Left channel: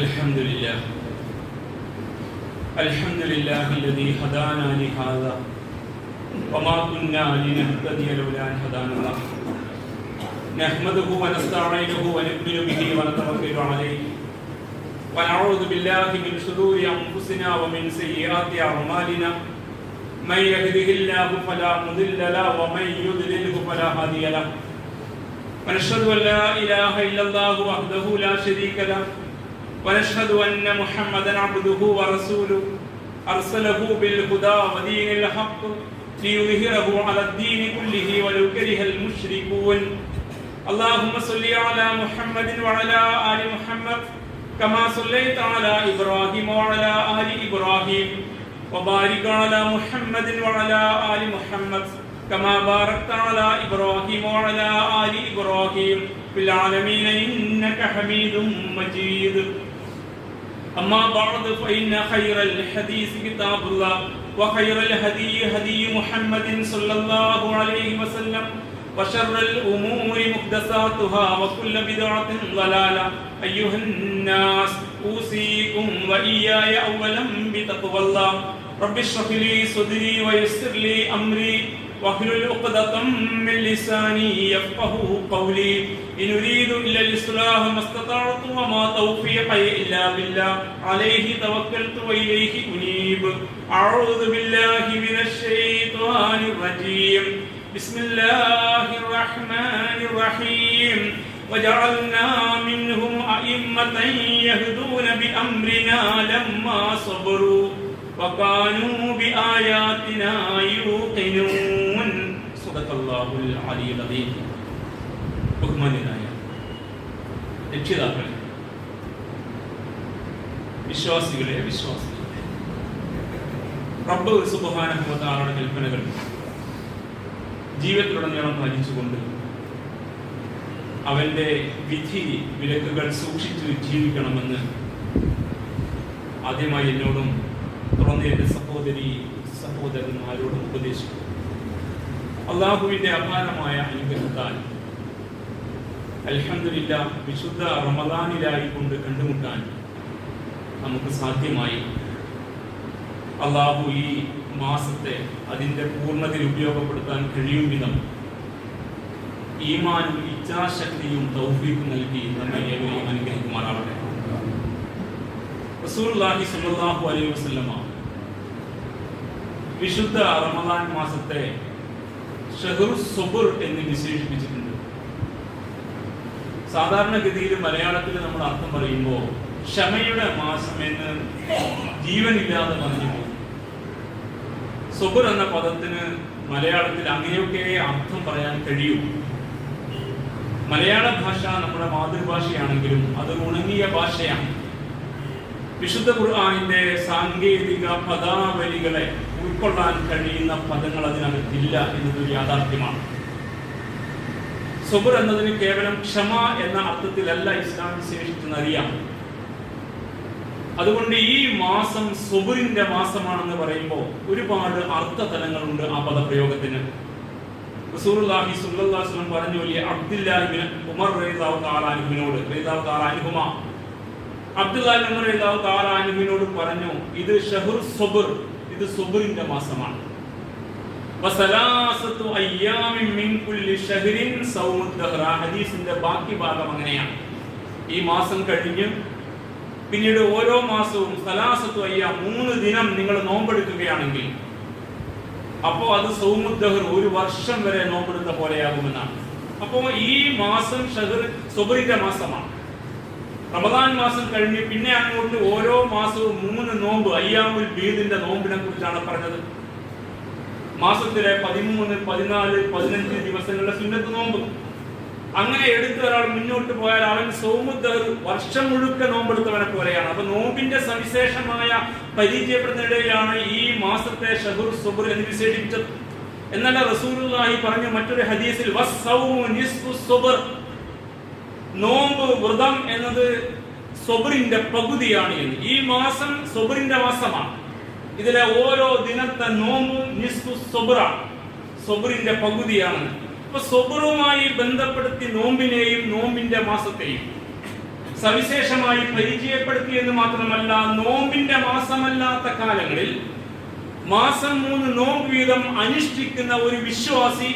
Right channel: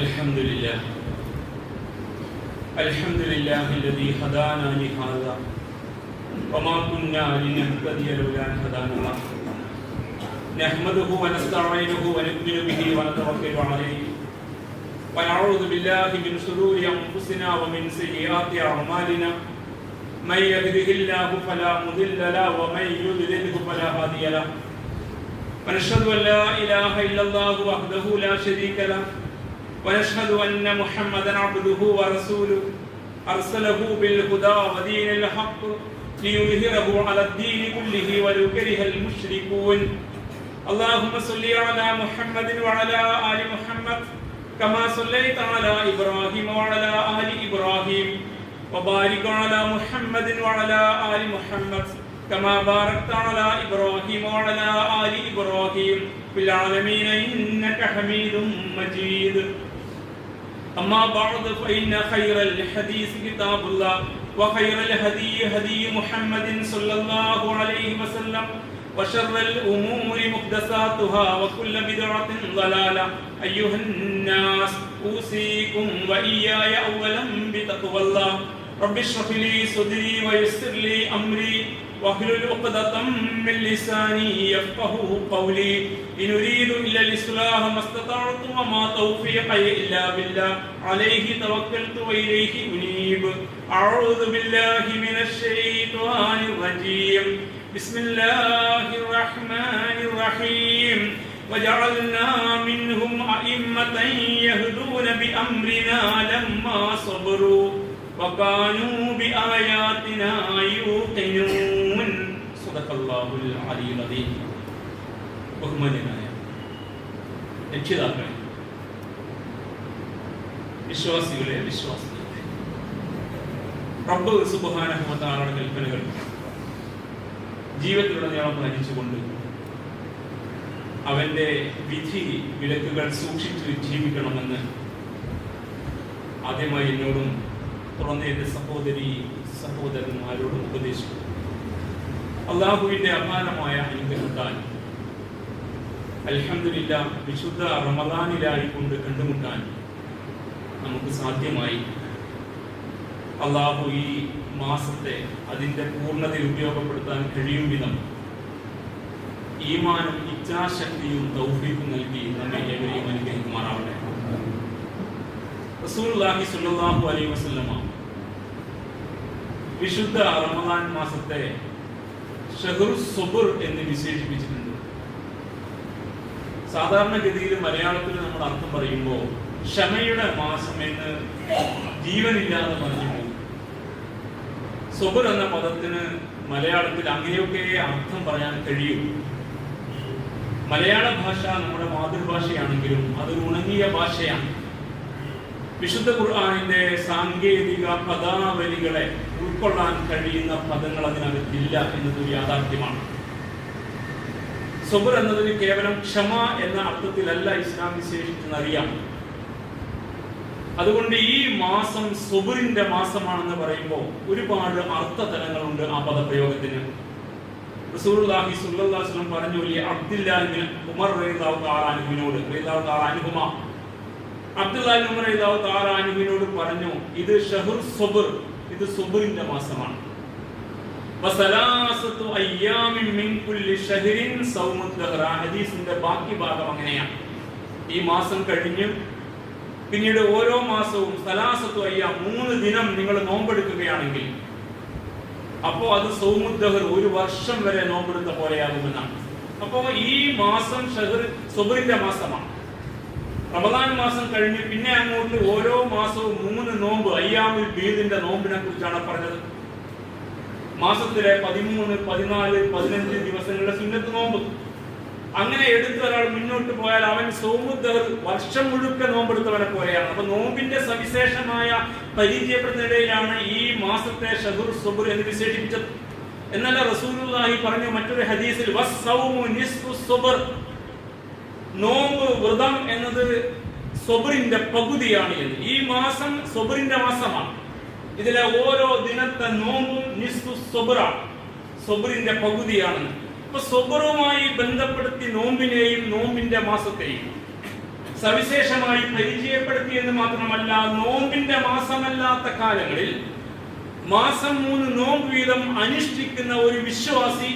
الحمد لله الذي هدانا لهذا وما كنا لنهتدي لولا أن هدانا الله نحمده ونستعينه ونؤمن به ونتوكل عليه ونعوذ بالله من شرور أنفسنا ومن سيئات أعمالنا من يهده الله فلا مضل له ومن يضلله فلا هادي له ونشهد أن لا إله إلا الله وحده لا شريك له ونشهد أن محمدا عبده ورسوله أرسله بالهدى ودين الحق ليظهره على الدين كله ولو كره المشركون اللهم صل على محمد وعلى آل محمد كما صليت على إبراهيم وعلى آل إبراهيم وبارك على محمد وعلى آل محمد كما باركت على إبراهيم وعلى آل إبراهيم في العالمين إنك حميد مجيد أما بعد فإن خير الحديث كتاب الله وخير الهدي هدي محمد صلى الله عليه وسلم وشر الأمور محدثاتها وكل بدعة ضلالة أيها الناس أوصيكم وإياي أولا بتقوى الله رب اشرح لي صدري ويسر لي أمري واحلل عقدة من لساني يفقهوا قولي إن أريد إلا الإصلاح ما استطعت وما توفيقي إلا بالله عليه توكلت وإليه أنيب أعوذ بالله من الشيطان الرجيم بسم الله الرحمن الرحيم وجعلنا منهم أئمة يهدون بأمرنا لما صبروا وكانوا بآياتنا يوقنون صدق الله العلي العظيم ബഹുമാന്യനായ രക്ഷിതാക്കളെ, വിശ്വാസികളെ, റബ്ബ് സുബ്ഹാനഹു വ തആലയുടെ കൽപ്പനകൾ ജീവിതത്തിലുടനീളം പാലിച്ചുകൊണ്ട് അവന്റെ വിധി വിലക്കുകൾ സൂക്ഷിച്ചു ജീവിക്കണമെന്ന് ആദ്യമായി എന്നോടും തുടർന്ന് എന്റെ സഹോദരന്മാരോടും ഉപദേശിച്ചു. അല്ലാഹുവിന്റെ അപാരമായ അനുഗ്രഹത്താൽ അൽഹംദുലില്ലാഹ് വിശുദ്ധ റമദാനിലായിക്കൊണ്ട് കണ്ടുമുട്ടാൻ നമുക്ക് സാധ്യമായി. അല്ലാഹു ഈ മാസത്തെ അതിന്റെ പൂർണ്ണതയിൽ ഉപയോഗപ്പെടുത്താൻ കഴിയും വിധം ഈമാനും ഇച്ഛാശക്തിയും തൗഫീഖും നൽകി നമ്മെ ഏവരെയും അനുഗ്രഹിക്കുമാറാവട്ടെ. റസൂലുള്ളാഹി സ്വല്ലല്ലാഹു അലൈഹി വസല്ലമ വിശുദ്ധ റമദാൻ മാസത്തെ ഷഹ്റുസ് സുബ്ർ എന്ന് വിശേഷിപ്പിച്ചിട്ടുണ്ട്. സാധാരണഗതിയിൽ മലയാളത്തിൽ നമ്മൾ അർത്ഥം പറയുമ്പോൾ ക്ഷമയുടെ മാസം എന്ന് ജീവനില്ലാതെ പറഞ്ഞു. സുബ്ർ എന്ന പദത്തിന് മലയാളത്തിൽ അങ്ങനെയൊക്കെ അർത്ഥം പറയാൻ കഴിയും. മലയാള ഭാഷ നമ്മുടെ മാതൃഭാഷയാണെങ്കിലും അതൊരു ഉണങ്ങിയ ഭാഷയാണ്. വിശുദ്ധ ഖുർആനിന്റെ സാങ്കേതിക പദാവലികളെ ഉൾക്കൊള്ളാൻ കഴിയുന്ന പദങ്ങൾ അതിനകത്തില്ല എന്നതൊരു യാഥാർത്ഥ്യമാണ്. സുബ്ർ എന്നതിന് കേവലം ക്ഷമ എന്ന അർത്ഥത്തിലല്ല ഇസ്ലാം വിശേഷിച്ചെന്നറിയാം. അതുകൊണ്ട് ഈ മാസം സുബ്റിന്റെ മാസമാണെന്ന് പറയുമ്പോൾ ഒരുപാട് അർത്ഥതലങ്ങളുണ്ട് ആ പദപ്രയോഗത്തിന്. റസൂലുള്ളാഹി സ്വല്ലല്ലാഹു അലൈഹി വസല്ലം പറഞ്ഞു, വലിയ അബ്ദുല്ലാഹി ഇബ്നു ഉമർ റളിയല്ലാഹു തആല അൻഹുവിനോട് പറഞ്ഞു, ഇത് ഷഹ്റുസ് സുബ്ർ, ഇത് സുബ്റിന്റെ മാസമാണ്. വസലാസത്തു അയ്യാമിൻ മിൻ കുല്ലി ഷഹ്റിൻ സൗമുദ് ദഹ്റ. ഹദീസിന്റെ ബാക്കി ഭാഗം അങ്ങനെയാണ്. ഈ മാസം കഴിഞ്ഞ് പിന്നീട് ഓരോ മാസവും സലാസത്തു അയ്യാം, 3 ദിനം നിങ്ങൾ നോമ്പെടുക്കുകയാണെങ്കിൽ അപ്പോ അത് സൗമുദ് ദഹ്ർ, ഒരു വർഷം വരെ നോമ്പെടുത്ത പോലെയാകുമെന്നാണ്. അപ്പോൾ ഈ മാസം സുബ്റിന്റെ മാസമാണ്. റമദാൻ മാസം കഴിഞ്ഞ് പിന്നെ അങ്ങോട്ട് ഓരോ മാസവും 3 നോമ്പ്, അയ്യാമുൽ ബീദിന്റെ നോമ്പിനെ കുറിച്ചാണ് പറഞ്ഞത്. മാസത്തിലെ 13, 14, 15 ദിവസങ്ങളുടെ സുന്നത്ത് നോമ്പ്. അങ്ങനെ എടുത്ത് ഒരാൾ മുന്നോട്ട് പോയാൽ അവൻ സൗമുദ് ദഹ്ർ, വർഷം മുഴുക്ക നോമ്പെടുത്തവനെ പോലെയാണ്. അപ്പൊ നോമ്പിന്റെ സവിശേഷമായ പരിചയപ്പെടുന്നതിനിടയിലാണ് ഈ മാസത്തെ ഷഹ്റുസ് സുബ്ർ എന്ന് വിശേഷിപ്പിച്ചത്. എന്നല്ല റസൂലുള്ളാഹി പറഞ്ഞ മറ്റൊരു ഹദീസിൽ വസ്സൗമു നിസ്ഫുസ് സുബ്ർ, നോമ്പ് വ്രതം എന്നത് സുബ്റിന്റെ പകുതിയാണ് എന്ന്. ഈ മാസം സുബ്റിന്റെ മാസമാണ്. ഇതിലെ ഓരോ ദിനത്തെ നോമ്പും നിസ്ഫുസ് സുബ്റാണ്, സുബ്റിന്റെ പകുതിയാണെന്ന്. അപ്പൊ സുബ്റുമായി ബന്ധപ്പെടുത്തി നോമ്പിനെയും നോമ്പിന്റെ മാസത്തെയും സവിശേഷമായി പരിചയപ്പെടുത്തിയെന്ന് മാത്രമല്ല, നോമ്പിന്റെ മാസമല്ലാത്ത കാലങ്ങളിൽ മാസം 3 നോമ്പ് വീതം അനുഷ്ഠിക്കുന്ന ഒരു വിശ്വാസി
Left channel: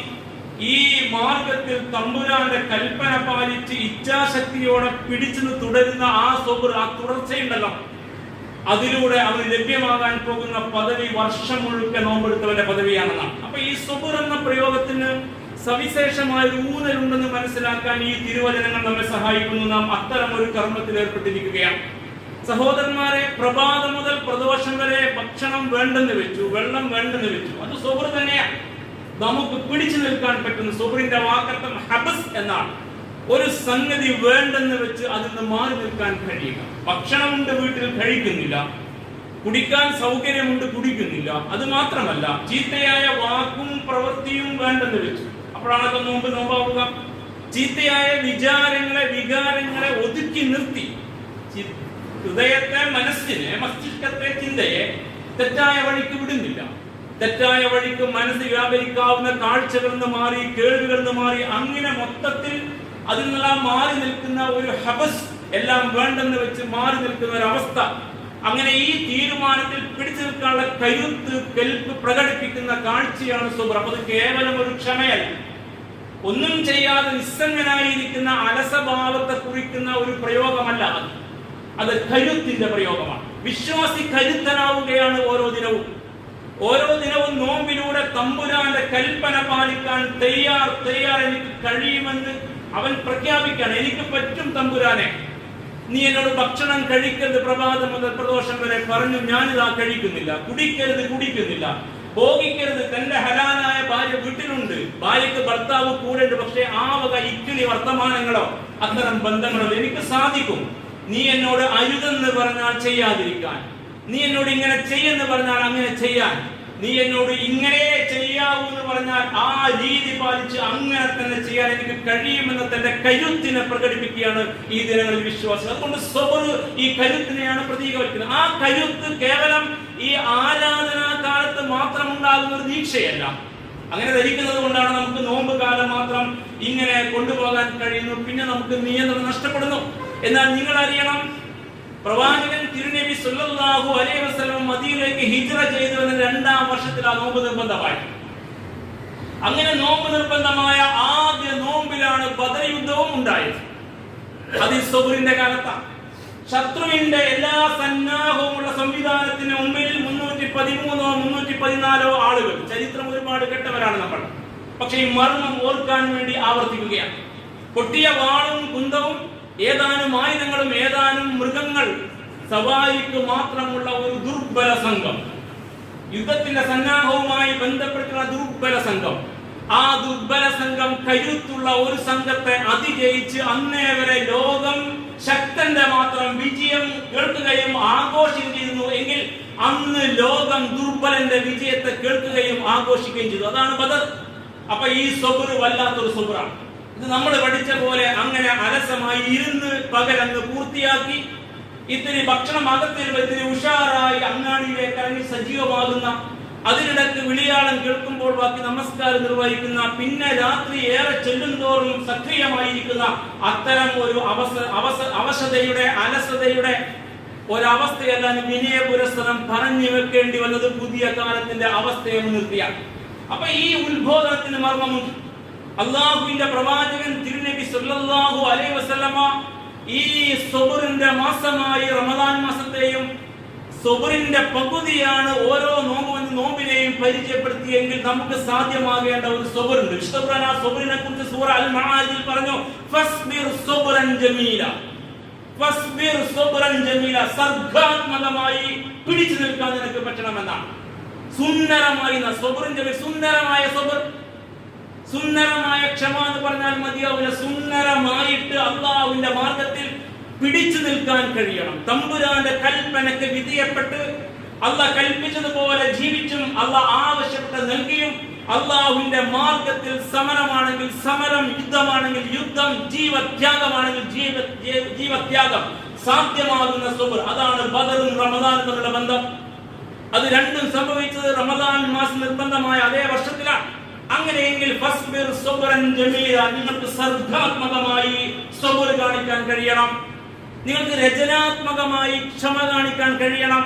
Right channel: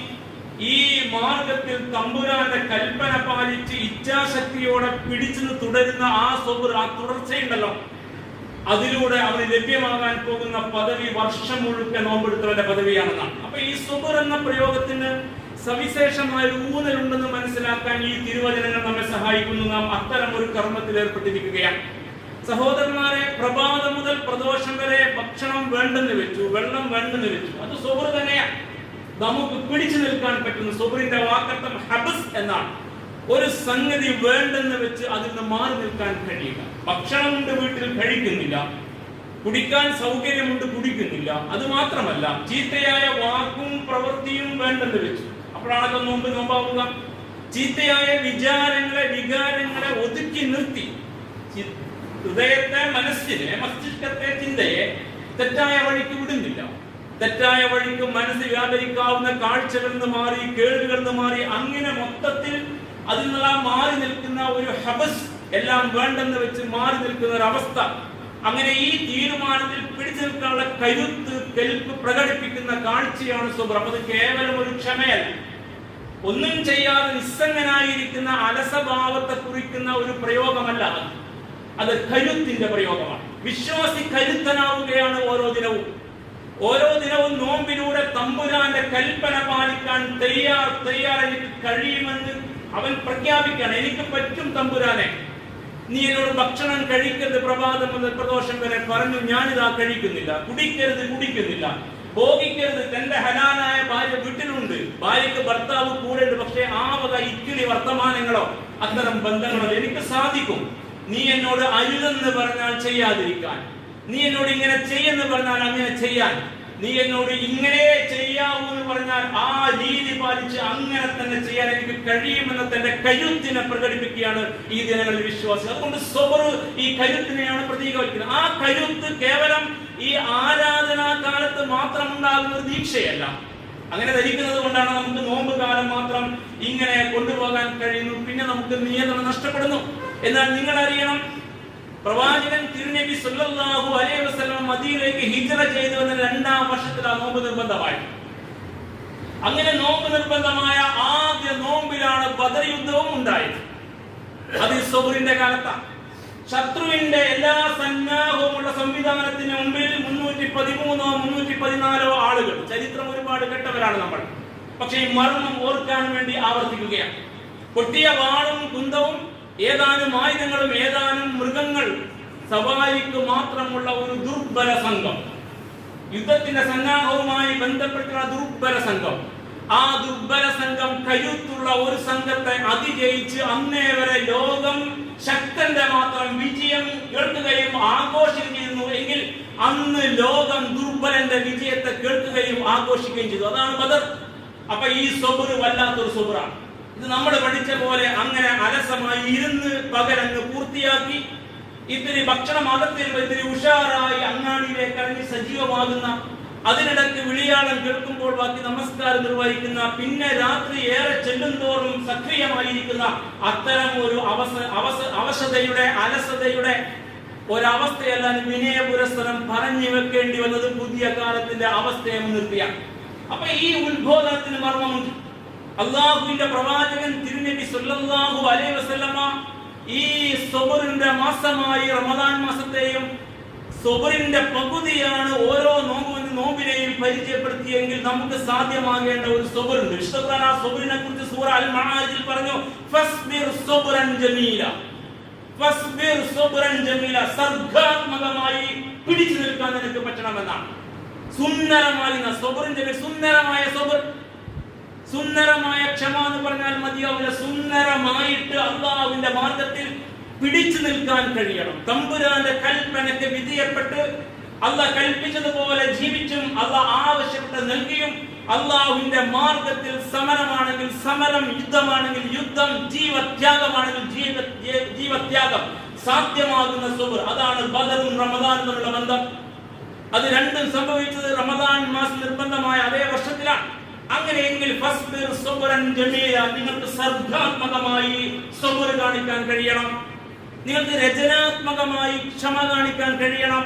ഈ മാർഗത്തിൽ തമ്പുരാന്റെ കൽപ്പന പാലിച്ച് ഇച്ഛാശക്തിയോടെ പിടിച്ചു തുടരുന്ന ആ സബർ, ആ തുടർച്ചയുണ്ടല്ലോ, അതിലൂടെ അവന് ലഭ്യമാകാൻ പോകുന്ന പദവി വർഷം മുഴുവൻ നോമ്പെടുത്തവന്റെ പദവിയാണെന്നാണ്. അപ്പൊ ഈ സബർ എന്ന പ്രയോഗത്തിന് സവിശേഷമായ ഒരു ഊന്നലുണ്ടെന്ന് മനസ്സിലാക്കാൻ ഈ തിരുവചനങ്ങൾ നമ്മെ സഹായിക്കുന്നു. നാം അത്തരം ഒരു കർമ്മത്തിൽ ഏർപ്പെട്ടിരിക്കുകയാണ്. സഹോദരന്മാരെ, പ്രഭാതം മുതൽ പ്രദോഷം വരെ ഭക്ഷണം വേണ്ടെന്ന് വെച്ചു, വെള്ളം വേണ്ടെന്ന് വെച്ചു. അത് സബർ തന്നെയാണ്. നമുക്ക് പിടിച്ചു നിൽക്കാൻ പറ്റുന്ന സബറിന്റെ വാക്കർത്ഥം ഹബസ് എന്നാണ്. ഒരു സംഗതി വേണ്ടെന്ന് വെച്ച് അതിൽ നിന്ന് മാറി നിൽക്കാൻ കഴിയുക. ഭക്ഷണമുണ്ട്, വീട്ടിൽ കഴിക്കുന്നില്ല. കുടിക്കാൻ സൗകര്യമുണ്ട്, കുടിക്കുന്നില്ല. അത് മാത്രമല്ല, ചീത്തയായ വാക്കും പ്രവൃത്തിയും വേണ്ടെന്ന് വെച്ചു. അപ്പോഴാണൊക്കെ നോമ്പാവുക. ചീത്തയായ വികാരങ്ങളെ ഒതുക്കി നിർത്തി ഹൃദയത്തെ, മനസ്സിനെ, മസ്തിഷ്കത്തെ, ചിന്തയെ തെറ്റായ വഴിക്ക് വിടുന്നില്ല. തെറ്റായ വഴിക്ക് മനസ്സ് വ്യാപരിക്കാവുന്ന കാഴ്ചകളിൽ നിന്ന് മാറി, കേൾവികളിൽ നിന്ന് മാറി, അങ്ങനെ മൊത്തത്തിൽ അതിൽ നിന്നെല്ലാം മാറി നിൽക്കുന്ന ഒരു ഹബസ്, എല്ലാം വേണ്ടെന്ന് വെച്ച് മാറി നിൽക്കുന്ന ഒരു അവസ്ഥ. അങ്ങനെ ഈ തീരുമാനത്തിൽ പിടിച്ചു നിൽക്കാനുള്ള കരുത്ത്, കെൽപ്പ് പ്രകടിപ്പിക്കുന്ന കാഴ്ചയാണ് സബർ. അത് കേവലം ഒരു ക്ഷമയല്ല, ഒന്നും ചെയ്യാതെ നിസ്സംഗനായിരിക്കുന്ന അലസഭാവത്തെ കുറിക്കുന്ന ഒരു പ്രയോഗമല്ല. അത് കരുത്തിന്റെ പ്രയോഗമാണ്. വിശ്വാസി കരുത്തനാവുകയാണ് ഓരോ ദിനവും. ഓരോ ദിനവും നോമ്പിലൂടെ തമ്പുരാന്റെ കൽപ്പന പാലിക്കാൻ തയ്യാർ എനിക്ക് കഴിയുമെന്ന് അവൻ പ്രഖ്യാപിക്കാൻ. എനിക്ക് പറ്റും തമ്പുരാനെ, നീ എന്നോട് ഭക്ഷണം കഴിക്കരുത് പ്രഭാതം മുതൽ പ്രദോഷം വരെ പറഞ്ഞു, ഞാനിതാ കഴിക്കുന്നില്ല. കുടിക്കുന്നില്ല. ഭോഗിക്കരുത്. തന്റെ ഹലാലായ ഭാര്യ വീട്ടിലുണ്ട്, ഭാര്യക്ക് ഭർത്താവ് കൂടെയുണ്ട്. പക്ഷെ ആ വക ഇക്കിളി വർത്തമാനങ്ങളോ അത്തരം ബന്ധങ്ങളോ എനിക്ക് സാധിക്കും. നീ എന്നോട് അരുതെന്ന് പറഞ്ഞാൽ ചെയ്യാതിരിക്കാൻ, നീ എന്നോട് ഇങ്ങനെ ചെയ്യുമെന്ന് പറഞ്ഞാൽ അങ്ങനെ ചെയ്യാൻ, നീ എന്നോട് ഇങ്ങനെ ചെയ്യാവൂ എന്ന് പറഞ്ഞാൽ ആ രീതി പാലിച്ച് അങ്ങനെ തന്നെ ചെയ്യാൻ എനിക്ക് കഴിയുമെന്ന തന്റെ കരുത്തിനെ പ്രകടിപ്പിക്കുകയാണ് ഈ ദിനങ്ങളിൽ വിശ്വാസം. അതുകൊണ്ട് സബർ ഈ കരുത്തിനെയാണ് പ്രതീകവൽക്കുന്നത്. ആ കരുത്ത് കേവലം ഈ ആരാധനാ കാലത്ത് മാത്രം ഉണ്ടാകുന്ന ഒരു ദീക്ഷയല്ല. അങ്ങനെ ധരിക്കുന്നത് കൊണ്ടാണ് നമുക്ക് നോമ്പ് കാലം മാത്രം ഇങ്ങനെ കൊണ്ടുപോകാൻ കഴിയുന്നു, പിന്നെ നമുക്ക് നിയന്ത്രണം നഷ്ടപ്പെടുന്നു. എന്നാൽ നിങ്ങൾ അറിയണം, പ്രവാചകൻ തിരുനബി സല്ലല്ലാഹു അലൈഹി വസല്ലം മദീനയിലേക്ക് ഹിജ്റ ചെയ്തു എന്ന 2-ാം വർഷത്തിൽ ആ നോമ്പ് നിർബന്ധമായി. അങ്ങനെ നോമ്പ് നിർബന്ധമായ ആദ്യ നോമ്പിലാണ് ബദർ യുദ്ധവും ഉണ്ടായത്. അത് സബറിന്റെ കാലത്താണ്. ശത്രുവിന്റെ എല്ലാ സന്നാഹവുമുള്ള സംവിധാനത്തിന് മുമ്പിൽ 313 314 ആളുകൾ. ചരിത്രം ഒരുപാട് കേട്ടവരാണ് നമ്മൾ. പക്ഷെ ഈ മർമ്മം ഓർക്കാൻ വേണ്ടി ആവർത്തിക്കുകയാണ്. പൊട്ടിയ വാളും കുന്തവും ഏതാനും ആയുധങ്ങളും ഏതാനും മൃഗങ്ങൾ സവാരിക്ക് മാത്രമുള്ള ഒരു ദുർബല സംഘം, യുദ്ധത്തിന്റെ സന്നാഹവുമായി ബന്ധപ്പെട്ടുള്ള ദുർബല സംഘം. ആ ദുർബല സംഘം കരുത്തുള്ള ഒരു സംഘത്തെ അതിജയിച്ച് അന്നേ വരെ ലോകം ശക്തന്റെ മാത്രം വിജയം കേൾക്കുകയും ആഘോഷിക്കുന്നു എങ്കിൽ അന്ന് ലോകം ദുർബലന്റെ വിജയത്തെ കേൾക്കുകയും ആഘോഷിക്കുകയും ചെയ്തു. അതാണ് ബദർ. അപ്പൊ ഈ സബർ വല്ലാത്തൊരു സബറാണ്. ഇത് നമ്മൾ പഠിച്ച പോലെ അങ്ങനെ അലസമായി ഇരുന്ന് പകലങ്ങ് പൂർത്തിയാക്കി ഇത്തിരി ഭക്ഷണം അകത്തിൽ ഇത്തിരി ഉഷാറായി അങ്ങാടിയിലേക്ക് ഇറങ്ങി സജീവമാകുന്ന, അതിനിടയ്ക്ക് വിളിയാളം കേൾക്കുമ്പോൾ ബാക്കി നമസ്കാരം നിർവഹിക്കുന്ന, പിന്നെ രാത്രി ഏറെ ചെല്ലുന്തോറും സക്രിയമായിരിക്കുന്ന അത്തരം ഒരു അവശതയുടെ അലസതയുടെ ഒരവസ്ഥയല്ല വിനയപുരസ്സരം പറഞ്ഞു വെക്കേണ്ടി വന്നത് പുതിയ കാലത്തിന്റെ അവസ്ഥയെ മുൻനിർത്തിയാണ്. അപ്പൊ ഈ ഉത്ബോധനത്തിന് മർമ്മമുണ്ട്. അള്ളാഹുവിന്റെ പ്രവാചകൻ തിരുനബി സല്ലല്ലാഹു അലൈഹി വസല്ലമ ഈ സബറിന്റെ മാസമായി റമദാൻ മാസത്തെയും സബറിന്റെ പകുതിയാണ് ഓരോ നോമ്പിനെയും പരിചയപ്പെടുത്തിയെങ്കിൽ നമുക്ക് സാധ്യമാകേണ്ട ഒരു സബറുണ്ട്. വിശുദ്ധ ഖുർആൻ ആ സബറിനെ കുറിച്ച് സൂറ അൽ മആരിജിൽ പറഞ്ഞു, ഫസ്ബിർ സബ്റൻ ജമീല. ഫസ്ബിർ സബ്റൻ ജമീല, സർഗ്ഗാത്മകമായി പിടിച്ചു നിൽക്കാൻ നിനക്ക് പറ്റണമെന്നാണ്. സുന്ദരമായി സുന്ദരമായ സബർ, സുന്ദരമായ ക്ഷമ എന്ന് പറഞ്ഞാൽ മതിയാവില്ല. സുന്ദരമായിട്ട് അള്ളാഹുവിന്റെ മാർഗത്തിൽ പിടിച്ചു നിൽക്കാൻ കഴിയണം. തമ്പുരാന്റെ കൽപ്പനയ്ക്ക് വിധേയപ്പെട്ട് അള്ളാഹ് കൽപ്പിച്ചതുപോലെ ജീവിച്ചും അള്ളാഹ് ആവശ്യപ്പെട്ട് നൽകിയും അള്ളാഹുവിന്റെ മാർഗത്തിൽ സമരമാണെങ്കിൽ സമരം, യുദ്ധമാണെങ്കിൽ യുദ്ധം, ജീവത്യാഗമാണെങ്കിൽ ജീവത്യാഗം സാധ്യമാകുന്ന സബർ. അതാണ് ബദറും റമദാനും തമ്മിലുള്ള ബന്ധം. അത് രണ്ടും സംഭവിച്ചത് റമദാൻ മാസം നിർബന്ധമായ അതേ വർഷത്തിലാണ്. അങ്ങനെയെങ്കിൽ ഫസ്ബിർ സബ്റൻ ജമീല, നിങ്ങൾക്ക് സർഗ്ഗാത്മകമായി സബർ കാണിക്കാൻ കഴിയണം. നിങ്ങൾക്ക് രചനാത്മകമായി ക്ഷമ കാണിക്കാൻ കഴിയണം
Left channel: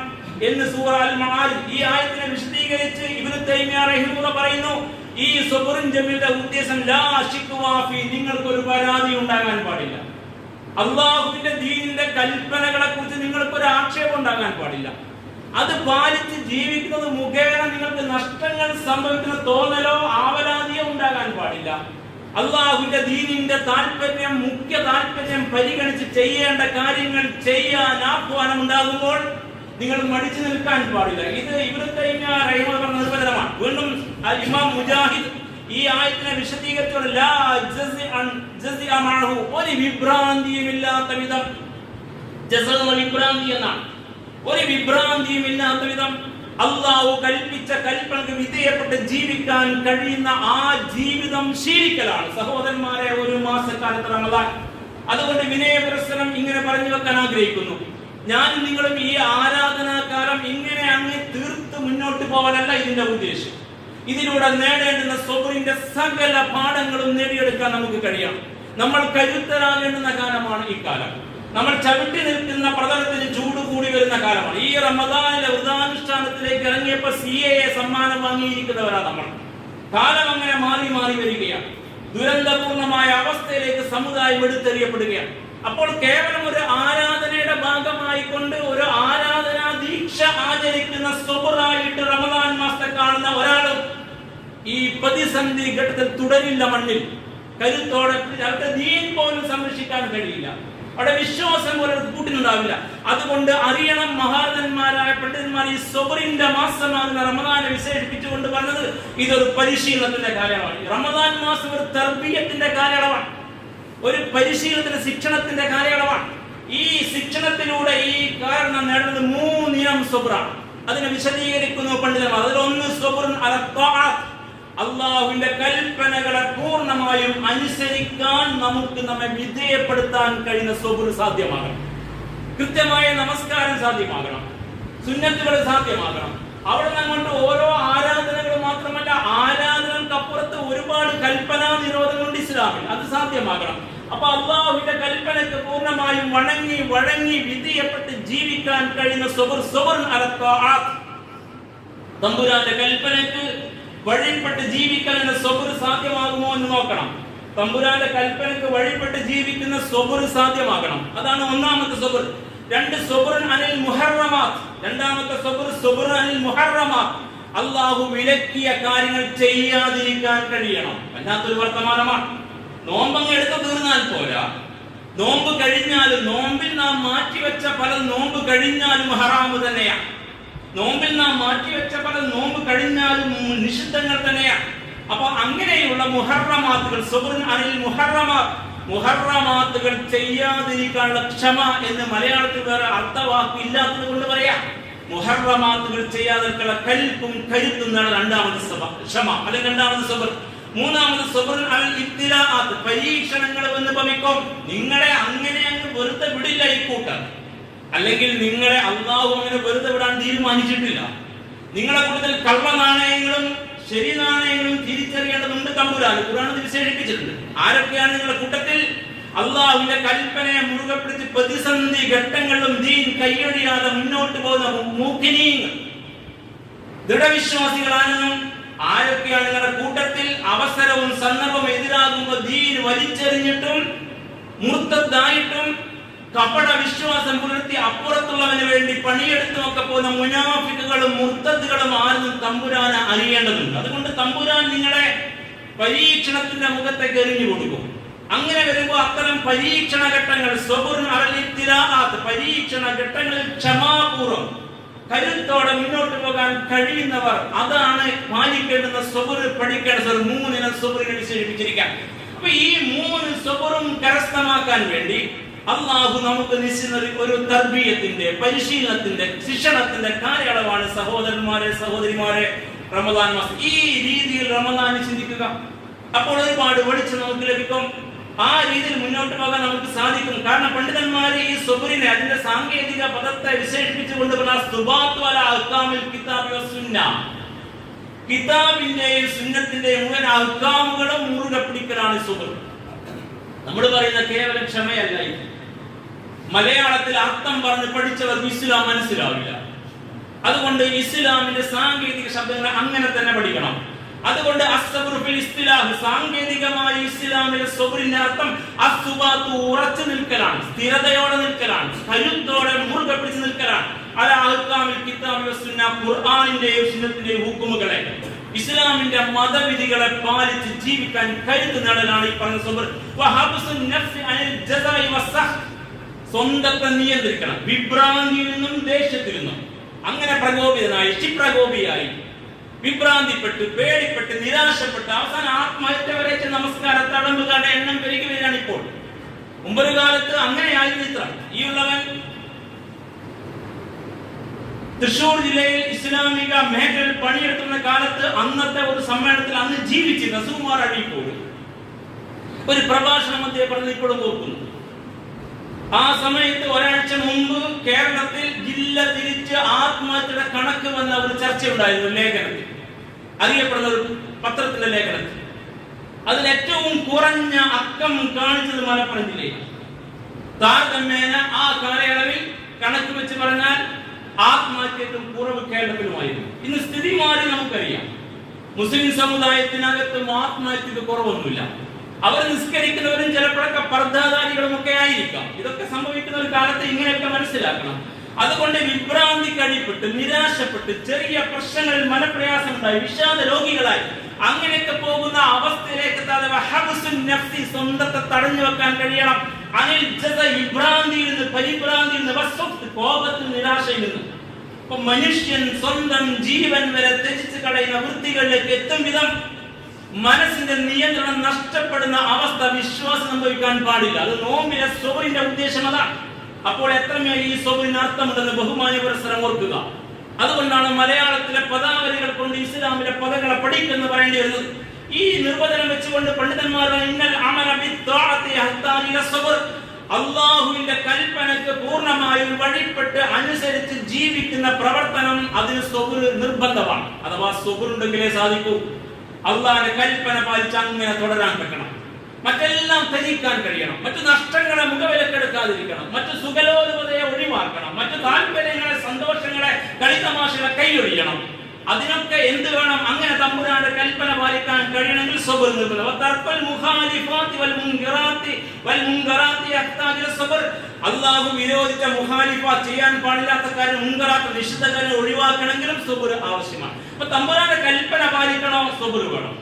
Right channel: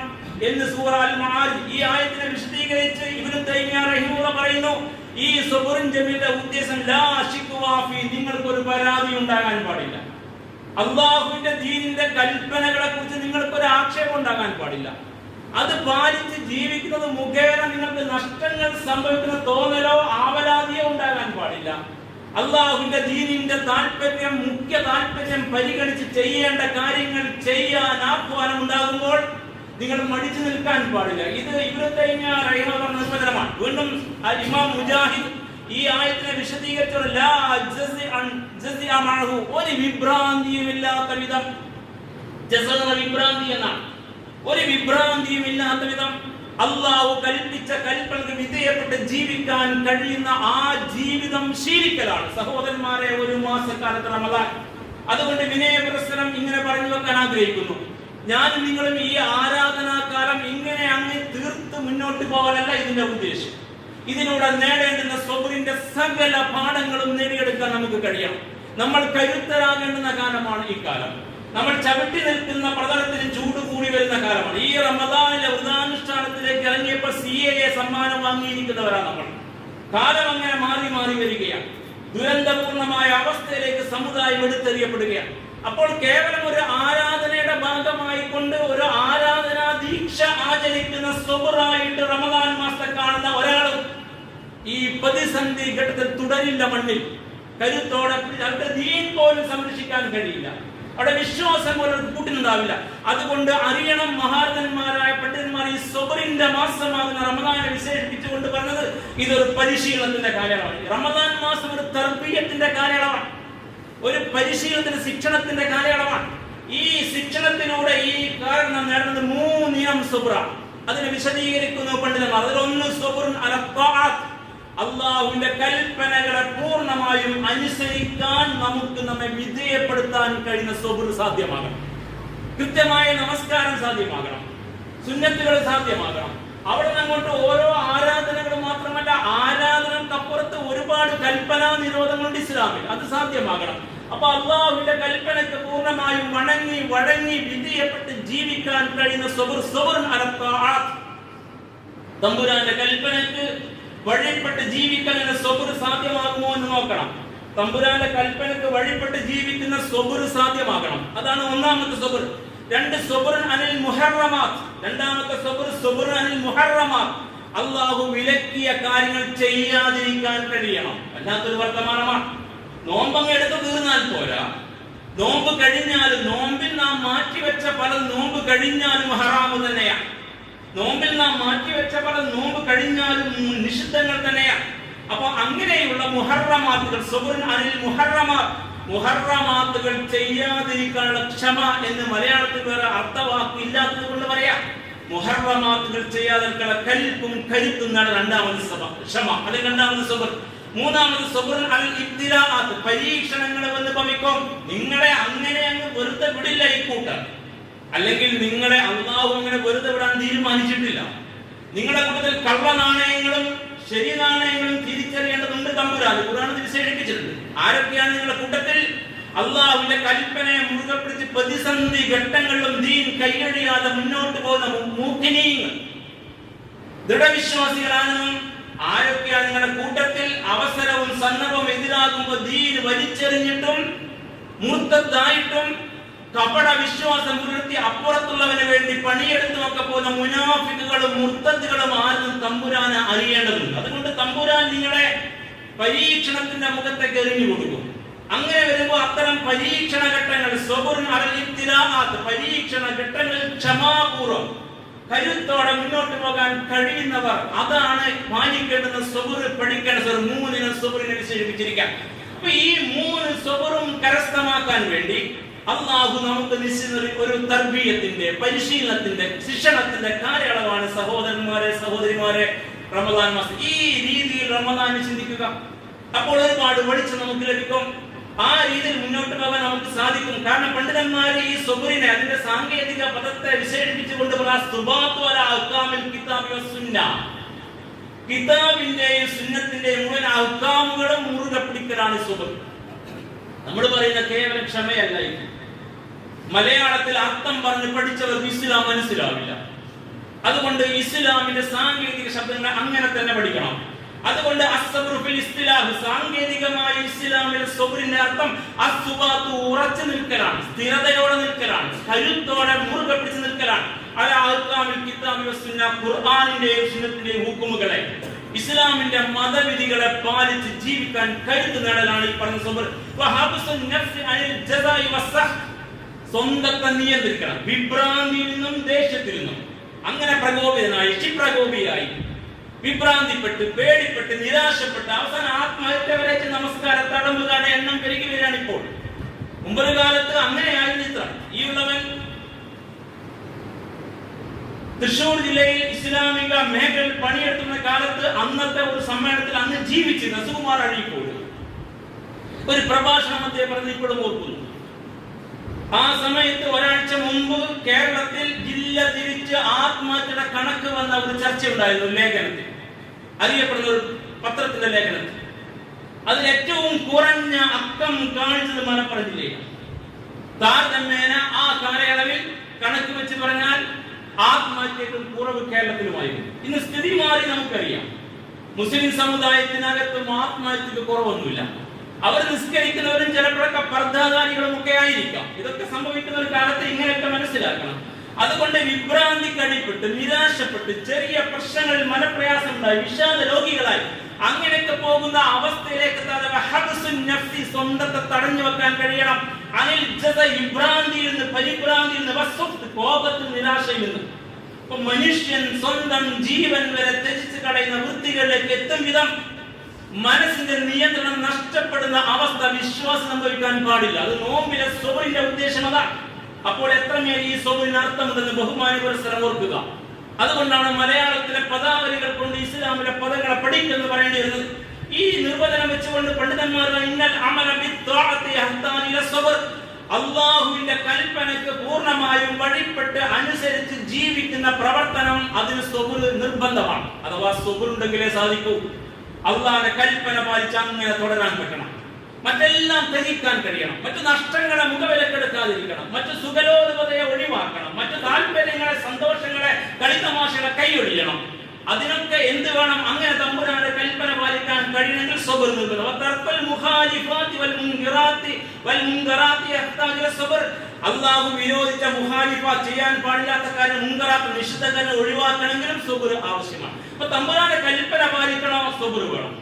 എന്ന് സൂറ അൽ മആരിജ് ഈ ആയത്തിനെ വിശദീകരിച്ച് ഇബ്നു തൈമിയ്യ റഹിമഹുല്ലാഹ് പറയുന്നു. ഈ സബറുൻ ജമീലിന്റെ ഉദ്ദേശം ലാ ശിക്വാ ഫീ, നിങ്ങൾക്കൊരു പരാതി ഉണ്ടാകാൻ പാടില്ല. അള്ളാഹുവിന്റെ ദീനിന്റെ കൽപ്പനകളെ കുറിച്ച് നിങ്ങൾക്കൊരു ആക്ഷേപം ഉണ്ടാകാൻ പാടില്ല. അത് പാലിച്ച് ജീവിക്കുന്നത് മുഖേന നിങ്ങൾക്ക് നഷ്ടങ്ങൾ സംഭവിക്കുന്ന തോന്നലോ ആവലാതിയോ ഉണ്ടാകാൻ പാടില്ല. അള്ളാഹുവിന്റെ ദീനിന്റെ താല്പര്യം, മുഖ്യ താല്പര്യം പരിഗണിച്ച് ചെയ്യേണ്ട കാര്യങ്ങൾ ചെയ്യാൻ ആഹ്വാനം ഉണ്ടാകുമ്പോൾ നിങ്ങൾ മടിച്ചു നിൽക്കാൻ പാടില്ല. ഇത് ഇബ്നു തൈമിയ്യ റഹിമഹുല്ലാഹ് നിർവചനമാണ്. വീണ്ടും ഇമാം മുജാഹിദ് ഈ ആയത്തിനെ വിശദീകരിച്ചു, ലാ ജസിഅ മഅഹു, ഒരു വിഭ്രാന്തിയുമില്ലാത്ത വിധം, വിഭ്രാന്തി എന്നാണ്, ഒരു വിഭ്രാന്തിയുമില്ലാത്ത വിധം അള്ളാഹു കൽപ്പിച്ച കൽപ്പനക്ക് വിധേയപ്പെട്ട് ജീവിക്കാൻ കഴിയുന്ന ആ ജീവിതം ശീലിക്കലാണ് സഹോദരന്മാരെ ഒരു മാസക്കാലത്ത് റമദാൻ. അതുകൊണ്ട് വിനയപുരസ്സരം ഇങ്ങനെ പറഞ്ഞു വെക്കാൻ ആഗ്രഹിക്കുന്നു. ഞാനും നിങ്ങളും ഈ ആരാധനാകാലം ഇങ്ങനെ അങ്ങ് തീർത്ത് മുന്നോട്ട് പോകാനല്ല ഇതിന്റെ ഉദ്ദേശം. ഇതിലൂടെ നേടേണ്ടുന്ന സബറിന്റെ സകല പാഠങ്ങളും നേടിയെടുക്കാൻ നമുക്ക് കഴിയണം. നമ്മൾ കരുത്തരാകേണ്ടുന്ന കാലമാണ് ഈ കാലം. നമ്മൾ ചവിട്ടി നിൽക്കുന്ന പ്രതലത്തിന് ചൂട് കൂടി വരുന്ന കാലമാണ്. ഈ റമദാനിലെ വ്രതാനുഷ്ഠാനത്തിലേക്ക് ഇറങ്ങിയപ്പോൾ CAA സമ്മാനം വാങ്ങിയിരിക്കുന്നവരാണ് നമ്മൾ. കാലം അങ്ങനെ മാറി മാറി വരികയാണ്. ദുരന്തപൂർണമായ അവസ്ഥയിലേക്ക് സമുദായം എടുത്തെറിയപ്പെടുകയാണ്. അപ്പോൾ കേവലം ഒരു ആരാധനയുടെ ഭാഗമായി കൊണ്ട് ഒരു ആരാധനാ ദീക്ഷ ആചരിക്കുന്ന സബറായിട്ട് റമദാൻ മാസത്തെ കാണുന്ന ഒരാളും ഈ പ്രതിസന്ധി ഘട്ടത്തിൽ തുടരില്ല. മണ്ണിൽ കരുത്തോടെ അവർക്ക് ദീൻ പോലും സംരക്ഷിക്കാൻ കഴിയില്ല. അവിടെ വിശ്വാസം പോലെ കൂട്ടിനുണ്ടാവില്ല. അതുകൊണ്ട് അറിയണം, മഹാരഥന്മാരായ പണ്ഡിതന്മാർ ഈ സബറിന്റെ മാസമാകുന്ന റമദാനെ വിശേഷിപ്പിച്ചുകൊണ്ട് പറഞ്ഞത് ഇതൊരു പരിശീലനത്തിന്റെ കാലയളവാണ്. റമദാൻ മാസം ഒരു തർബീയത്തിന്റെ കാലയളവാണ്, ഒരു പരിശീലനത്തിന്റെ ശിക്ഷണത്തിന്റെ കാലയളവാണ്. ഈ ശിക്ഷണത്തിലൂടെ ഈ കാരണം നേടുന്നത് 3 ഇനം സബറാണ്. അതിനെ വിശദീകരിക്കുന്നു പണ്ഡിതന്മാർ. അതിലൊന്ന് സബറുൻ അലാ ത്വാഅത്ത്, അള്ളാഹുവിന്റെ കൽപ്പനകളെ പൂർണ്ണമായും അനുസരിക്കാൻ നമ്മെ വിധേയപ്പെടുത്താൻ കഴിയുന്ന സബർ സാധ്യമാകണം. കൃത്യമായ നമസ്കാരം സാധ്യമാകണം, സുന്നത്തുകൾ സാധ്യമാകണം. അവിടെ അങ്ങോട്ട് ഓരോ ആരാധനകൾ മാത്രമല്ല, ആരാധനകൾക്കപ്പുറത്ത് ഒരുപാട് കൽപ്പനാ നിരോധങ്ങളുണ്ട് ഇസ്ലാമിൽ, അത് സാധ്യമാകണം. അപ്പൊ അള്ളാഹുവിന്റെ കൽപ്പനയ്ക്ക് പൂർണ്ണമായും വഴങ്ങി വിധേയപ്പെട്ട് ജീവിക്കാൻ കഴിയുന്ന സബറുൻ അലാ ത്വാഅത്ത്, തമ്പുരാന്റെ കൽപ്പനയ്ക്ക് വഴിപ്പെട്ട് ജീവിക്കാൻ സബർ സാധ്യമാകുമോ എന്ന് നോക്കണം. തമ്പുരാന്റെ കൽപ്പനയ്ക്ക് വഴിപ്പെട്ട് ജീവിക്കുന്ന സബർ സാധ്യമാകണം. അതാണ് ഒന്നാമത്തെ സബർ. 2 സബറുൻ അനിൽ മുഹറമാത്ത്, രണ്ടാമത്തെ സബറുൻ അനിൽ മുഹറമാത്ത്, അള്ളാഹു വിലക്കിയ കാര്യങ്ങൾ ചെയ്യാതിരിക്കാൻ കഴിയണം. അല്ലാത്തൊരു വർത്തമാനമാണ്. നോമ്പങ്ങ് എടുത്ത് തീർന്നാൽ പോരാ, നോമ്പ് കഴിഞ്ഞാലും, നോമ്പിൽ നാം മാറ്റിവെച്ച പല നോമ്പ് കഴിഞ്ഞാലും ഹറാമു തന്നെയാണ്. നോമ്പിൽ നാം മാറ്റിവെച്ച പല നോമ്പ് കഴിഞ്ഞാലും നിഷിദ്ധങ്ങൾ തന്നെയാണ്. അപ്പൊ അങ്ങനെയുള്ള മുഹറമാത്തുകൾ, സബറുൻ അനിൽ മുഹറമാത്തുകൾ ചെയ്യാതിരിക്കാനുള്ള ക്ഷമ എന്ന് മലയാളത്തിൽ വേറെ അർത്ഥവാക്ക് ഇല്ലാത്തത് കൊണ്ട് പറയാം. മുഹറമാത്തുകൾ ചെയ്യാതിരിക്കാനുള്ള കൽപ്പും കരുത്തും എന്നാണ് രണ്ടാമത് ക്ഷമ, അല്ലെങ്കിൽ രണ്ടാമത് സബർ. മൂന്നാമത് സബറുൻ അനിൽ ഇബ്തിലാഅത്ത്, പരീക്ഷണങ്ങൾ വന്ന് ഭവിക്കും. നിങ്ങളെ അങ്ങനെ അങ്ങ് വെറുതെ വിടില്ല ഈ കൂട്ടർ, അല്ലെങ്കിൽ നിങ്ങളെ അള്ളാഹു അങ്ങനെ വെറുതെ വിടാൻ തീരുമാനിച്ചിട്ടില്ല. നിങ്ങളുടെ കൂട്ടത്തിൽ കള്ള നാണയങ്ങളും ശരി നാണയങ്ങളും തിരിച്ചറിയേണ്ടതുണ്ട്. തമ്പുരാൻ ഖുർആനിൽ വിശേഷിപ്പിച്ചിട്ടുണ്ട്. ആരൊക്കെയാണ് നിങ്ങളുടെ കൂട്ടത്തിൽ അള്ളാഹുവിന്റെ കൽപ്പനയെ മുറുകെ പിടിച്ച് പ്രതിസന്ധി ഘട്ടങ്ങളിലും ദീൻ കൈയൊഴിയാതെ മുന്നോട്ട് പോകുന്ന മൂഖിനീങ്ങൾ, ദൃഢവിശ്വാസികളാണെന്നും ആരൊക്കെയാണ് നിങ്ങളുടെ കൂട്ടത്തിൽ അവസരവും സന്ദർഭവും എതിരാകുമ്പോൾ ദീൻ വലിച്ചെറിഞ്ഞിട്ടും മുർത്തദ്ദായിട്ടും കപട വിശ്വാസം പുലർത്തി അപ്പുറത്തുള്ളവന് വേണ്ടി പണിയെടുത്തുമൊക്കെ പോകുന്ന മുനാഫിക്കുകളും മുർത്തദ്ദുകളും ആരെന്നും തമ്പുരാനെ അറിയേണ്ടതുണ്ട്. അതുകൊണ്ട് തമ്പുരാൻ നിങ്ങളെ പരീക്ഷണത്തിന്റെ മുഖത്തേക്ക് എറിഞ്ഞു കൊടുക്കും. അങ്ങനെ വരുമ്പോൾ അത്തരം പരീക്ഷണ ഘട്ടങ്ങൾ, സബറുൻ അലൽ ഇബ്തിലാഅത്ത്, പരീക്ഷണ ഘട്ടങ്ങളിൽ ക്ഷമാപൂർവ്വം കരുത്തോടെ മുന്നോട്ട് പോകാൻ കഴിയുന്നവർ, അതാണ് പാലിക്കേണ്ടുന്ന സബർ, പഠിക്കേണ്ട സബർ. 3 ഇനം സബറിനെ വിശേഷിപ്പിച്ചിരിക്കാം. അപ്പൊ ഈ 3 സബറും കരസ്ഥമാക്കാൻ വേണ്ടി അള്ളാഹു നമുക്ക് നിശ്ചിത ഒരു തർബീയത്തിന്റെ, പരിശീലനത്തിന്റെ, ശിക്ഷണത്തിന്റെ കാലയളവാണ് സഹോദരന്മാരെ, സഹോദരിമാരെ റമദാൻ മാസം. ഈ രീതിയിൽ റമദാനെ ചിന്തിക്കുക. അപ്പോൾ ഒരുപാട് വെളിച്ചം നമുക്ക് ലഭിക്കും. ആ രീതിയിൽ മുന്നോട്ട് പോകാൻ നമുക്ക് സാധിക്കും. കാരണം പണ്ഡിതന്മാർ ഈ സബറിനെ, അതിന്റെ സാങ്കേതിക പദത്തെ വിശേഷിപ്പിച്ചുകൊണ്ട് കിതാബിന്റെയും സുന്നത്തിന്റെയും മുഴുവൻ അഹ്കാമുകളും മുറുകെ പിടിക്കലാണ് സബർ. നമ്മൾ പറയുന്ന കേവലം ക്ഷമയല്ല. മലയാളത്തിൽ അർത്ഥം പറഞ്ഞ് പഠിച്ചവർക്ക് ഇസ്ലാം മനസ്സിലാവില്ല. അതുകൊണ്ട് ഇസ്ലാമിന്റെ സാങ്കേതിക ശബ്ദങ്ങളെ അങ്ങനെ തന്നെ പഠിക്കണം. അതുകൊണ്ട് സാങ്കേതികമായ ഇസ്ലാമിലെ സബറിന്റെ അർത്ഥം അസ്സുബാത്തു, ഉറച്ചു നിൽക്കലാണ്, സ്ഥിരതയോടെ നിൽക്കലാണ്, കരുത്തോടെ മുറുകെ പിടിച്ചു നിൽക്കലാണ്. ഖുർആനിന്റെയും സുന്നത്തിന്റെയും ഹുക്കുമുകളെ, ഇസ്ലാമിന്റെ മതവിധികളെ പാലിച്ച് ജീവിക്കാൻ കരുത്ത് നേടലാണ് ഈ പറഞ്ഞ സബർ. സ്വന്തത്തെ നിയന്ത്രിക്കണം, വിഭ്രാന്തിയിൽ നിന്നും ദേഷ്യത്തിൽ നിന്നും. അങ്ങനെ പ്രകോപിതനായി, ക്ഷിപ്രകോപിയായി, വിഭ്രാന്തിപ്പെട്ട്, പേടിപ്പെട്ട്, നിരാശപ്പെട്ട് അവസാനം ആത്മഹത്യ വരെ നമസ്കാര തടമ്പുകാരുടെ എണ്ണം പെരുകി വരികയാണ് ഇപ്പോൾ. മുമ്പൊരു കാലത്ത് അങ്ങനെയായിരുന്നു ഇത്ര. ഈ ഉള്ളവൻ തൃശൂർ ജില്ലയിൽ ഇസ്ലാമിക മേഖലയിൽ പണിയെടുക്കുന്ന കാലത്ത് അന്നത്തെ ഒരു സമ്മേളനത്തിൽ അന്ന് ജീവിച്ചിരുന്ന സുകുമാർ അഴീക്കോട് ഒരു പ്രഭാഷണം അദ്ദേഹം പറഞ്ഞത് ഇപ്പോഴും ഓർക്കുന്നു. ആ സമയത്ത് ഒരാഴ്ച മുമ്പ് കേരളത്തിൽ ജില്ല തിരിച്ച് ആത്മഹത്യയുടെ കണക്ക് വന്ന ഒരു ചർച്ച ഉണ്ടായിരുന്നു. ലേഖനത്തിൽ, അറിയപ്പെടുന്ന ഒരു പത്രത്തിന്റെ ലേഖനത്തിൽ അതിൽ ഏറ്റവും കുറഞ്ഞ അക്കം കാണിച്ചത് മലപ്പുറം ജില്ലയാണ്. താരതമ്യേന ആ കാലയളവിൽ കണക്ക് വെച്ച് പറഞ്ഞാൽ ആത്മഹത്യക്കും കുറവ് കേരളത്തിലുമായിരുന്നു. ഇന്ന് സ്ഥിതി മാറി നമുക്കറിയാം. മുസ്ലിം സമുദായത്തിനകത്തും ആത്മഹത്യക്ക് കുറവൊന്നുമില്ല. അവർ നിസ്കരിക്കുന്നവരും ചിലപ്പോഴൊക്കെ പർദ്ദാധാരികളും ഒക്കെ ആയിരിക്കാം. ഇതൊക്കെ സംഭവിക്കുന്ന ഒരു കാലത്ത് ഇങ്ങനെയൊക്കെ മനസ്സിലാക്കണം. അതുകൊണ്ട് വിഭ്രാന്തിക്കടിപ്പെട്ട്, നിരാശപ്പെട്ട്, ചെറിയ പ്രശ്നങ്ങളിൽ മനപ്രയാസം ഉണ്ടായി, വിഷാദ രോഗികളായി അങ്ങനെയൊക്കെ പോകുന്ന അവസ്ഥയിലേക്ക് സ്വന്തത്തെ തടഞ്ഞു വെക്കാൻ കഴിയണം. വിഭ്രാന്തിയിൽ നിന്ന്, പരിഭ്രാന്തിയിൽ നിന്ന്, കോപത്തിൽ, നിരാശയിൽ നിന്ന്. അപ്പൊ മനുഷ്യൻ സ്വന്തം ജീവൻ വരെ ത്യജിച്ച് കളയുന്ന വൃത്തികളിലേക്ക് എത്തും വിധം മനസ്സിന്റെ നിയന്ത്രണം നഷ്ടപ്പെടുന്ന അവസ്ഥ വിശ്വാസം സംഭവിക്കാൻ പാടില്ല. അത് നോമ്പിലെ സബറിന്റെ ഉദ്ദേശം അതാണ്. അപ്പോൾ എത്രമേൽ ഈ സബറിന് അർത്ഥമുണ്ടെന്ന് ബഹുമാന്യ പുരസ്സരം ഓർക്കുക. അതുകൊണ്ടാണ് മലയാളത്തിലെ പദാവലികൾ കൊണ്ട് ഇസ്ലാമിലെ പദങ്ങളെ പഠിക്കുന്നു പറയേണ്ടി വരുന്നത്. ഈ നിർവചനം വെച്ചുകൊണ്ട് പണ്ഡിതന്മാർ അള്ളാഹുവിന്റെ കൽപ്പനക്ക് പൂർണ്ണമായും വഴിപ്പെട്ട് അനുസരിച്ച് ജീവിക്കുന്ന പ്രവർത്തനം, അതിന് സബർ നിർബന്ധമാണ്. അഥവാ സബർ ഉണ്ടെങ്കിലേ സാധിക്കൂ. അള്ളാഹിന്റെ കൽപ്പന പാലിച്ച് അങ്ങനെ തുടരാൻ പറ്റണം. മറ്റെല്ലാം ത്യജിക്കാൻ കഴിയണം. മറ്റു നഷ്ടങ്ങളെ മുഖവിലക്കെടുക്കാതിരിക്കണം. മറ്റു സുഖലോലുപതയെ ഒഴിവാക്കണം. മറ്റു താല്പര്യങ്ങളെ, സന്തോഷങ്ങളെ, കളിതമാശകളെ കൈയൊഴിയണം. അതിനൊക്കെ എന്ത് വേണം? അങ്ങനെ തമ്പുരാന്റെ കൽപ്പന പാലിക്കാൻ കഴിയണമെങ്കിൽ സബർ നിർബന്ധം. അള്ളാഹു വിരോധിച്ച മുഖാലിഫ, ചെയ്യാൻ പാടില്ലാത്ത കാര്യം, മുൻകറാത്ത്, നിഷിദ്ധ കാര്യം ഒഴിവാക്കണമെങ്കിലും സബർ ആവശ്യമാണ്. അപ്പൊ തമ്പുരാന്റെ കൽപ്പന പാലിക്കണോ? സബർ വേണം.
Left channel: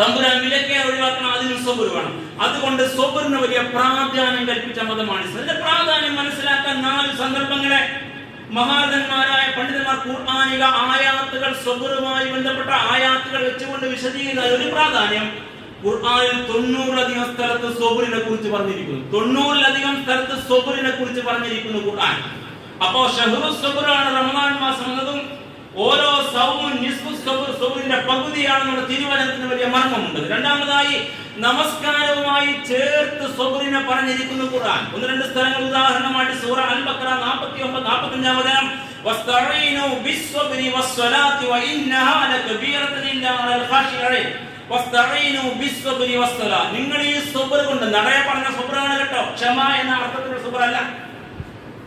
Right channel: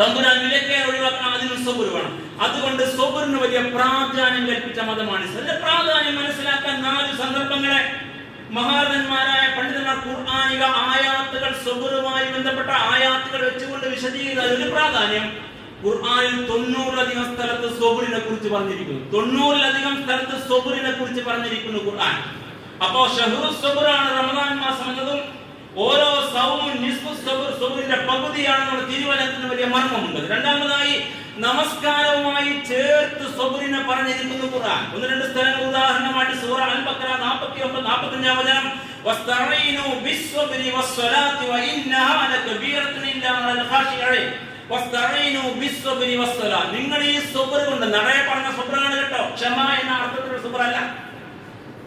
തമ്പുരാൻ വിലക്കെ ഒഴിവാക്കണം, അതിനും സബർ വേണം. അതുകൊണ്ട് സബറിന് വലിയ പ്രാധാന്യം കൽപ്പിച്ച മതമാണ്. അതിന്റെ പ്രാധാന്യം മനസ്സിലാക്കാൻ 4 സന്ദർഭങ്ങളെ മഹാരഥന്മാരായ പണ്ഡിതന്മാർ ഖുർആനിക ആയാത്തുകൾ, സബറുമായി ബന്ധപ്പെട്ട ആയാത്തുകൾ വെച്ചുകൊണ്ട് വിശദീകരിക്കുന്ന ഒരു പ്രാധാന്യം. ഖുർആനിൽ 90ലധികം സ്ഥലത്ത് സബറിനെ കുറിച്ച് പറഞ്ഞിരിക്കുന്നു. 90ലധികം സ്ഥലത്ത് സബറിനെ കുറിച്ച് പറഞ്ഞിരിക്കുന്നു ഖുർആൻ. അപ്പോ ഷഹ്റു സബറാണ് റമദാൻ മാസം എന്നതും ഓരോ സൗമും നിസ്ഫു സബർ, സബറിന്റെ പകുതിയാണെന്നുള്ള തിരുവചനത്തിന് വലിയ മർമ്മമുണ്ട്. രണ്ടാമതായി നമസ്കാരവുമായി ചേർത്ത് സബറിനെ പറഞ്ഞിരിക്കുന്നു ഖുർആൻ. 1-2 സ്ഥലങ്ങൾ ഉദാഹരണമായിട്ട് സൂറ അൽ-ബഖറ 49-45 വചനം, വസ്തഈനു ബിസ്സബ്രി വസ്സലാത്തി വഇന്നഹാ ലകബീറത്തുൻ ഇല്ലാ അലൽ ഖാശിഈൻ. വസ്തഈനു ബിസ്സബ്രി വസ്സലാ, നിങ്ങൾ ഈ സബർ കൊണ്ട്, നടയെ പറഞ്ഞ സബറാണ് കേട്ടോ, ക്ഷമ എന്ന അർത്ഥത്തിലുള്ള സബറല്ല.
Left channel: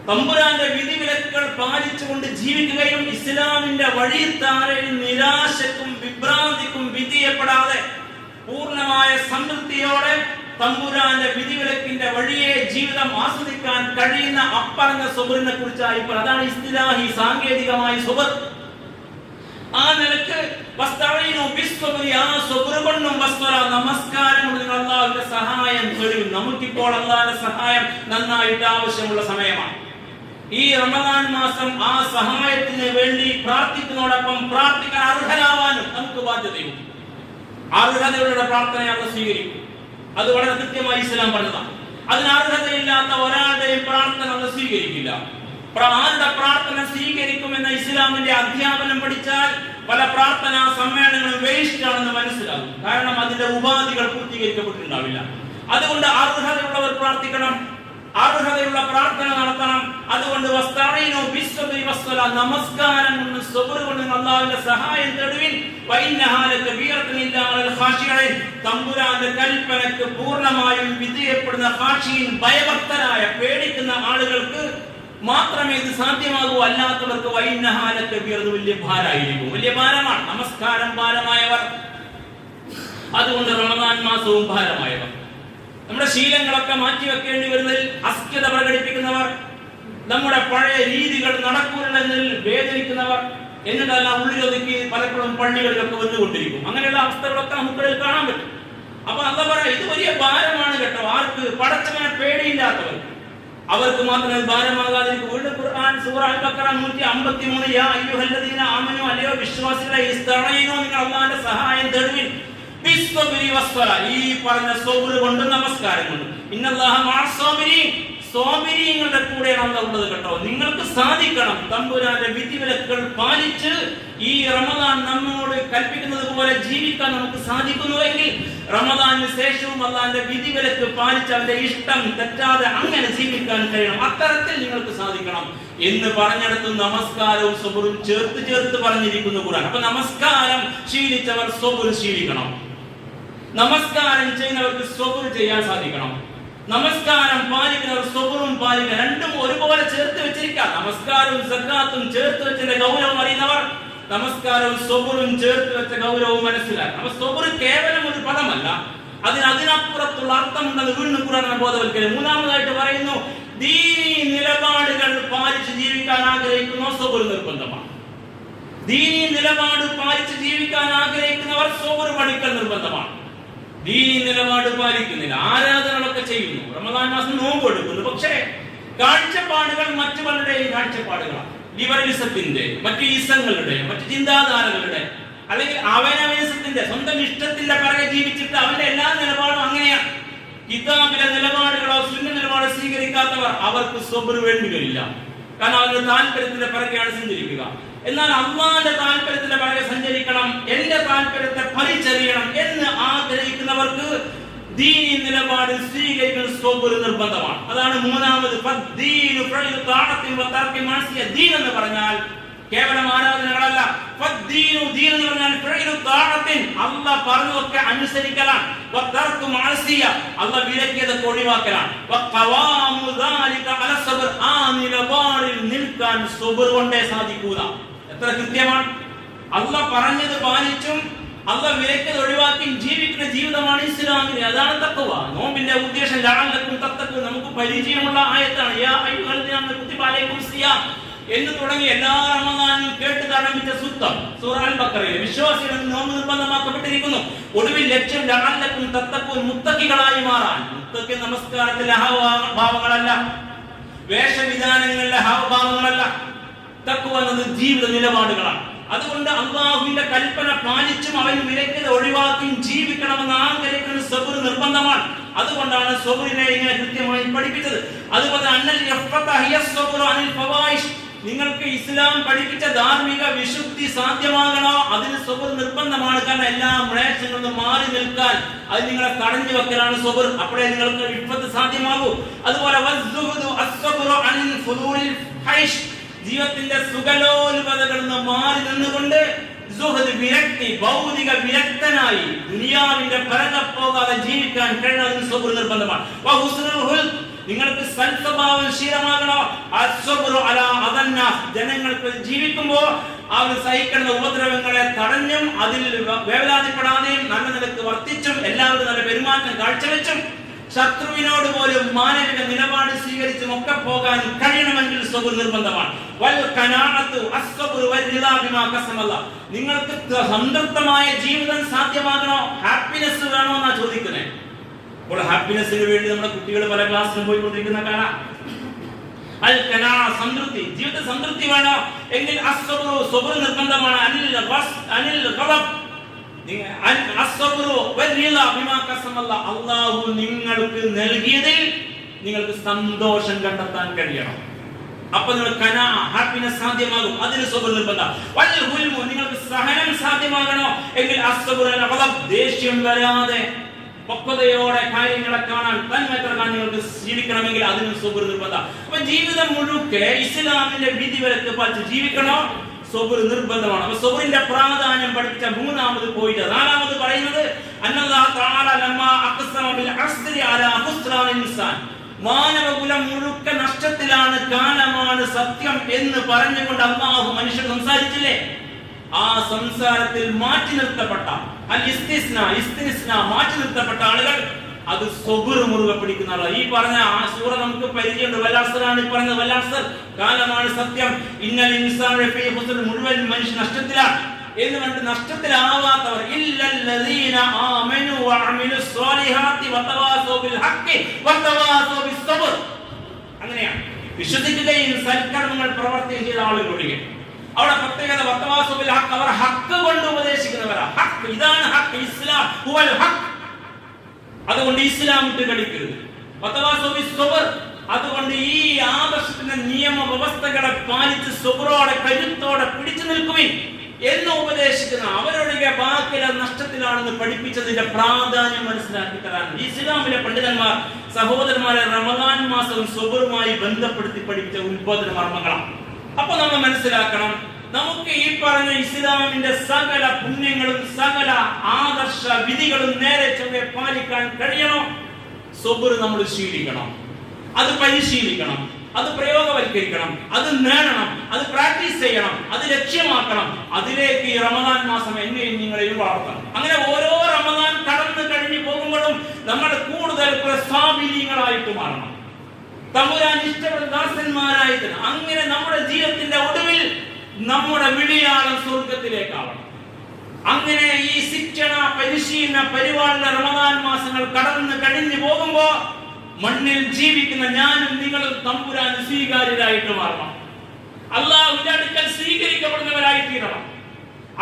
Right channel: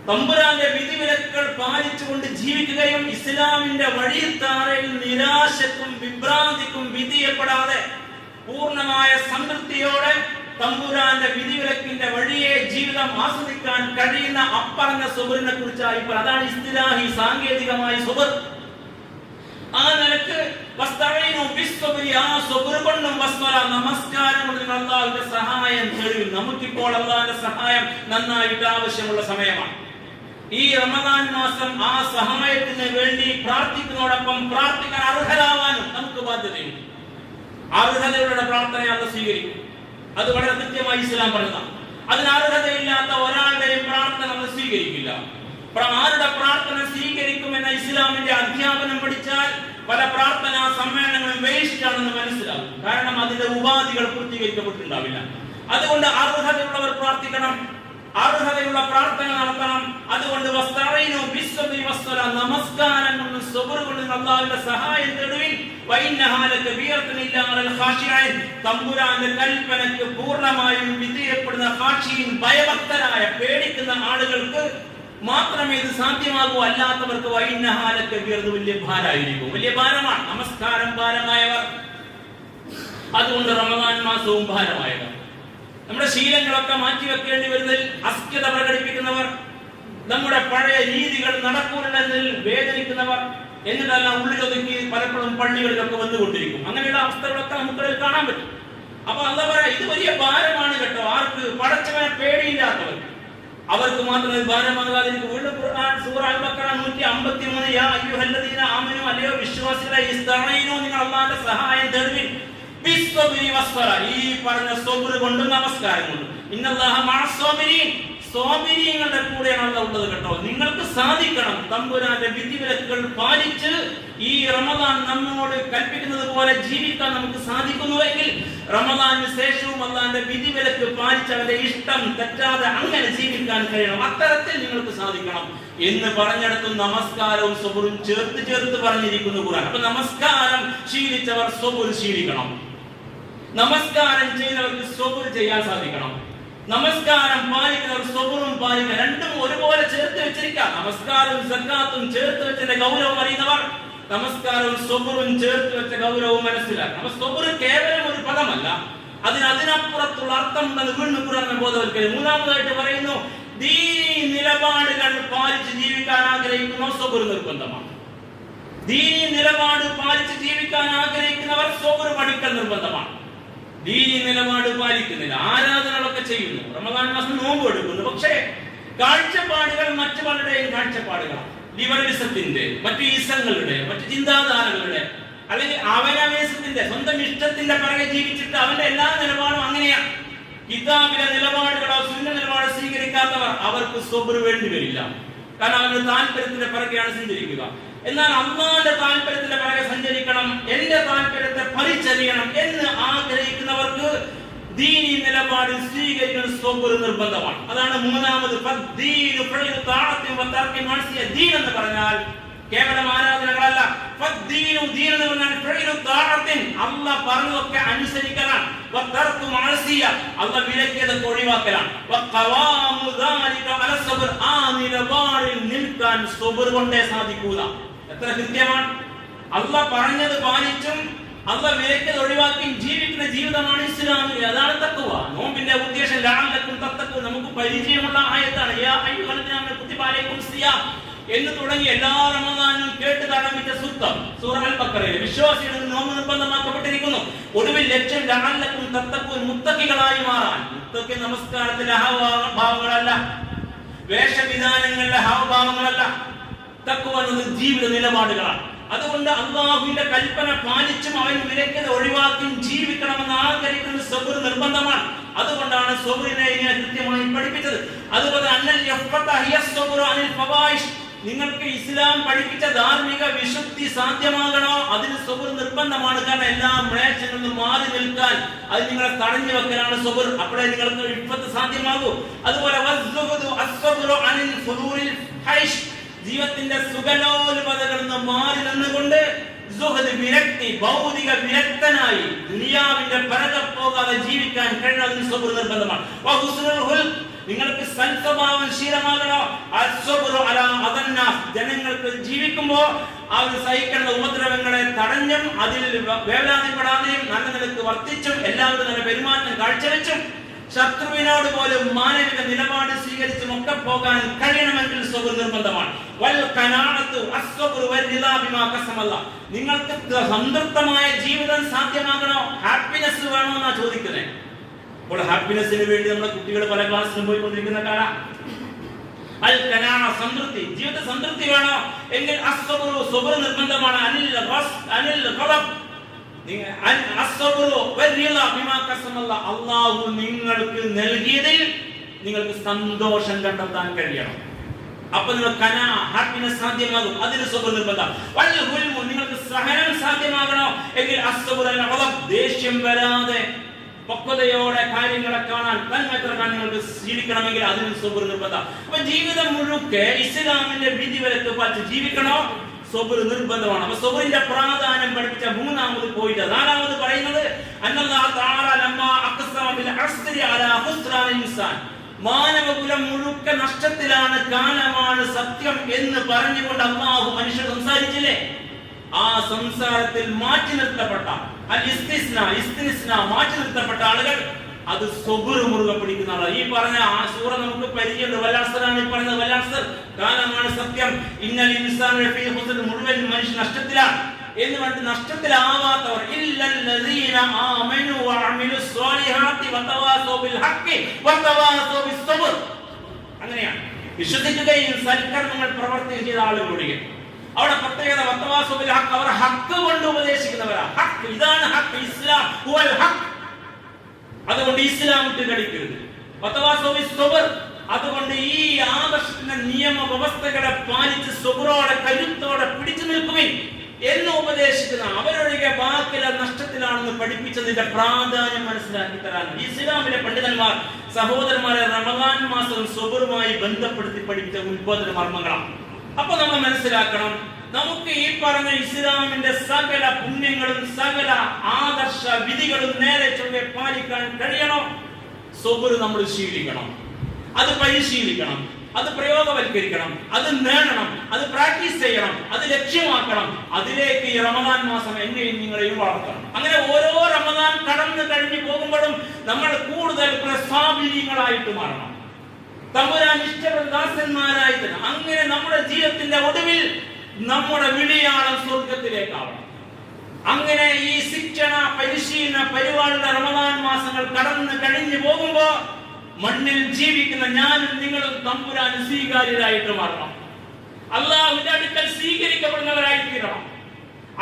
തമ്പുരാന്റെ വിധിവിലക്കുകൾ പാലിച്ചുകൊണ്ട് ജീവിക്കുകയും ഇസ്ലാമിന്റെ വഴിത്താരയിൽ നിരാശക്കും വിഭ്രാന്തിക്കും വിധിയപ്പെടാതെ പൂർണ്ണമായ സംതൃപ്തിയോടെ തമ്പുരാന്റെ വിധിവിലക്കിന്റെ വഴിയെ ജീവിതം ആസ്വദിക്കാൻ കഴിയുന്ന അപ്പറഞ്ഞ സബറിനെ കുറിച്ചായി. അതാണ് ഇസ്തിലാഹി, സാങ്കേതികമായ സബർ. ആ നിലക്ക് നമസ്കാരം കൊണ്ട് അള്ളാഹുവിന്റെ സഹായം തരും. നമുക്കിപ്പോൾ അള്ളാഹുവിന്റെ സഹായം നന്നായിട്ട് ആവശ്യമുള്ള സമയമാണ്. ഈ റമദാൻ മാസം ആ സഹായത്തിന് വേണ്ടി പ്രാർത്ഥിക്കുന്നതോടൊപ്പം പ്രാർത്ഥിക്കാൻ അർഹരാവാനും നമുക്ക് ബാധ്യതയുണ്ട്. അർഹതയുടെ പ്രാർത്ഥന അത് സ്വീകരിക്കും. അത് വളരെ കൃത്യമായി ഇസ്ലാം പറഞ്ഞതാണ്. അതിന് അർഹതയില്ലാത്ത ഒരാളുടെയും പ്രാർത്ഥന അത് സ്വീകരിക്കില്ല. ആരുടെ പ്രാർത്ഥന സ്വീകരിക്കുമെന്ന ഇസ്ലാമിന്റെ അധ്യാപനം പഠിച്ചാൽ പല പ്രാർത്ഥനാ സമ്മേളനങ്ങളും വേസ്റ്റ് ആണെന്ന് മനസ്സിലാകും. കാരണം അതിന്റെ ഉപാധികൾ പൂർത്തീകരിക്കപ്പെട്ടിട്ടുണ്ടാവില്ല. അതുകൊണ്ട് അർഹതയുള്ളവർ പ്രാർത്ഥിക്കണം, അർഹതയുള്ള പ്രാർത്ഥന നടത്തണം. അതുകൊണ്ട് വസ്തഈനു ബിസ്സബ്രി നമസ്കാരം കൊണ്ട് സബർ കൊണ്ട് അല്ലാഹുവിന്റെ സഹായം തേടുവിൻ. വഇന്നഹാ ലകബീറത്തുൻ ഇല്ലാ അലൽ ഖാശിഈൻ. തമ്പുരാന്റെ കൽപ്പനക്ക് പൂർണ്ണമായും വിധേയപ്പെടുന്ന ഖാശിഈൻ, ഭയഭക്തരായ പേടിക്കുന്ന ആളുകൾക്ക് മാത്രമേ ഇത് സാധ്യമാകൂ. അല്ലാത്തവർക്ക് വഇന്നഹാ ലകബീറത്തുൻ വലിയ ഭാരമായിരിക്കും, വലിയ ഭാരമാണ്. നമസ്കാരം ഭാരമായവർ, അതുകൊണ്ട് റമദാൻ മാസവും ഭാരമായവർ, നമ്മുടെ ശീലങ്ങളൊക്കെ മാറ്റിവെക്കേണ്ടി വരുന്നതിൽ അസ്ഥിരത പ്രകടിപ്പിക്കുന്നവർ, നമ്മുടെ പഴയ രീതികൾ നടക്കൂലെന്നതിൽ വേദനിക്കുന്നവർ, എന്നിട്ടെല്ലാം ഉള്ളിലൊതുക്കി പലപ്പോഴും പള്ളികളിലൊക്കെ വന്നുകൊണ്ടിരിക്കും. അങ്ങനെയുള്ള അവസ്ഥകളൊക്കെ നമുക്കിടയിൽ കാണാൻ പറ്റും. അപ്പൊ എന്താ പറയാ, ഇത് വലിയ ഭാരമാണ് കേട്ടോ. ആർക്ക്? പടച്ചവനെ പേടിയില്ലാത്തവർക്ക്, അവർക്ക് മാത്രമേ ഭാരമാകാതിരിക്കും. വീണ്ടും ഖുർആൻ സൂറ അൽ-ബഖറ 153, യാ അയ്യുഹല്ലദീന ആമനൂ, അല്ലയോ വിശ്വാസികളെ, ഇസ്തഈനൂ, നിങ്ങൾ അല്ലാഹുവിന്റെ സഹായം തേടുവിൻ, ബിസ്സബ്രി വസ്സല, ഈ പറഞ്ഞ സബ്ർ കൊണ്ട്, നമസ്കാരം കൊണ്ട്. ഇന്നല്ലാഹ മഅസ്സാബിരീൻ, സ്വാബിരീങ്ങളുടെ കൂടെയാണ് അല്ലാഹു ഉള്ളത് കേട്ടോ. നിങ്ങൾക്ക് സാധിക്കണം തമ്പുരാന്റെ വിധിവിലക്കുകൾ പാലിച്ച് ഈ റമദാൻ നമ്മോട് കൽപ്പിക്കുന്നത് പോലെ ജീവിക്കാൻ നമുക്ക് സാധിക്കുന്നുവെങ്കിൽ റമദാനിന് ശേഷവും അല്ലാഹുവിന്റെ വിധിവിലക്ക് പാലിച്ച് അവന്റെ ഇഷ്ടം തെറ്റാതെ അങ്ങനെ ജീവിക്കാൻ കഴിയണം. അത്തരത്തിൽ നിങ്ങൾക്ക് സാധിക്കണം എന്ന് പറഞ്ഞെടുത്ത് നമസ്കാരവും സബറും ചേർത്ത് പറഞ്ഞിരിക്കുന്നു ഖുർആൻ. അപ്പൊ നമസ്കാരം ശീലിച്ചവർ സബർ ശീലിക്കണം. നമസ്കാരം ചെയ്യുന്നവർക്ക് സബർ ചെയ്യാൻ സാധിക്കണം. നമസ്കാരം പാലിക്കുന്നവർ സബറും പാലിക്കണം. രണ്ടും ഒരുപോലെ ചേർത്ത് വെച്ചിരിക്കാം. നമസ്കാരവും സക്കാത്തും ചേർത്ത് വെച്ചതിന്റെ ഗൗരവം അറിയുന്നവർ നമസ്കാരവും സബറും ചേർത്ത് വെച്ച ഗൗരവവും മനസ്സിലാക്കണം. സബർ കേവലം ഒരു പദമല്ല, അതിനപ്പുറത്തുള്ള അർത്ഥമുണ്ടെന്ന് വീണ്ടും ഖുർആൻ ബോധവൽക്കരിക്കും. മൂന്നാമതായിട്ട് പറയുന്നു, ദീനീ നിലപാടുകൾ പാലിച്ച് ജീവിക്കാൻ ആഗ്രഹിക്കുന്ന സബർ നിർബന്ധമാണ്. ദീനീ നിലപാട് പാലിച്ച് ജീവിക്കാൻ ആഗ്രഹിക്കുന്നവർ സബർ പഠിക്കൽ നിർബന്ധമാണ്. ദീനീ നിലപാട് പാലിക്കുന്നില്ല, ആരാധനകളൊക്കെ ചെയ്യുന്നു, റമദാൻ മാസം നോമ്പ് എടുക്കുന്നു, പക്ഷേ കാഴ്ചപ്പാടുകൾ മറ്റു പലരുടെയും കാഴ്ചപ്പാടുകളാണ്. ലിബറലിസത്തിന്റെ, മറ്റു ഈസങ്ങളുടെ, മറ്റു ചിന്താധാരകളുടെ, അല്ലെങ്കിൽ അവനവനസത്തിന്റെ സ്വന്തം ഇഷ്ടത്തിന്റെ പിറകെ ജീവിച്ചിട്ട് അവന്റെ എല്ലാ നിലപാടും അങ്ങനെയാണ്. കിതാബിലെ നിലപാടുകളോ സുന്ന നിലപാട് സ്വീകരിക്കാത്തവർ അവർക്ക് സബർ വേണ്ടി വരില്ല. കാരണം അവരുടെ താല്പര്യത്തിന്റെ പിറകെയാണ് സഞ്ചരിക്കുക. എന്നാൽ അല്ലാഹുവിന്റെ താല്പര്യത്തിന്റെ പിറകെ സഞ്ചരിക്കണം, എന്റെ താല്പര്യത്തെ പരിചരിക്കണം എന്ന് ആഗ്രഹിക്കുന്നവർക്ക് ദീനി നിലപാട് സ്വീകരിക്കുന്ന സബർ നിർബന്ധമാണ്. അതാണ് മൂന്നാമത്. ദീൻ എന്ന് പറഞ്ഞാൽ കേവലം ആരാധനകളല്ല. അല്ലാഹ് പറഞ്ഞതൊക്കെ അനുസരിക്കലാണ്. അല്ലാഹ് വിലക്കിയതൊക്കെ ഒഴിവാക്കലാണ്. ആ നിലപാടിൽ നിൽക്കാൻ സബർ കൊണ്ടേ സാധിക്കൂല. എത്ര കൃത്യമാണ്! അല്ലാഹ് പറഞ്ഞത് പാലിച്ചും അല്ലാഹ് വിലക്കിയത് ഒഴിവാക്കിയും ജീവിക്കുന്ന ജീവിതമാണ് ഇസ്ലാമിന്. അതാണ് തഖ്വ. നോമ്പിന്റെ ഉദ്ദേശം ലഅല്ലക്കും തത്തഖൂൻ, നമുക്ക് പരിചയമുള്ള ആയത്താണ്. യാ അയ്യുഹല്ലദീന കുതിബ അലൈക്കും സിയാം എന്ന് തുടങ്ങി എല്ലാ റമദാനിൽ കേട്ട് ആരംഭിച്ച സൂക്തം സൂറ അൽ-ബഖറയിൽ വിശ്വാസികൾക്ക് നോമ്പ് നിർബന്ധമാക്കപ്പെട്ടിരിക്കുന്നു. ഒടുവിൽ ലക്ഷ്യം ലഅല്ലക്കും തത്തഖൂൻ, മുത്തഖികളായി മാറാൻ. മുത്തഖി നമസ്കാരത്തിലെ ഹാവഭാവങ്ങളല്ല, വേഷവിധാനങ്ങളിലെ ഹാവഭാവങ്ങളല്ല. തഖ്വ എന്നത് ജീവിത നിലപാടുകളാണ്. അതുകൊണ്ട് അല്ലാഹുവിന്റെ കൽപ്പന പാലിച്ചും അവൻ വിലക്കത് ഒഴിവാക്കിയും ജീവിക്കണമെന്ന് ആഗ്രഹിക്കുന്ന സബർ നിർബന്ധമാണ്. അതുകൊണ്ടാണ് സബറിനെ ഇങ്ങനെ കൃത്യമായി പഠിപ്പിച്ചത്. അതുപോലെ നിങ്ങൾക്ക് ഇസ്ലാം പഠിപ്പിച്ച ധാർമ്മിക വിശുദ്ധി സാധ്യമാകണോ, അതിന് സബർ നിർബന്ധമാണ്. കാരണം എല്ലാ മ്ലേച്ഛങ്ങളിൽ നിന്നും മാറി നിൽക്കാൻ അത് നിങ്ങളെ തടഞ്ഞു വെക്കലാണ് സബർ. അപ്പോഴേ നിങ്ങൾക്ക് ഇഫ്ഫത്ത് സാധ്യമാകൂ. അതുപോലെ ജീവിതത്തിന്റെ സുഖലോൽപതകളിൽ നിന്ന് മാറി നിന്നുകൊണ്ട് വിരക്തി, ഭൗതിക വിരക്തനായി ദുനിയാവിന്റെ പിറകെ പോകാതെ ജീവിക്കാൻ കഴിയുന്നതിന് സബർ നിർബന്ധമാണ്. നിങ്ങൾക്ക് സൽസ്വഭാവം ശീലമാകണോ, ജനങ്ങൾക്ക് ജീവിക്കുമ്പോൾ അവർ സഹിക്കുന്ന ഉപദ്രവങ്ങളെ തടഞ്ഞും അതിൽ വേവലാതിപ്പെടാതെയും നല്ല നിലക്ക് വർത്തിച്ചും എല്ലാവരും നല്ല പെരുമാറ്റം കാഴ്ചവെച്ചും ശത്രുവിനോട് പോലും മാനവിക നിലപാട് സ്വീകരിച്ചും ഒക്കെ പോകാൻ കഴിയണമെങ്കിൽ സബർ നിർബന്ധമാണ്. നിങ്ങൾക്ക് സംതൃപ്തമായ ജീവിതം സാധ്യമാകണോ, ഹാപ്പിനെസ് വേണോ എന്നാ ചോദിക്കുന്നത്. അപ്പോൾ ഹാപ്പിനെസ്സിന് വേണ്ടി നമ്മുടെ കുട്ടികൾ പല ക്ലാസ്സിലും പോയിക്കൊണ്ടിരിക്കുന്ന കാണാം. സംതൃപ്തി, ജീവിത സംതൃപ്തി വേണോ എങ്കിൽ സബർ നിർബന്ധമാണ്. അല്ലാഹു നിങ്ങൾക്ക് നൽകിയതിൽ നിങ്ങൾക്ക് സന്തോഷം കണ്ടെത്താൻ കഴിയണം. അപ്പൊ നിങ്ങൾ ഹാപ്പിനെസ് സാധ്യമാകും. അതിന് സബർ നിർബന്ധം. നിങ്ങൾക്ക് സഹനം സാധ്യമാകണോ എങ്കിൽ ദേഷ്യം വരാതെ പക്വതയോടെ കാര്യങ്ങളെ കാണാൻ തന്മയത്ര നിങ്ങൾക്ക് ജീവിക്കണമെങ്കിൽ അതിന് സബർ നിർബന്ധം. അപ്പൊ ജീവിതം മുഴുക്കെ ഇസ്ലാമിന്റെ വിധിവിലക്ക് പാലിച്ച് ജീവിക്കണോ? സബർ നിർബന്ധമാണ്. അപ്പൊ സബറിന്റെ പ്രാധാന്യം പഠിപ്പിച്ച മൂന്നാമത് പോയിട്ട് നാലാമത് പറയുന്നത് അന്നല്ലാഹു തആല ലമ്മാ അഖ്സമ ബിൽ അസ്രി അലാ ഖുസ്റാനിൽ ഇൻസാൻ, മാനവകുലം മുഴുക്ക നഷ്ടത്തിലാണ്, കാലമാണ് സത്യം എന്ന് പറഞ്ഞുകൊണ്ട് അല്ലാഹു മനുഷ്യർ സംസാരിച്ചില്ലേ? ആ സംസാരത്തിൽ മാറ്റി നിർത്തപ്പെട്ട മാറ്റി നിർത്തപ്പെട്ട ആളുകൾ അത് സബർ മുറുകെ പിടിക്കുന്ന ആളാണ്. ഈ പറഞ്ഞ സൂറ നമുക്ക് പരിചയമുണ്ട്. വല്ലഅസ്റാണ് ഈ പറയുന്നത്. വല്ലഅസ്ർ കാലമാണ് സത്യം. ഇന്നൽ ഇൻസാന ലഫീ ഖുസ്ർ, മുഴുവൻ മനുഷ്യൻ നഷ്ടത്തിലാണ് എന്ന് പറഞ്ഞിട്ട് നഷ്ടത്തിലാവാത്തവർ ഇല്ലല്ലദീന ആമനു വഅമിലുസ് സ്വാലിഹാത്തി വതവാസൗ ബിൽ ഹഖ് വതവാസൗ ബിസ് സബ്ർ. അങ്ങനെയാണ് വിശ്വസിക്കുകയും സൽക്കർമ്മങ്ങൾ പ്രവർത്തിക്കുകയും ചെയ്ത ആളുകളൊഴികെ. അവിടെ പ്രത്യേകത വതവാസൗ ബിൽ ഹഖ്, അവർ ഹഖ് കൊണ്ട് ഉപദേശിക്കുന്നവരാ. ഹഖ്, ഇതാണ് ഹഖ്, ഇസ്ലാം ഹുവൽ ഹഖ്. അതുകൊണ്ട് ഇസ്ലാം വിട്ട് കളിക്കരുത്. വതവാസൗ ബിസ് സബ്ർ, അതുകൊണ്ട് ഈ ആദർശത്തിന്റെ നിയമ വ്യവസ്ഥകളെ പാലിച്ച് സബ്റോടെ കരുത്തോടെ പിടിച്ചു നിൽക്കുവിൻ എന്ന് ഉപദേശിക്കുന്ന അവരൊഴികെ ബാക്കിയുള്ള നഷ്ടത്തിലാണെന്ന് പഠിപ്പിച്ചതിന്റെ പ്രാധാന്യം മനസ്സിലാക്കി തരാൻ ഇസ്ലാമിലെ പണ്ഡിതന്മാർ സഹോദരന്മാരെ റമദാൻ മാസം സബറുമായി ബന്ധപ്പെടുത്തി പഠിപ്പിച്ച ഉത്ബോധന മർമ്മങ്ങളാണ്. അപ്പൊ നമ്മൾ മനസ്സിലാക്കണം, നമുക്ക് ഈ പറഞ്ഞ ഇസ്ലാമിന്റെ സകല പുണ്യങ്ങളും സകല ആദർശ വിധികളും നേരെ ചൊവ്വെ പാലിക്കാൻ കഴിയണം. സബർ നമ്മൾ ശീലിക്കണം, അത് പരിശീലിക്കണം, അത് പ്രയോഗവൽക്കരിക്കണം, അത് നേടണം, അത് പ്രാക്ടീസ് ചെയ്യണം, അത് ലക്ഷ്യമാക്കണം. അതിലേക്ക് ഈ റമദാൻ മാസം എന്നെയും നിങ്ങളെയും വളർത്തണം. അങ്ങനെ ഓരോ റമദാൻ കടന്നു കഴിഞ്ഞു പോകുമ്പോഴും നമ്മൾ കൂടുതൽ പ്രസാബിനികളായിട്ട് മാറണം, തമ്പുരാൻ ഇഷ്ടപ്പെട്ട ദാസന്മാരായിട്ട്. അങ്ങനെ നമ്മുടെ ജീവിതത്തിന്റെ ഒടുവിൽ നമ്മുടെ വിളിയാളം സ്വർഗത്തിലേക്കാവണം. അങ്ങനെ ഈ ശിക്ഷണ പരിശീലന പരിപാടിയുടെ റമദാൻ മാസങ്ങൾ കടന്നു കഴിഞ്ഞു പോകുമ്പോ മണ്ണിൽ ജീവിക്കുന്ന ഞാനും നിങ്ങളും തമ്പുരാൻ സ്വീകാര്യരായിട്ട് മാറണം. അല്ലാഹുവിന്റെ അടുക്കൽ സ്വീകരിക്കപ്പെടുന്നവരായി തീരണം.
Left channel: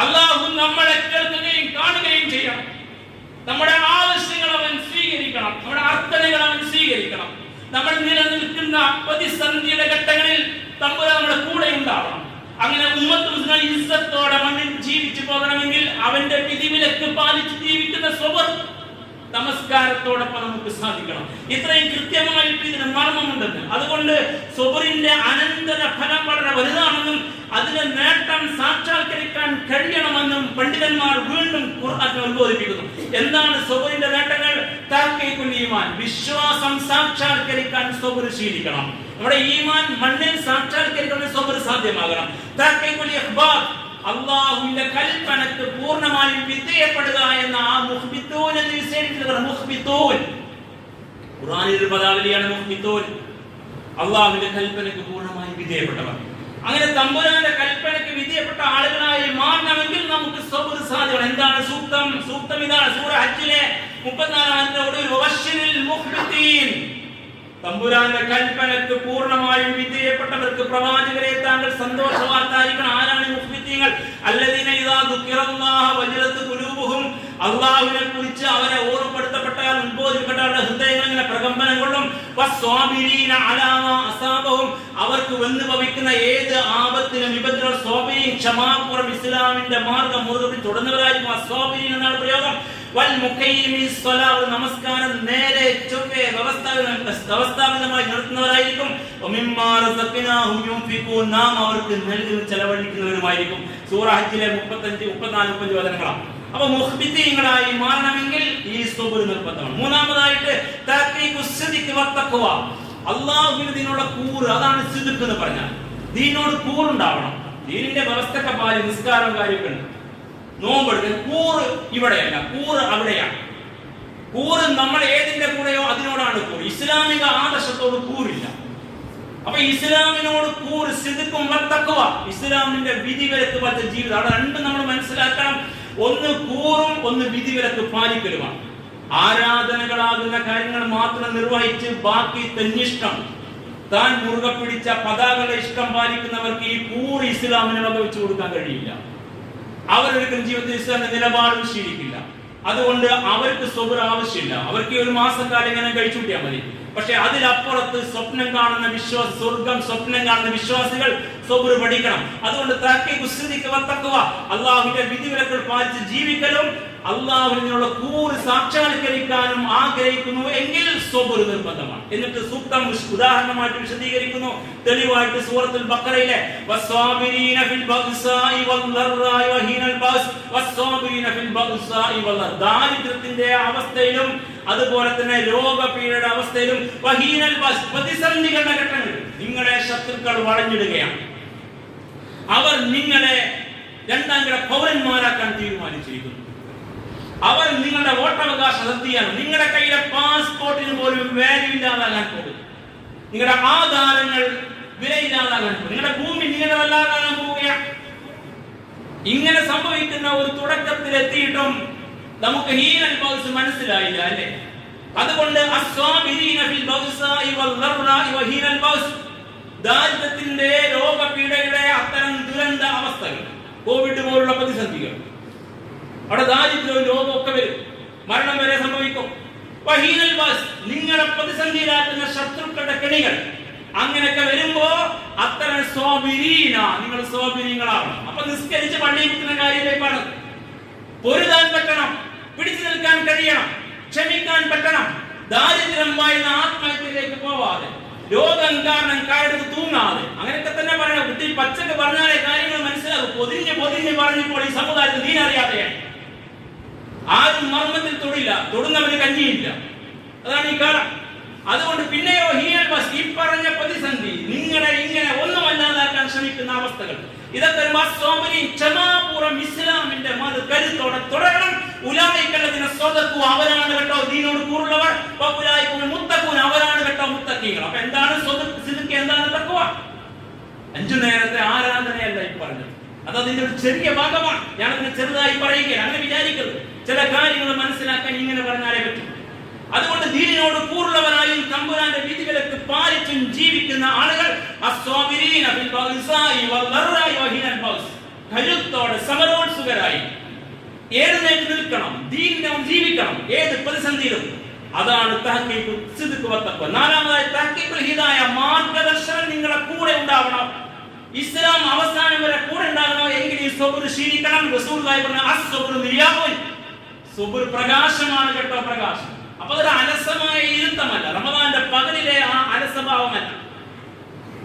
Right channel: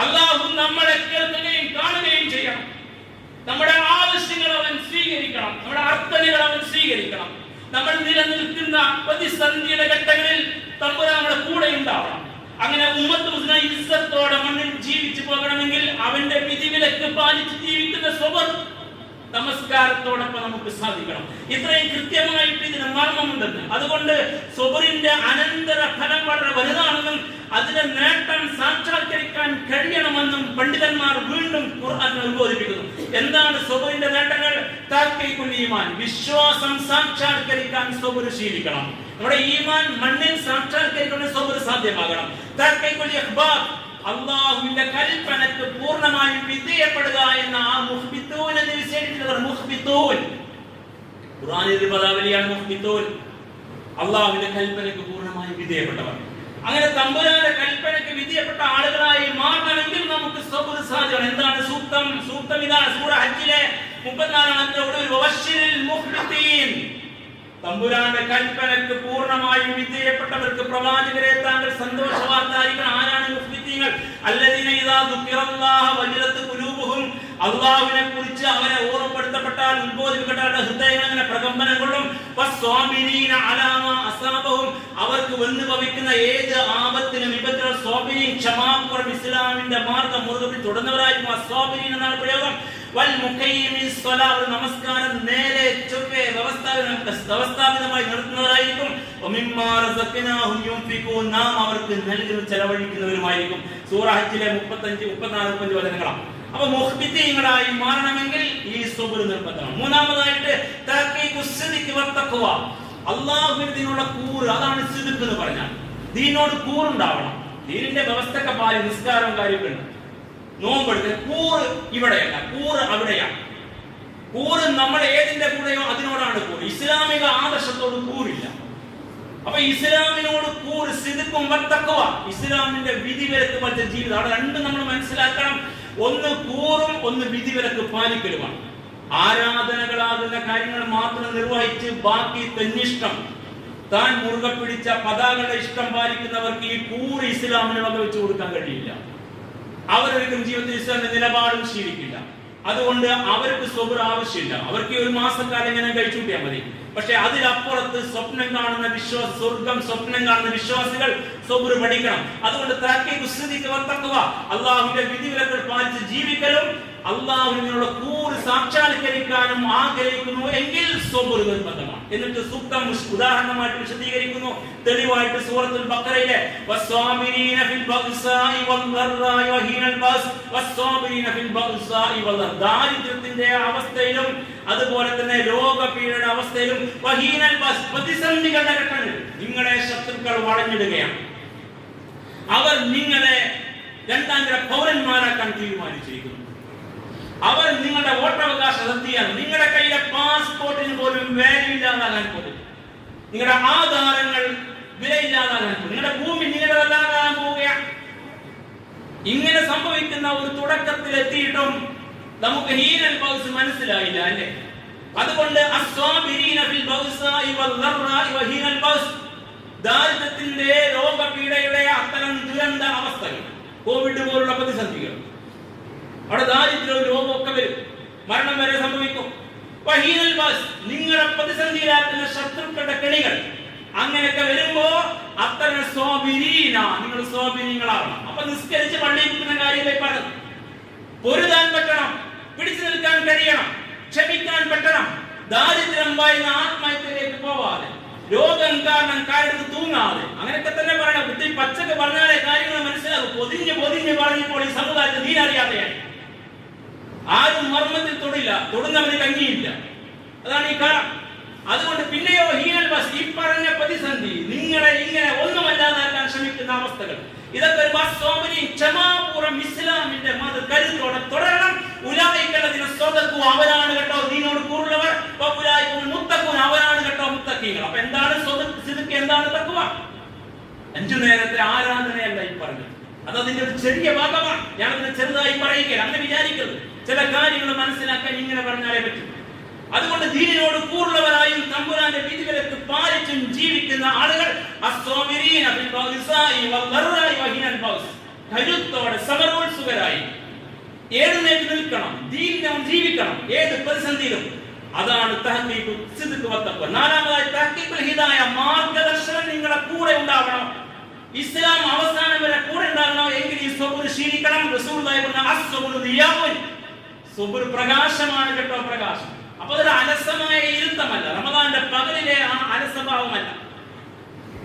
അല്ലാഹു നമ്മളെ കേൾക്കുകയും കാണുകയും ചെയ്യണം. നമ്മുടെ ആവശ്യങ്ങൾ അവൻ സ്വീകരിക്കണം, നമ്മുടെ അർത്ഥനകൾ അവൻ സ്വീകരിക്കണം. നമ്മൾ നിലനിൽക്കുന്ന പ്രതിസന്ധിയുടെ ഘട്ടങ്ങളിൽ തമ്പുരാൻ നമ്മുടെ കൂടെ ഉണ്ടാവണം. അങ്ങനെ ഉമ്മത്ത് മുസ്ലിം ഇസ്സത്തോടെ മണ്ണിൽ ജീവിച്ചു പോകണമെങ്കിൽ അവന്റെ വിധിവിലക്ക് പാലിച്ച് ജീവിക്കുന്ന സബർ നമസ്കാരത്തോടൊപ്പം നമുക്ക് സാധിക്കണം. ഇത്രയും കൃത്യമായിട്ട് ഇതിന് മർമ്മമുണ്ടെന്ന്. അതുകൊണ്ട് സബറിന്റെ അനന്തര ഫലം വളരെ വലുതാണെന്നും അതിന്റെ നേട്ടം സാക്ഷാത്കരിക്കാൻ കഴിയണമെന്നും പണ്ഡിതന്മാർ വീണ്ടും ഖുർആനിൽ ഉദ്ബോധിപ്പിക്കുന്നു. എന്താണ് സബറിന്റെ നേട്ടങ്ങൾ? തഹ്ഖീഖുൽ ഈമാൻ, വിശ്വാസം സാക്ഷാത്കരിക്കാൻ സബർ ശീലിക്കണം. നമ്മുടെ ഈമാൻ മണ്ണിൽ സാക്ഷാത്കരിക്കുന്ന സബർ സാധ്യമാകണം. തഹ്ഖീഖുൽ ഇഖ്ബാർ, അല്ലാഹുവിന്റെ കൽപ്പനക്ക് പൂർണ്ണമായും വിധേയപ്പെടുക എന്ന ആ മുഖ്ബിത്തൂൻ എന്ന് വിശേഷിപ്പിച്ചത് മുഖ്ബിത്തൂൻ ഖുർആനിൽ ഒരു പദാവലിയാണ് മുഖ്ബിത്തൂൻ. അല്ലാഹുവിന്റെ കൽപ്പനക്ക് പൂർണ്ണമായും വിധേയപ്പെട്ടവർ. അങ്ങനെ തമ്പുരാന്റെ കൽപ്പനക്ക് വിധേയപ്പെട്ട ആളുകളായി മാറണമെങ്കിൽ നമുക്ക് സബർ സാധിക്കണം. എന്താണ് സൂക്തം? സൂക്തം ഇതാണ്, സൂറ ഹജ്ജിലെ 34-ാമത്തെ ഒടുവിൽ തമ്പുരാന്റെ കൽപ്പനക്ക് പൂർണ്ണമായും വിധേയപ്പെട്ടവർക്ക് പ്രവാചകരെ താങ്കൾ സന്തോഷവാർത്ത അറിയിക്കണം. ആരാണ് മുഖ്ബിത്തീങ്ങൾ? അല്ലദീന ഇദാ ദുഖിറല്ലാഹ വജലത് ഖുലൂബുഹും, അല്ലാഹുവിനെ കുറിച്ച് അവരെ ഓർമ്മപ്പെടുത്തപ്പെട്ടാൽ ഉദ്ബോധിക്കപ്പെട്ടാൽ ഹൃദയങ്ങൾ ഇങ്ങനെ പ്രകമ്പനം കൊള്ളും. വസ്വാബിരീന അലാ മാ അസാബഹും, അവർക്ക് വന്നു ഭവിക്കുന്ന ഏത് ആപത്തിനും വിപത്തിനും സ്വാബിരീൻ, ക്ഷമാപൂർവ്വം ഇസ്ലാമിന്റെ മാർഗ്ഗം മുറുകെ പിടിച്ച് തുടർന്നവരായിരിക്കും. അസ്വാബിരീൻ എന്നാണ് പ്രയോഗം. വൽ മുഖയ്യിമിസ് സ്വലാത്ത്, നമസ്കാരം നേരെ ചൊവ്വേ വ്യവസ്ഥാപിതമായി നടത്തുന്നവരായിരിക്കും. വമിമ്മാ റസഖ്നാഹും യുൻഫിഖൂൻ, നാം അവർക്ക് നൽകി ചെലവഴിക്കുന്നവരുമായിരിക്കും. സൂറ ഹജ്ജിലെ 35, 34, 35 വചനങ്ങളാണ്. അപ്പൊ മുഖ്ബിത്തീങ്ങളായി മാറണമെങ്കിൽ ഈ സബർ നിർബന്ധമാണ്. മൂന്നാമതായിട്ട് തഹ്ഖീഖുസ് സിദ്ഖ് വത്തഖ്വ, അല്ലാഹുവിന്റെ ദീനുള്ള കൂറ്, അതാണ് സിദ്ഖ് എന്ന് പറഞ്ഞാൽ. ദീനോട് കൂറുണ്ടാവണം. ദീനിന്റെ വ്യവസ്ഥയൊക്കെ പാലിച്ച് നിസ്കാരം കാര്യങ്ങളുണ്ട്, നോമ്പെടുക്കാൻ കൂറ് ഇവിടെയല്ല, കൂറ് അവിടെയാണ്. കൂറ് നമ്മൾ ഏതിന്റെ കൂടെയോ അതിനോടാണ് കൂറ്. ഇസ്ലാമിക ആദർശത്തോട് കൂറില്ല. അപ്പൊ ഇസ്ലാമിനോട് കൂറ് സിദ്ഖും വത്തഖ്വ, ഇസ്ലാമിന്റെ വിധിവിലക്ക് പാലിച്ച ജീവിതം. അവിടെ രണ്ടും നമ്മൾ മനസ്സിലാക്കണം. ഒന്ന് കൂറും ഒന്ന് വിധിവിലക്ക് പാലിക്കലുമാണ്. ആരാധനകളാകുന്ന കാര്യങ്ങൾ മാത്രം നിർവഹിച്ച് ബാക്കി തന്നിഷ്ടം താൻ മുറുകെ പിടിച്ച പതാകയുടെ ഇഷ്ടം പാലിക്കുന്നവർക്ക് ഈ കൂറ് ഇസ്ലാമിനെ വകവെച്ചു കൊടുക്കാൻ കഴിയില്ല. അവരൊരിക്കലും ജീവിതത്തിൽ ഇസ്ലാമിന്റെ നിലപാടും ശീലിക്കില്ല. അതുകൊണ്ട് അവർക്ക് സബർ ആവശ്യമില്ല. അവർക്ക് ഒരു മാസക്കാലം ഇങ്ങനെ കഴിച്ചുകൂട്ടിയാൽ മതി. പക്ഷെ അതിലപ്പുറത്ത് സ്വപ്നം കാണുന്ന സ്വർഗം സ്വപ്നം കാണുന്ന വിശ്വാസികൾ സബർ പഠിക്കണം. അതുകൊണ്ട് അള്ളാഹുവിന്റെ വിധിവിലക്കുകൾ പാലിച്ച് ജീവിക്കലും അള്ളാഹുവിനുള്ള കൂറ് സാക്ഷാത്കരിക്കാനും ആഗ്രഹിക്കുന്നു എങ്കിൽ സബർ നിർബന്ധമാണ്. എന്നിട്ട് സൂക്തം ഉദാഹരണമായിട്ട് വിശദീകരിക്കുന്നു തെളിവായിട്ട് സൂറത്തുൽ ബഖറയിലെ വസ്സാബിരീന ഫിൽ ബഅ്സാഇ വദ്ദറാഇ വഹീനൽ ബഅസ് വസ്സാബിരീന ഫിൽ ബഅ്സാഇ വദ്ദർ, ദാരിദ്ര്യത്തിന്റെ അവസ്ഥയിലും അതുപോലെ തന്നെ രോഗപീഠയുടെ അവസ്ഥയിലും വഹീനൽ ബഅസ്, പ്രതിസന്ധികളുടെ ഘട്ടങ്ങളിൽ നിങ്ങളെ ശത്രുക്കൾ വളഞ്ഞിടുകയാണ്, അവർ നിങ്ങളെ രണ്ടാം കിട പൗരന്മാരാക്കാൻ തീരുമാനിച്ചിരിക്കുന്നു, അവർ നിങ്ങളുടെ വോട്ടവകാശം റദ്ദിയാണ്, നിങ്ങളുടെ കയ്യിലെ പാസ്പോർട്ടിന് പോലും വാല്യൂ ഇല്ലാതാകാൻ പോകുന്നു, നിങ്ങളുടെ ആധാരങ്ങൾ വിലയില്ലാതാകാൻ പോകും, നിങ്ങളുടെ ഭൂമി നിങ്ങളുടെതല്ലാതാകാൻ പോവുകയാണ്. ഇങ്ങനെ സംഭവിക്കുന്ന ഒരു തുടക്കത്തിൽ എത്തിയിട്ടും നമുക്ക് ഹീനൽ ബൗസ് മനസ്സിലായില്ല അല്ലേ? അതുകൊണ്ട് ദാരിദ്ര്യത്തിന്റെ രോഗപീഠയുടെ അത്തരം ദുരന്ത അവസ്ഥകൾ, കോവിഡ് പോലുള്ള പ്രതിസന്ധികൾ, അവിടെ ദാരിദ്ര്യവും രോഗവും ഒക്കെ വരും, മരണം വരെ സംഭവിക്കും. വഹീനൽ ബഅസ്, നിങ്ങളെ പ്രതിസന്ധിയിലാക്കുന്ന ശത്രുക്കളുടെ കെണികൾ, അങ്ങനെയൊക്കെ വരുമ്പോ അത്തരം സ്വാബിരീന, നിങ്ങൾ സ്വാബിരീങ്ങളാവണം. അപ്പൊ നിസ്കരിച്ച് പള്ളിയിൽ കിട്ടുന്ന കാര്യത്തിലേക്കാണ്. പൊരുതാൻ പറ്റണം, പിടിച്ചു നിൽക്കാൻ കഴിയണം, ക്ഷമിക്കാൻ പറ്റണം, ദാരിദ്ര്യം വായുന്ന ആത്മഹത്യയിലേക്ക് പോവാതെ, രോഗം കാരണം കാരെടുത്ത് തൂങ്ങാതെ, അങ്ങനെയൊക്കെ തന്നെ പറയണം. കുട്ടി പച്ചക്ക് പറഞ്ഞാലേ കാര്യങ്ങൾ മനസ്സിലാകും. പൊതിഞ്ഞ് പറഞ്ഞപ്പോൾ ഈ സമുദായത്തിൽ നീരറിയാതെയായി, ആരും മർമ്മത്തിൽ തൊടില്ല, തൊടുന്നവന് കഞ്ഞിയില്ല. അതാണ് ഈ കാലം. അതുകൊണ്ട് പിന്നെയോ ഹീനൽ ബഅസ്, ഈ പറഞ്ഞ പ്രതിസന്ധി, നിങ്ങളെ ഇങ്ങനെ ഒന്നുമല്ലാതാക്കാൻ ശ്രമിക്കുന്ന അവസ്ഥകൾ, ഇതൊക്കെ ക്ഷമാപൂർവ്വം ഇസ്ലാമിന്റെ മത കരുത്തോടെ തുടരണം. ഉലായിക്കല്ലതിനെ സ്വതക്കു, അവരാണ് കേട്ടോ ദീനോട് കൂറുള്ളവർ, മുത്തക്കൂൻ, അവരാണ് കേട്ടോ മുത്തക്കീങ്ങൾ. അപ്പൊ എന്താണ് സിദ്ഖ്, എന്താണ് തഖ്വ? 5 നേരത്തെ ആരാധനയല്ല ഈ പറഞ്ഞത്, അത് അതിന്റെ ഒരു ചെറിയ ഭാഗമാണ്. ഞാനതിനെ ചെറുതായി പറയുകയാണ്, അങ്ങനെ വിചാരിക്കരുത്. ചില കാര്യങ്ങൾ മനസ്സിലാക്കാൻ ഇങ്ങനെ പറഞ്ഞാലേ പറ്റും. അതുകൊണ്ട് ദീനിനോട് കൂറുള്ളവരായും തമ്പുരാന്റെ വിധിവിലക്ക് പാലിച്ചും ജീവിക്കുന്ന ആളുകൾ കരുത്തോടെ സമരോത്സുകരായി എഴുന്നേറ്റ് നിൽക്കണം, ദീനിനെ ജീവിക്കണം ഏത് പ്രതിസന്ധിയിലും. അതാണ് തഹ്ഖീഖ് സിദ്ഖ് വത്തഖ്വ. നാലാമതായി തഹ്ഖീഖുൽ ഹിദായ, മാർഗദർശനം നിങ്ങളുടെ കൂടെ ഉണ്ടാവണം. ഇസ്ലാം അവസാനം വരെ കൂടെ ഉണ്ടാകണോ എങ്കിൽ ഈ സബർ ശീലിക്കണം. റസൂലുള്ളാഹി പറഞ്ഞു അസ്സബ്റു ദിയാഉൻ, സബർ പ്രകാശമാണ് കേട്ടോ, പ്രകാശം. അപ്പൊ അതൊരു അലസമായ ഇരുത്തമല്ല, റമദാന്റെ പകലിലെ ആ അലസഭാവമല്ല,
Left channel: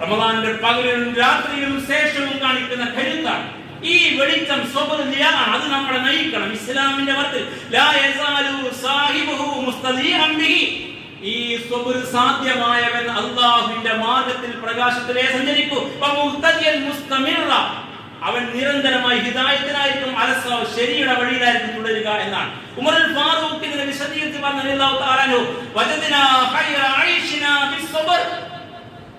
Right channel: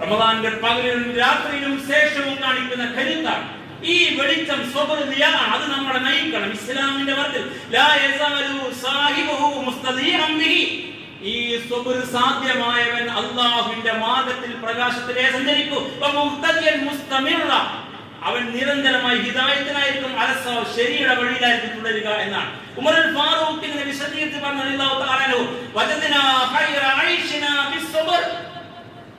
റമദാന്റെ പകലിലും രാത്രിയിലും ശേഷവും കാണിക്കുന്ന കരുത്താണ്. ഈ വെളിച്ചം സബർ ദിയാണ്, അത് നമ്മളെ നയിക്കണം. ഇസ്ലാമിന്റെ വർത്തിൽ ലാ യസാലു സാഹിബുഹു മുസ്തദീഅൻ ബിഹി, ഈ സബർ സാധ്യമായവൻ അല്ലാഹുവിന്റെ മാർഗ്ഗത്തിൽ പ്രകാശത്തിലേ സഞ്ചരിക്കൂ. വമുഹ്തദിയൻ മുസ്തമിറ, അവൻ നിരന്തരമായി ഹിദായത്തിനായിരിക്കും, ശരിയുടെ വഴിയിലായിരിക്കും തുടരുക എന്നാണ്. ഉമറുൽ ഫാറൂഖ് ഇതിനെ വിശദീകരിച്ച് പറഞ്ഞു,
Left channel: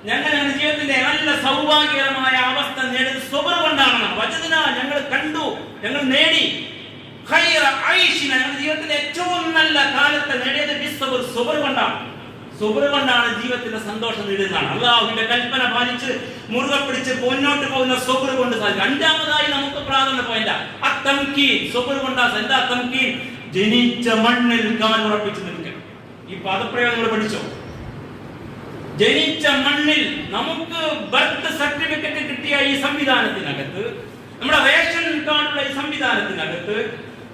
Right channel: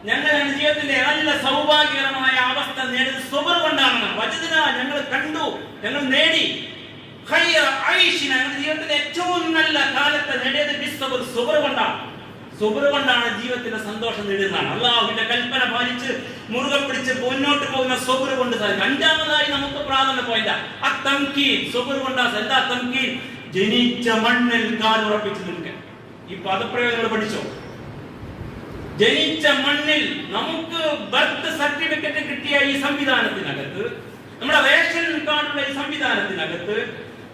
ഞങ്ങൾ ജീവിതത്തിന്റെ നല്ല സൗഭാഗ്യകരമായ അവസ്ഥ നേടിയത് സബർ കൊണ്ടാണ്. വജദ്നാ, ഞങ്ങൾ കണ്ടു, ഞങ്ങൾ നേടി, ഖൈറ ഐശിന, ജീവിതത്തിന്റെ ഏറ്റവും നല്ല കാലത്തെ നേടിയത് ബിസ്സബർ, സബർ കൊണ്ടാണ്. സബർ കൊണ്ടാണ് ജീവിതത്തിന്റെ സന്തോഷം നേടുന്നതാണ്. അള്ളാഹുവിന്റെ കൽപ്പന പാലിച്ച് മുറുകെ പിടിച്ച് മുന്നോട്ട് പോകുന്ന സബർ കൊണ്ട് സാധിക്കും. 5-മതായി നമുക്ക് പ്രാധാന്യം പോയില്ല അത്തംകീൻ, സബർ കൊണ്ടാ. എന്താ തംകീൻ? ജനിച്ച മണ്ണിൽ കാലുറപ്പിച്ച് നിൽക്കുക. ഈ പദപ്രയോഗങ്ങൾ പഠിച്ചോ? ജനിച്ച മണ്ണിൽ, നമുക്ക് ബർത്ത് സർട്ടിഫിക്കറ്റ് കിട്ടിയ ഈ സംവിധാനത്തിനകത്ത്, നമ്മുടെ റേഷൻ കാർഡുള്ള ഈ സംവിധാനത്തിനകത്ത്,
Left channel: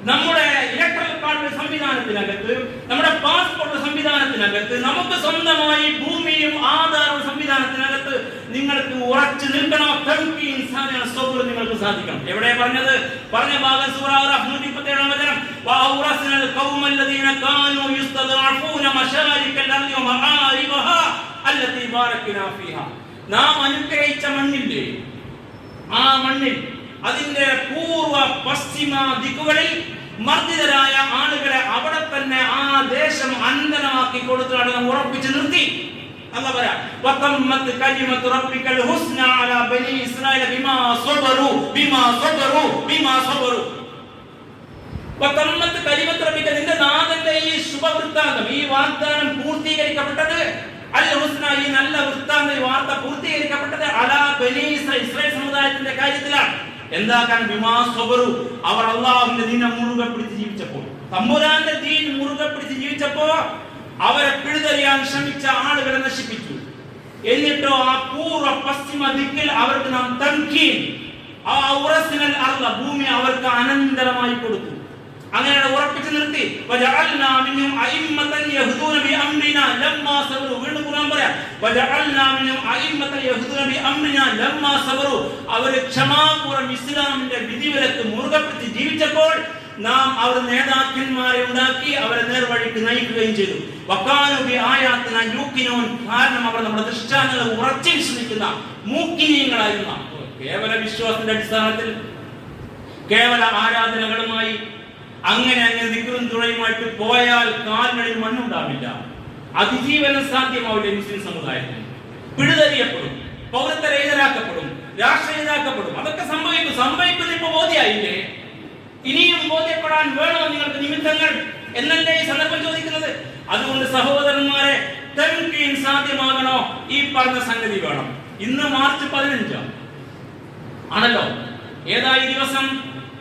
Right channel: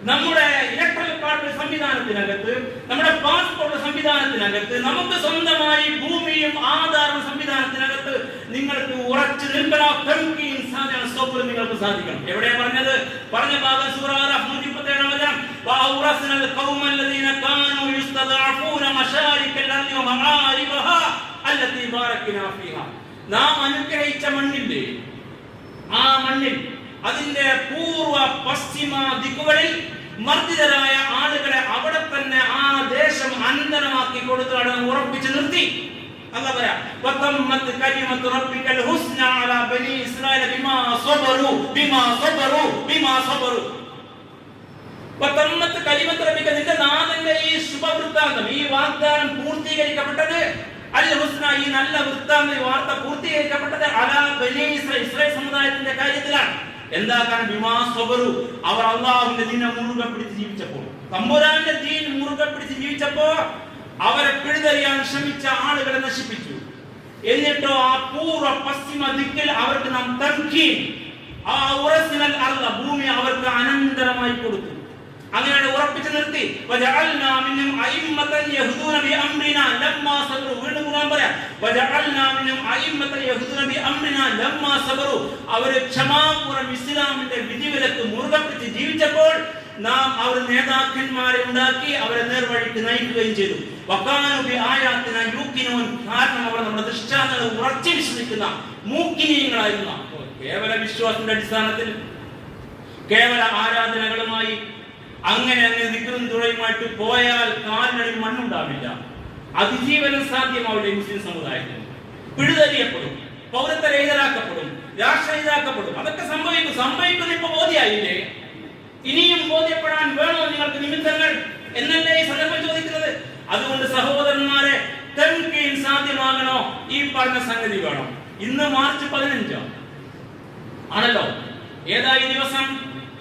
നമ്മുടെ ഇലക്ട്രൽ കാർഡ് സംവിധാനത്തിനകത്ത്, നമ്മുടെ പാസ്പോർട്ട് സംവിധാനത്തിനകത്ത്, നമുക്ക് സ്വന്തമായി ഭൂമിയും ആധാരവും സംവിധാനത്തിനകത്ത് നിങ്ങൾക്ക് ഉറച്ചു നിൽക്കണം. സബർ നിങ്ങൾക്ക് സാധിക്കണം. എവിടെ പറഞ്ഞത്? പറഞ്ഞ ഭാഗം സൂറ അറാഫ് 137 വചനം, വഅൗറസ്നൽ ഖൗമല്ലദീന കാനൂ യസ്തദഅഫൂന മശാരിക്കൽ അർളി വമആരിബഹാ അല്ലതി ബാറക്നാ ഫീഹാ. നാം അനുഗ്രഹിച്ച മണ്ണില്ലേ, ആ മണ്ണിൽ അതിന്റെ പൂർവ പശ്ചിമ ദിക്കുകളിൽ മർദ്ദിതരായ ആളുകളെ അവിടെ തന്നെ ആ ദേശം അന്തരമാക്കി കൊടുത്താണ് നാം ഉറപ്പിച്ചു നിർത്തി. അല്ലാഹു പറയാ, വതമ്മത് കലിമത്തു റബ്ബിക്കൽ ഹുസ്ന അലാ ബനി ഇസ്രായേൽ ബിമാ സബറു ബിമാ സബറു ബിമാ സബറു. വതമ്മത് കലിമത്തു റബ്ബിക്ക, നിന്റെ നാഥന്റെ ഈ ശുഭവൃത്താന്തം, ഈ വാഗ്ദാനം പൂർത്തീകരിക്കപ്പെട്ടത്, അൽ ഹുസ്ന, ഈ നല്ല വൃത്താന്തം, ഈ വാർത്ത പൂർത്തീകരിക്കപ്പെട്ടത് അലാ ബനി ഇസ്രായേൽ സമുദായത്തിന്റെ കാര്യത്തിലാണ്. എന്താ കാരണം? ബിമാ സബറു, അവർ അല്ലാഹുവിന്റെ ദീൻ മുറുകെ പിടിച്ച് ജീവിച്ചപ്പോൾ, തമ്പുരാന്റെ ദീൻ മുറുകെ പിടിച്ച് ജീവിച്ചപ്പോ അവരെ പിഴുതെറിയാൻ ശ്രമിച്ച ആളുകളെ നശിപ്പിച്ചു. എന്നിട്ടോ ആ പൂർവ്വ പശ്ചിമ ദിക്കിൽ അവർക്ക് നാം തൻകീൻ, ആ ഉറസിനൽ അർള, ഭൂമി അവർക്ക് അനന്തരമായി കൊടുത്തു. അങ്ങനെ ഉറപ്പിച്ചു നിർത്തി. വജഅൽനാ മിൻഹും അഇമ്മതൻ യഹ്ദൂന ബിഅംരിനാ ലമ്മാ സബറു. വീണ്ടും ഖുർആൻ പറയാം, വജഅൽനാ മിൻഹും അഇമ്മതൻ യഹ്ദൂന ബിഅംരിനാ ലമ്മാ സബറു. അവർ ക്ഷമാപൂർവ്വം ഇസ്ലാമിന്റെ വിധിവിലക്ക് മുറുകെ പിടിച്ച് ജീവിച്ചപ്പോൾ നാം അവർ നേതാക്കന്മാരെ ഉണ്ടാക്കി അവരെ നേർവഴിക്ക് നയിക്കുകയും ചെയ്തു. വകാനു ബിആയാതിന യൂഖിനൂൻ. കാരണം അവർ നമ്മുടെ ദൃഷ്ടാന്തങ്ങളെ ഉറച്ചു വിശ്വസിക്കുന്ന മൂക്കിനീയങ്ങളായിരുന്ന, കേവല വിശ്വാസത്തിന്റെ അടിസ്ഥാനത്തിൽ കേവല ആരാധനകളുമായി അങ്ങനെ ദിക്റും ദുആയുമായിട്ട് പോയാൽ കാലിനടിയിൽ മണ്ണുണ്ടാവില്ല, അതിജീവനം സാധ്യമാവില്ല. മുസ്ലിം സമുദായത്തിൽ പിഴുതെറിയപ്പെടും, പൗരത്വരഹിതരാക്കപ്പെടും, രാഷ്ട്രഹിതരാക്കപ്പെടും. അതൊക്കെ സംഭവിക്കുന്ന ഇപ്പൊ ബോധ്യായില്ലേ? ഇനിയും ബോധ്യപ്പെടാൻ വേണോ നിങ്ങൾക്ക് നിമിത്തങ്ങൾ എന്നല്ലേ ഈ സന്ദർഭം ചോദിക്കുന്നത്? അതുകൊണ്ട് സഹോദരന്മാരെ, തൻകീൻ സാധ്യമാകണോ? ഈ പറഞ്ഞ സംഗതി വേണം. ഇന്ന് മാർച്ച് 15 ആണല്ലോ. ഏതാ ഈ ദിവസം?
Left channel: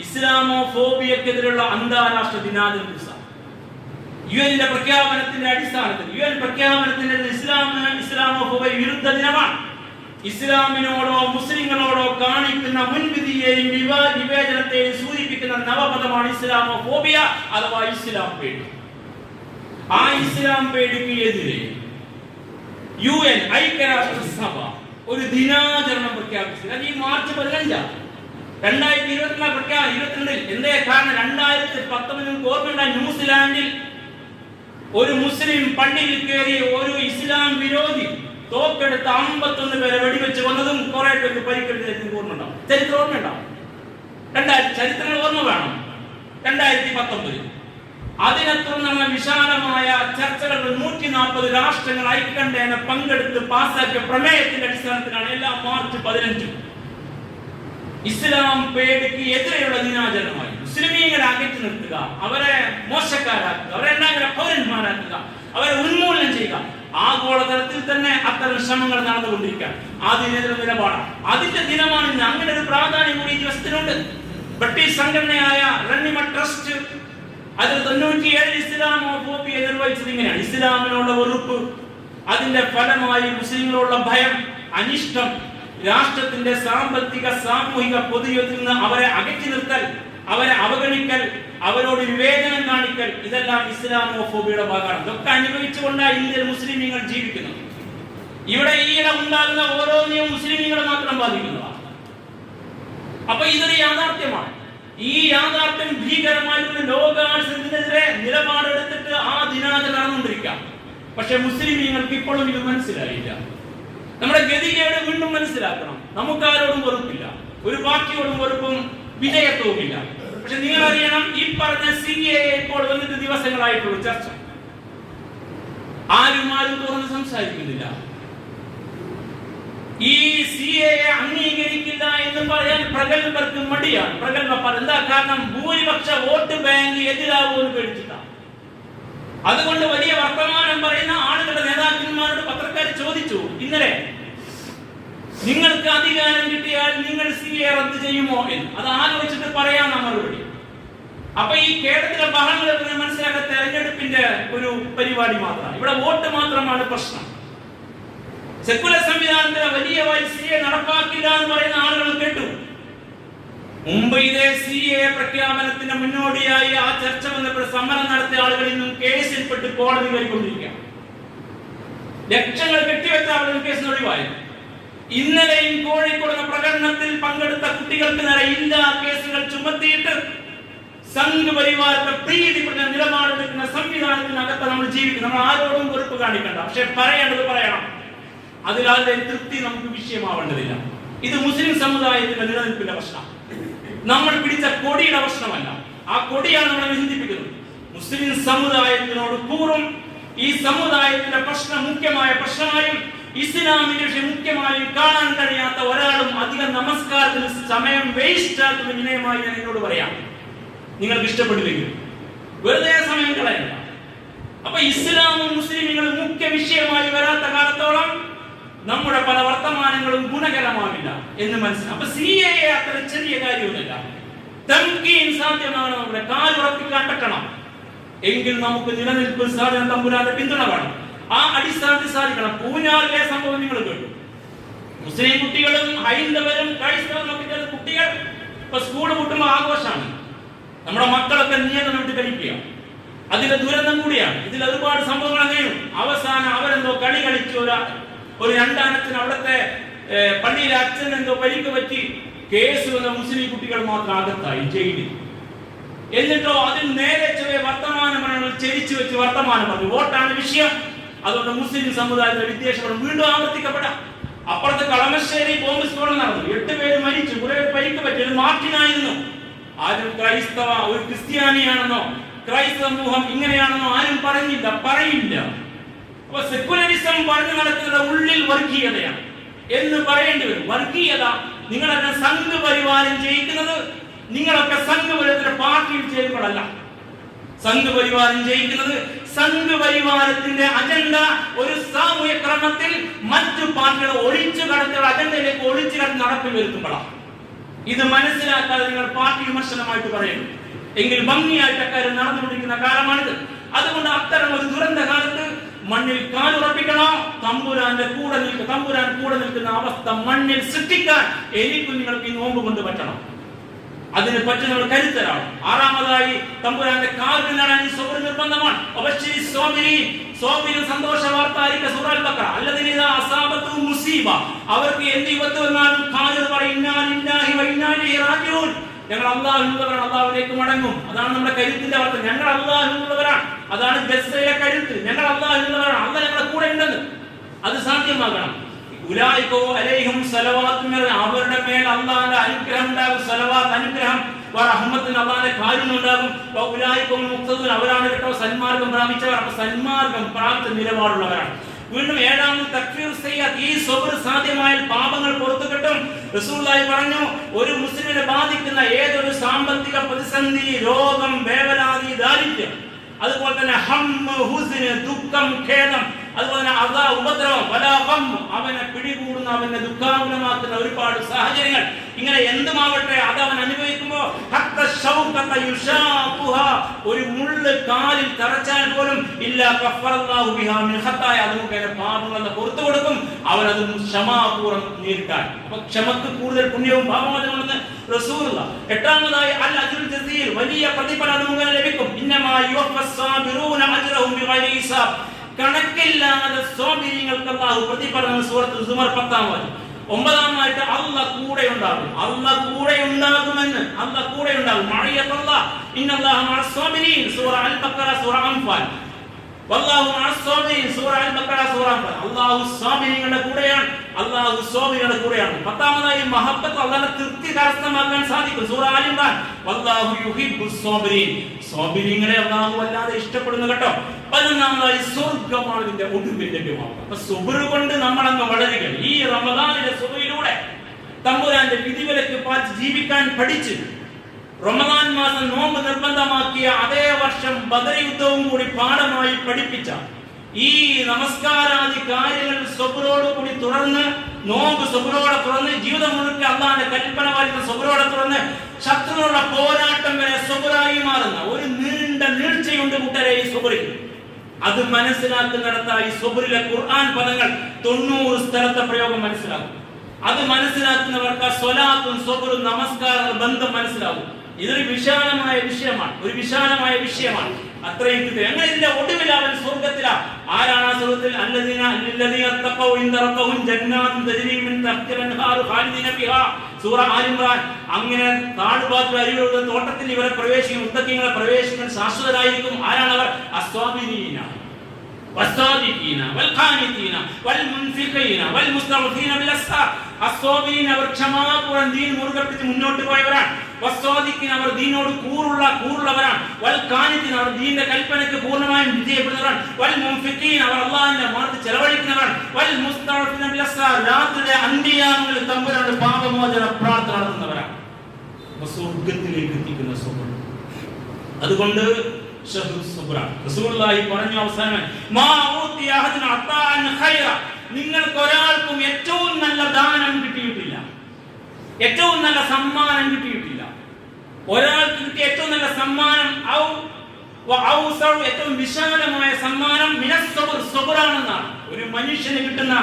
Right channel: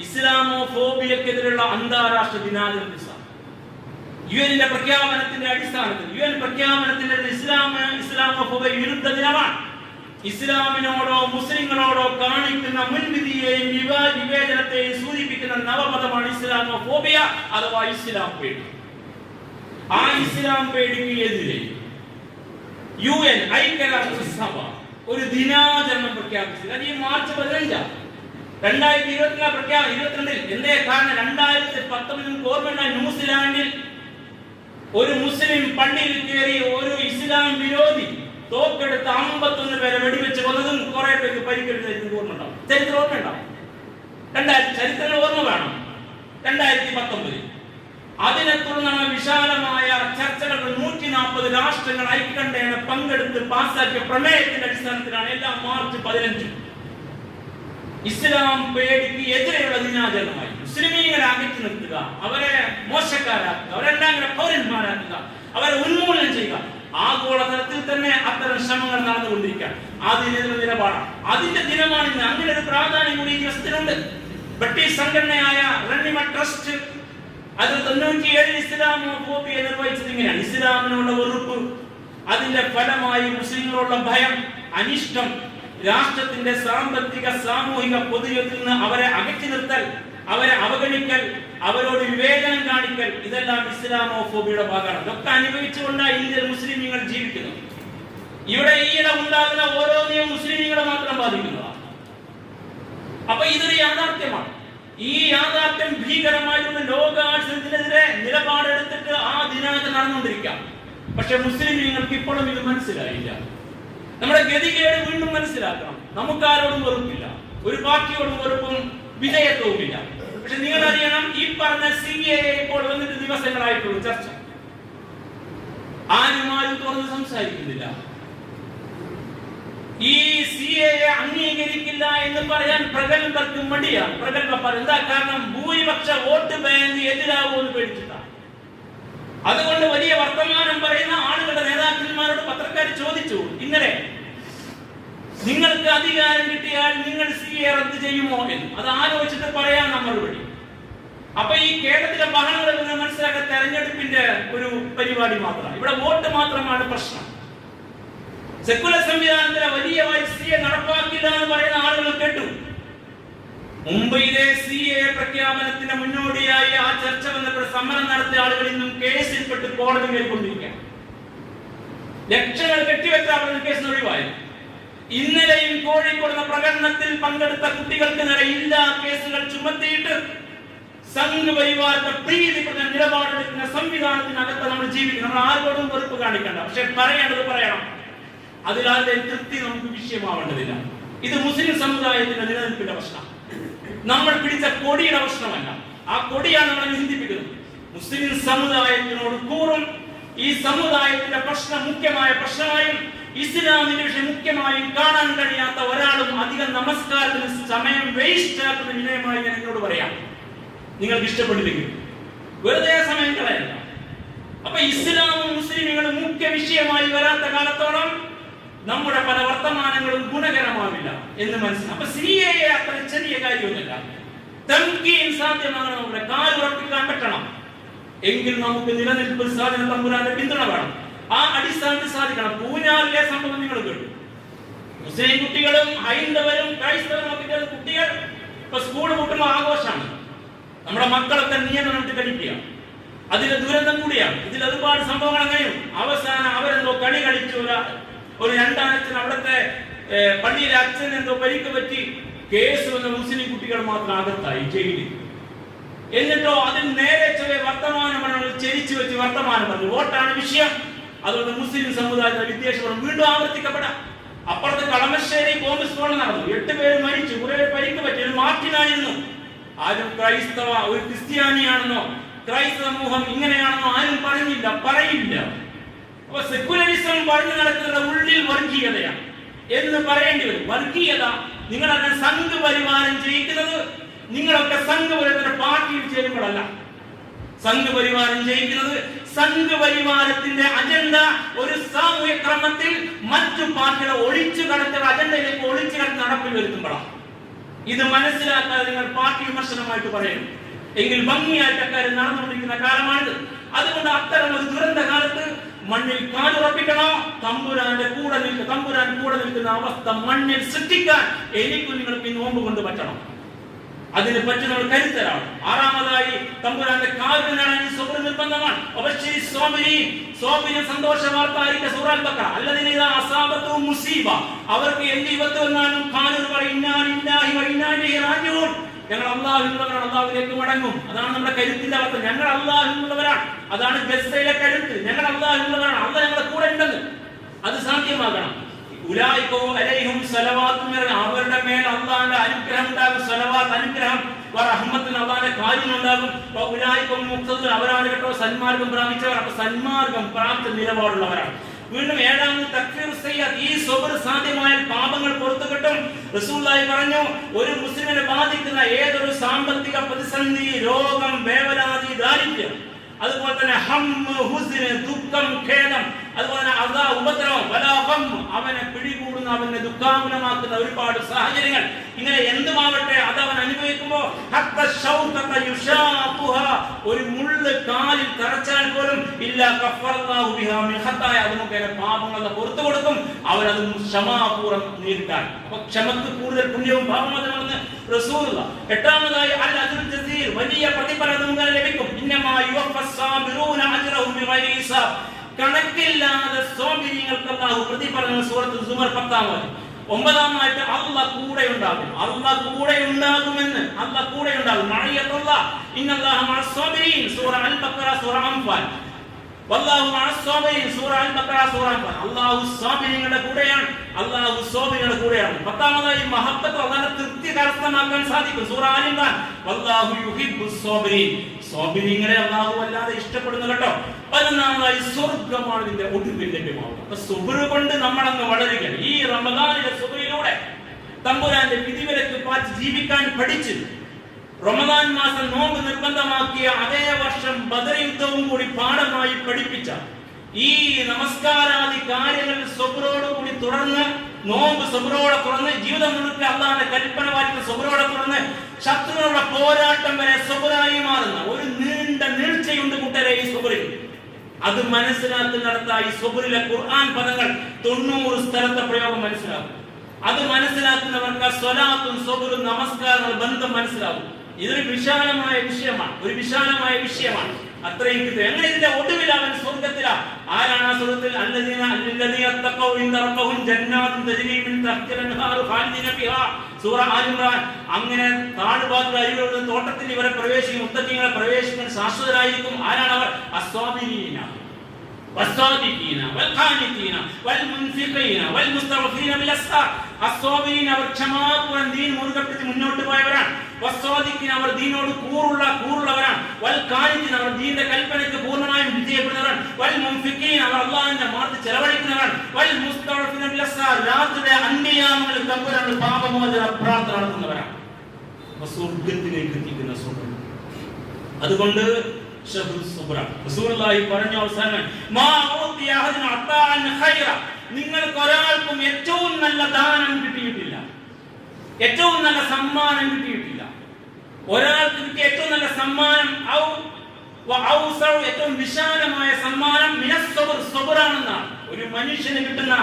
ഇസ്ലാമോഫോബിയക്കെതിരെയുള്ള അന്താരാഷ്ട്ര ദിനാചരണ ദിവസം. യുഎന്റെ പ്രഖ്യാപനത്തിന്റെ അടിസ്ഥാനത്തിൽ യുഎൻ പ്രഖ്യാപനത്തിന്റെ ഇസ്ലാമോഫോബിയ വിരുദ്ധ ദിനമാണ്. ഇസ്ലാമിനോടോ മുസ്ലിങ്ങളോടോ കാണിക്കുന്ന മുൻവിധിയെയും വിവേചനത്തെയും സൂചിപ്പിക്കുന്ന നവപദമാണ് ഇസ്ലാമോഫോബിയ അഥവാ ഇസ്ലാം പേടി. ആ ഇസ്ലാം പേടിക്ക് എതിരെ യുഎൻ ഐക്യരാഷ്ട്രസഭ ഒരു ദിനാചരണം പ്രഖ്യാപിച്ചത്. അത് ഈ മാർച്ച് 15 2022 എന്തേ കാരണം? 2019 ഓർമ്മയുണ്ടായി, ന്യൂസിലാൻഡിൽ ഒരു മുസ്ലിം പള്ളിയിൽ കയറി ഒരു ഇസ്ലാം വിരോധി തോക്കെടുത്ത് 51 പേരെ വെടിവെച്ച് കൊന്നതും കുറെ പേർക്ക് പരിക്കേറ്റതും ഓർമ്മയുണ്ടാവും. ചരിത്രം ഓർമ്മയുണ്ടാവും. ചരിത്രങ്ങൾ ഓർമ്മ വേണം. 2019 അതിനെ തുടർന്നാണ് വിശാലമായ ചർച്ചകൾ. 140 രാഷ്ട്രങ്ങൾ ഐക്യകണ്ഠേന പങ്കെടുത്ത് പാസാക്കിയ പ്രമേയത്തിന്റെ അടിസ്ഥാനത്തിലാണ് എല്ലാ മാർച്ച് 15 ഇസ്ലാം പേടിക്ക് എതിരെയുള്ള ദിനാചരണമായി. മുസ്ലിമീങ്ങളെ അകറ്റി നിർത്തുക, അവരെ മോശക്കാരാക്കുക, അവരെല്ലാം പൗരന്മാരാക്കുക, അവരെ ഉന്മൂലനം ചെയ്യുക. ആഗോളതലത്തിൽ തന്നെ അത്തരം ശ്രമങ്ങൾ നടന്നുകൊണ്ടിരിക്കുക. അതിനെതിരെ നിലപാടാണ്. അതിന്റെ ദിനമാണ് ഇന്ന്. അങ്ങനെ ഒരു പ്രാധാന്യം കൂടി ഈ ദിവസത്തിനുണ്ട്. ബ്രിട്ടീഷ് സംഘടനയായ റണ്ണിമ ട്രസ്റ്റ് അത് 97 ഇസ്ലാമോഫോബിയ നിർവഹിച്ചത് ഇങ്ങനെയാണ്. ഇസ്ലാമിനുള്ള വെറുപ്പ്, അതിന്റെ ഫലമായി മുസ്ലിങ്ങളോടുള്ള ഭയം, അനിഷ്ടം, രാഷ്ട്രത്തിന്റെ സാമ്പത്തിക സാമൂഹിക പൊതുജീവിതത്തിൽ നിന്ന് അവരെ അകറ്റി നിർത്തൽ, അവരെ അവഗണിക്കൽ, അവരോട് വിവേചനം കാണിക്കൽ, ഇതെല്ലാം ഇസ്ലാമോഫോബിയുടെ ഭാഗമാണ്. ഇതൊക്കെ അനുഭവിച്ചുകൊണ്ടാണ് ഇന്ത്യയിൽ മുസ്ലിമീങ്ങൾ ജീവിക്കുന്നത്. ഇവിടെ ഈയിടെ ഉണ്ടാകുന്ന ഓരോന്നിനും മുസ്ലിമീങ്ങളെ മാത്രം ബാധിക്കുന്നതാണ്. അപ്പൊ ഇതൊരു യാഥാർത്ഥ്യമാണ്. ഈ യാഥാർത്ഥ്യം ഭീകരമായിട്ടുള്ള ലോകാഴ്ചതിനെതിരെ നിലപാടെടുത്തിട്ട് ആ ദിനാചരണം നടന്നുകൊണ്ടിരിക്കാം. പക്ഷെ മുസ്ലിമീങ്ങൾക്ക് ഇപ്പോഴും ഇത് മനസ്സിലായില്ല. നമ്മുടെ ഗതികേട് വീണ്ടും മനസ്സിലാക്കണം. നമുക്കാരോടും വെറുപ്പില്ല, ഒരു പാർട്ടിയോടും വെറുപ്പും വിധേയത്വവുമില്ല. പക്ഷെ നിങ്ങൾ അറിയണം, ഈ പറഞ്ഞ CAA ഇപ്പോൾ വന്നിട്ട് ദിവസങ്ങളായിട്ടുള്ള ചർച്ച ആരും തുറന്ന് സംസാരിക്കുന്നില്ല. ഈ CAA അംഗീകരിക്കില്ല എന്ന് പറയാൻ പ്രഗത്ഭർക്ക് മടിയാണ്. പ്രഗത്ഭർ എന്താ കാരണം? ഭൂരിപക്ഷ വോട്ട് ബാങ്ക് എതിരാകുമെന്ന് പേടിച്ചിട്ടാണ്. അതുകൊണ്ട് വലിയ വർത്തമാനം പറയുന്ന ആളുകളുടെ നേതാക്കന്മാരോട് പത്രക്കാർ ചോദിച്ചു ഇന്നലെ, നിങ്ങൾക്ക് അധികാരം കിട്ടിയാൽ നിങ്ങൾ CAA റദ്ദ് ചെയ്യുമോ എന്ന്. അത് ആലോചിച്ചിട്ട് പറയാം മറുപടി. അപ്പൊ ഈ കേരളത്തിലെ ബഹളങ്ങളിൽ നിന്ന് മനസ്സിലാക്കാൻ തെരഞ്ഞെടുപ്പിന്റെ ഒരു പരിപാടി മാത്രമാണ്. ഇവിടെ വോട്ട് മാത്രമാണ് പ്രശ്നം. സെക്കുലർ സംവിധാനത്തിലെ വലിയമായി CAA നടപ്പാക്കില്ല എന്ന് പറയുന്ന ആളുകൾ കേട്ടു. മുംബൈയിലെ CAA പ്രഖ്യാപനത്തിന്റെ മുന്നോടിയായി ആ ചർച്ച വന്നപ്പോൾ സമരം നടത്തിയ ആളുകൾ ഇന്നും കേസിൽപ്പെട്ട് കോടതി കയറിക്കൊണ്ടിരിക്കുകയാണ്. ലക്ഷങ്ങൾ കെട്ടിവെച്ച ആളുകൾ കേസിന് ഒഴിവായി. ഇന്നലെയും കോഴിക്കോട് പ്രകടനത്തിൽ പങ്കെടുത്ത കുട്ടികൾക്ക് നേരെ ഇല്ലാ കേസുകൾ ചുമത്തിയിട്ട് സംഘപരിവാരത്തെ പ്രീതിപ്പെടുന്ന നിലപാടെടുക്കുന്ന സംവിധാനത്തിനകത്ത് നമ്മൾ ജീവിക്കണം. നമ്മൾ ആരോടും വെറുപ്പ് കാണിക്കണ്ട, പക്ഷെ പറയേണ്ടത് പറയണം. അതിലാരുടെ തൃപ്തി നമുക്ക് വിഷയമാവേണ്ടതില്ല. ഇത് മുസ്ലിം സമുദായത്തിന്റെ നിലനിൽപ്പിന്റെ പ്രശ്നം, നമ്മൾ പിടിച്ച കൊടിയുടെ പ്രശ്നമല്ല. ആ കൊടിയാണ് നമ്മളെ ചിന്തിപ്പിക്കുന്നത്. മുസ്ലിം സമുദായത്തിനോട് കൂറും ഈ സമുദായത്തിന്റെ പ്രശ്നം മുഖ്യമായ പ്രശ്നമായും ഇസ്ലാമിന്റെ വിഷയം മുഖ്യമായും കാണാൻ കഴിയാത്ത ഒരാളും അധികം നമസ്കാരത്തിന് സമയം വേസ്റ്റ് ആക്കുന്ന വിനയമായി ഞാൻ എന്നോട് പറയാം. നിങ്ങൾക്ക് ഇഷ്ടപ്പെട്ടില്ലെങ്കിൽ വെറുതെ സമയം കളയണ്ട. അപ്പൊ ഇസ്ലാമും മുസ്ലിമുകളും മുഖ്യ വിഷയമായി വരാത്ത കാലത്തോളം നമ്മുടെ പല വർത്തമാനങ്ങളും ഗുണകരമാവില്ല എന്ന് മനസ്സിലാക്കും. അപ്പൊ CAA അത്ര ചെറിയ കാര്യമൊന്നുമില്ല. തംകീൻ സാധ്യമാകണം, നമ്മുടെ കാലുറപ്പിക്കാൻ പറ്റണം. എങ്കിൽ നമുക്ക് നിലനിൽപ്പിൽ സാധനം തമ്പുരാന്റെ പിന്തുണ വേണം. ആ അടിസ്ഥാനത്തിൽ സാധിക്കണം. പൂഞ്ഞാറിലെ സംഭവം നിങ്ങൾ കേട്ടു. മുസ്ലിം കുട്ടികളും ഹൈന്ദവരും ക്രൈസ്തവരും ഒക്കെ കുട്ടികൾ ഇപ്പൊ സ്കൂൾ കൂട്ടുമ്പോൾ ആഘോഷമാണ്. നമ്മുടെ മക്കളൊക്കെ നിയന്ത്രണം വിട്ട് കളിക്കുക. അതിന്റെ ദുരന്തം കൂടിയാണ്. ഇതിൽ ഒരുപാട് സംഭവങ്ങൾ അങ്ങനെയും. അവസാനം അവരെന്തോ കളി കളിച്ചു, ഒരു രണ്ടാനച്ഛൻ അവിടുത്തെ പള്ളിയിലെ അച്ഛൻ എന്തോ പരിക്ക് പറ്റി കേസ് വന്ന മുസ്ലിം കുട്ടികൾ മാത്രം അകത്തായി ജയിലിൽ. എന്നിട്ടോ അതിൽ നേരെ ചെറിയ വർത്തമാനമാണ് ചെരിച്ചു വെച്ച് വർത്തമാനം പറഞ്ഞു. വോട്ടാണ് വിഷയം. അതുകൊണ്ട് മുസ്ലിം സമുദായത്തിലെ വിദ്വേഷം വീണ്ടും ആവർത്തിക്കപ്പെടാം. അപ്പുറത്ത് കളമശ്ശേരി ബോംബ് സ്ഫോടനം നടന്നു. 8 പേര് മരിച്ചു, കുറെ പരിക്ക് പറ്റി. ഒരു മാർട്ടിനായിരുന്നു. ആരും ക്രൈസ്തവ ഒരു ക്രിസ്ത്യാനിയാണെന്നോ ക്രൈസ്തവ സമൂഹം ഇങ്ങനെയാണെന്നോ ആരും പറയില്ല. അപ്പൊ സെക്യുലറിസം പറഞ്ഞു നടക്കുന്ന ഉള്ളിൽ വർഗീയതയാണ് എന്ന് പറയേണ്ടി വരും. വർഗീയത നിങ്ങളൊക്കെ സംഘ് പരിവാരം ചെയ്യിക്കുന്നത് നിങ്ങളൊക്കെ സംഘപരിവാരത്തിന്റെ പാർട്ടിയിൽ ചേരുമ്പോഴല്ല. സംഘ് പരിവാരം ചെയ്യിക്കുന്നത് സംഘ് പരിവാരത്തിന്റെ അജണ്ട ഒരു സാമൂഹ്യ ക്രമത്തിൽ മറ്റു പാർട്ടികൾ ഒളിച്ചു കടത്തുന്ന അജണ്ടയിലേക്ക് ഒളിച്ചു കടന്ന് നടപ്പിൽ വരുത്തുമ്പോഴാണ്. ഇത് മനസ്സിലാക്കാതെ നിങ്ങൾ പാർട്ടി വിമർശനമായിട്ട് പറയുന്നു എങ്കിൽ ഭംഗിയായിട്ട് അക്കാര്യം നടന്നുകൊണ്ടിരിക്കുന്ന കാലമാണിത്. അതുകൊണ്ട് അത്തരം ഒരു ദുരന്ത കാലത്ത് മണ്ണിൽ കാലുറപ്പിക്കണോ, തമ്പുരാന്റെ കൂടെ തമ്പുരാൻ കൂടെ നിൽക്കുന്ന അവസ്ഥ മണ്ണിൽ സൃഷ്ടിക്കാൻ എനിക്കും നിങ്ങൾക്ക് ഈ നോമ്പ് കൊണ്ട് പറ്റണം. അതിന് പറ്റുന്നവർ കരുത്തരാണ്. ആറാമതായി തമ്പുരാന്റെ കാൽവിൽ നേടാൻ സബർ നിർബന്ധമാണ്. സന്തോഷ വാർത്ത ആയിരിക്കും സൂറ അൽ ബഖറ. അല്ലദീന ഇദാ അസാബതു മുസീബ, അവർക്ക് എന്ത് വിപത്ത് വന്നാലും ഖാലു പറയും ഇന്നാ ലില്ലാഹി വ ഇന്നാ ഇലൈഹി റാജിഊൻ. ഞങ്ങൾ അല്ലാഹുവിനുള്ളവരാണ്, അല്ലാഹുവിലേക്ക് മടങ്ങും. അതാണ് നമ്മുടെ കരുത്തിന്റെ അവസ്ഥ. ഞങ്ങൾ അല്ലാഹുവിനുള്ളവരാണ്. അതാണ് ഗസ്സയിലെ കരുത്ത്. ഞങ്ങൾ അല്ലാഹുവിനുള്ളവരാണ്. അല്ലാഹ് ഞങ്ങളുടെ കൂടെ ഉണ്ടെന്ന് അത് സാധ്യമാകണം. ഉലൈക അലൈഹിം സ്വലവാത്തു മിർ, അവരുടെ മേൽ അല്ലാഹുവിന്റെ അനുഗ്രഹം ഉണ്ടാകും. സ്വലവാത്ത് അനുഗ്രഹം, റഹ്മത്ത് അല്ലാഹുവിന്റെ കാരുണ്യം ഉണ്ടാകും. ഉലൈക മുഖ്തദൂൻ, അവരാണ് കേട്ടോ സന്മാർഗം പ്രാപിച്ചവർ. അപ്പൊ സന്മാർഗം പ്രാപിച്ച നിലപാടുള്ളവരാണ്. വീണ്ടും 7ാമത് തക്ഫീർ സയ്യിഅത്ത്. ഈ സബർ സാധ്യമായാൽ പാപങ്ങൾ പുറത്തു കിട്ടും. റസൂലുള്ളാഹി പറഞ്ഞു, ഒരു മുസ്ലിമിനെ ബാധിക്കുന്ന ഏതൊരു സാമ്പത്തിക പ്രതിസന്ധി, രോഗം, വേവലാതി, ദാരിദ്ര്യം, അതുപോലെ തന്നെ ഹമ്മ്, ഹുസ്ന്, ദുഃഖം, ഖേദം, അതുപോലെ തന്നെ അദാ, ഉപദ്രവം, വലാഹം, അവനെ പിടികൂടുന്ന അവനെ ദുഃഖാകുലമാക്കുന്ന ഒരുപാട് സാഹചര്യങ്ങൾ, ഇങ്ങനെ എന്തുമാവട്ടെ അത് അവൻ അനുഭവിക്കുമ്പോൾ ഒരു മുള്ള് കാലിൽ തറച്ചാൽ പോലും ഇല്ല കഫറല്ലാഹു ബിഹാ മിൻ ഖത്തായ, അത് മുഖേന പാപങ്ങളുടെ പുറത്തു കൊടുക്കും. അവനത് ക്ഷമാപൂർവ്വം നേരിട്ടാൽ. അപ്പൊ ക്ഷമക്ക് കൂടുതൽ പുണ്യവും പാപമോചനമാണെന്ന് റസൂലുള്ളാഹ്. 8ാമതായി അൽ അജ്റുൽ ജസീൽ, വലിയ പ്രതിഫലം അത് മുഖേന ലഭിക്കും. ഇന്നമാ യുവഫസ് സാബിറൂന അജ്റഹും ബിഗൈരി ഹിസാബ്, കണക്കില്ലാതെ സ്വാബിരിങ്ങൾക്ക് അല്ലാഹു പ്രതിഫലം. സൂറത്തുൽ സുമർ 10ാമത്. 9ാമതായിട്ട് അല്ലാഹ് കൂടെ ഉണ്ടാകും. അല്ലാഹ് കൂടെ ഉണ്ടാകുമെന്ന്, അല്ലാഹ് കൂടെ ഉണ്ടാകും. മഅയ്യത്തുല്ലാഹ് ഇന്നല്ലാഹ മഅസ് സാബിരീൻ, സൂറ അൽ ബഖറ, സൂറ അൻഫാൽ. വല്ലാഹു മഅസ് സാബിരീൻ, സൂറ അൽ ബഖറ, സൂറ അൻഫാൽ. അല്ലാഹു സ്വാബിരീങ്ങളുടെ കൂടെയാണ്. അല്ലാഹു സ്വാബിരീങ്ങളുടെ കൂടെയാണ്. 10ാമതായി മഹബ്ബത്ത്, അല്ലാഹുവിന്റെ തൃപ്തി കരസ്ഥമാക്കാൻ സാധിക്കും. സൂറ ആൽ ഇംറാൻ. വല്ലാഹു യുഹിബ്ബുസ് സാബിരീൻ, സ്വാബിരീങ്ങളെ അല്ലാഹു വല്ലാതെ ഇഷ്ടപ്പെടുന്നു കേട്ടോ. 11ാമതായി സ്വർഗ്ഗമാണ് ഇതിന്റെ ഒടുവിൽ ലഭ്യമാവുക. അപ്പൊ സുബ്ർ കൊണ്ട് നമ്മളങ്ങ് വളരുക. ഈ റമദാനിലെ സുബ്റിലൂടെ തമ്പുരാന്റെ വിധിവിലക്ക് പാലിച്ച് ജീവിക്കാൻ പഠിച്ച് റമദാൻ മാസം നോമ്പ് നിർബന്ധമാക്കിയ അതേ വർഷം ബദർ യുദ്ധവും കൂടി പാഠമായി പഠിപ്പിച്ച ഈ നമസ്കാരാദി കാര്യങ്ങളിൽ സുബ്റോടുകൂടി തുടർന്ന്, നോമ്പ് സുബ്റോടെ തുറന്ന്, ജീവിതം മുഴുവൻ അല്ലാഹുവിന്റെ കൽപ്പന പാലിക്കുന്ന സുബ്റോടെ തുറന്ന്, ശത്രുവിനുള്ള പോരാട്ടം വരെ സുബ്റായി മാറുന്ന ഒരു നീണ്ട നീഴ്ചയുണ്ട് കൂട്ടരെ ഈ സുബ്റിൽ. അത് മനസ്സിലാക്കുന്നിടത്തായി സുബ്റിലെ ഖുർആൻ പദങ്ങൾ 90 സ്ഥലത്തെ പ്രയോഗം മനസ്സിലാക്കും. അത് മനസ്സിലാക്കുന്നവർക്ക് സ്വലാത്തും സുബ്റും നമസ്കാരങ്ങൾ ബന്ധം മനസ്സിലാവും. ഇതൊരു വിശാലമായ വിഷയമാണ്, ഒരു വിശാലമായ വിഷയമാണ്. അത്രയും കിട്ടും. എങ്ങനെ ഇതിന്റെ ഒടുവിൽ അവൻ സ്വർഗത്തിലാണ്. ആരാണ് ആ സ്വർഗത്തിൽ? സൂറ ആൽ ഇംറാൻ. അങ്ങനെ താഴ്ഭാഗത്ത് അരികളുടെ തോട്ടത്തിൽ ഇവരെ പ്രവേശിക്കും, മുത്തഖീങ്ങളെ പ്രവേശിക്കുന്ന ശാശ്വതരായിരിക്കും. ആരാണ് അവർ? അസ്വാബിരീന والصادقين والقانتين والمنفقين والمستغفرين بالاسحار. അസ്വാബിരീന അവർ ക്ഷമാപൂർവ്വം ദീൻ മുറുകെ പിടിച്ച് മുന്നോട്ട് പോയവരാണ്. വസ്വാദിഖീന അവർ ദീനോട് കൂറുള്ളവരാണ്. വൽഖാനിതീന അവർ ദീനിന്റെ കൽപ്പനയ്ക്ക് പൂർണ്ണമായും വിജയപ്പെടുന്നവരാണ്. വൽമുൻഫിഖീന അവർ അല്ലാഹുവിന്റെ മാർഗ്ഗത്തിൽ ചെലവഴിക്കുന്നവരാണ്. വൽമുസ്തഗ്ഫിരീന ബിൽഅസ്ഹാർ രാത്രിയിലെ അന്ത്യയാമങ്ങളിൽ തമ്പുരാന്റെ പാപമോചന പ്രാർത്ഥന നടത്തുന്നവരാണ്. സ്വർഗ്ഗത്തിലേക്ക് എത്തിക്കുന്ന സുബ്ർ. അതുകൊണ്ട് റസൂലുള്ളാഹി പറഞ്ഞ അവസാനം നിങ്ങൾക്ക് ഒരാൾക്കും ഏറ്റവും നല്ല ദാനം കിട്ടിയിട്ടില്ല, ഏറ്റവും നല്ല സമ്മാനം കിട്ടിയിട്ടില്ല. ഒരാൾക്ക് കിട്ടിയ ഏറ്റവും നല്ല സമ്മാനം ഏറ്റവും വിശാലമായ സമ്മാനം സബറാണെന്നാണ്. ഒരു മനുഷ്യന് കിട്ടുന്ന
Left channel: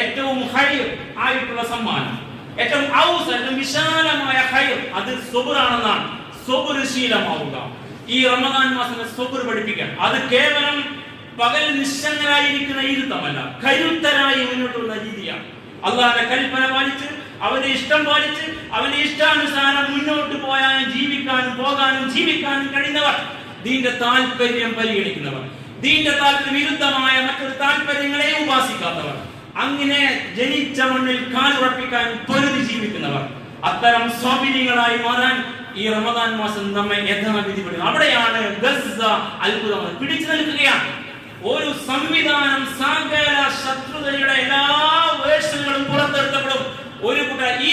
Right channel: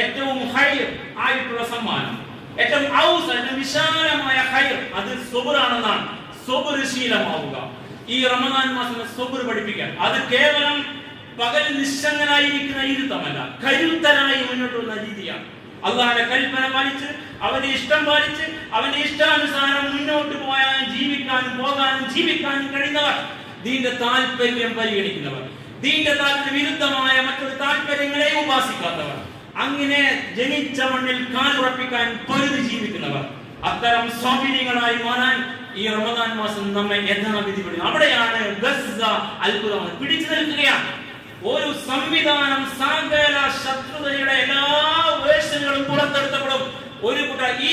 ഏറ്റവും ഹൈർ ആയിട്ടുള്ള സമ്മാനം, ഏറ്റവും വിശാലമായ ഹൈർ അത് സബറാണെന്നാണ്. സബർ ശീലമാവുക. ഈ റമദാൻ മാസം സബർ പഠിപ്പിക്കാൻ, അത് കേവലം പകൽ നിശ്ചങ്ങനായിരിക്കുന്ന ഇരുത്തമല്ല, കരുത്തരായി മുന്നോട്ടുള്ള രീതിയാണ്. അള്ളാഹുവിന്റെ കൽപ്പന പാലിച്ച്, അവന്റെ ഇഷ്ടം പാലിച്ച്, അവന്റെ ഇഷ്ടാനുസാരം മുന്നോട്ട് പോയാൽ ജീവിക്കാനും പോകാനും ജീവിക്കാനും കഴിയുന്നവർ, ദീന്റെ താല്പര്യം പരിഗണിക്കുന്നവർ, ദീന്റെ താല്പര്യ വിരുദ്ധമായ മറ്റൊരു താല്പര്യങ്ങളെ ഉപാസിക്കാത്തവർ, അങ്ങനെ ജനിച്ച മണ്ണിൽ കാലുറപ്പിക്കാൻ പൊരുതി ജീവിക്കുന്നവർ, അത്തരം സ്വാഭിനികളായി മാറാൻ ഈ റമദാൻ മാസം നമ്മെ യഥാവിധി പഠിക്കും. അവിടെയാണ് അത്ഭുതം പിടിച്ചു നിൽക്കുകയാണ്. ഒരു സംവിധാനം, സകല ശത്രുതയുടെ എല്ലാ വേഷങ്ങളും പുറത്തെടുത്തപ്പെടും. ഒരു കൂട്ടർ ഈ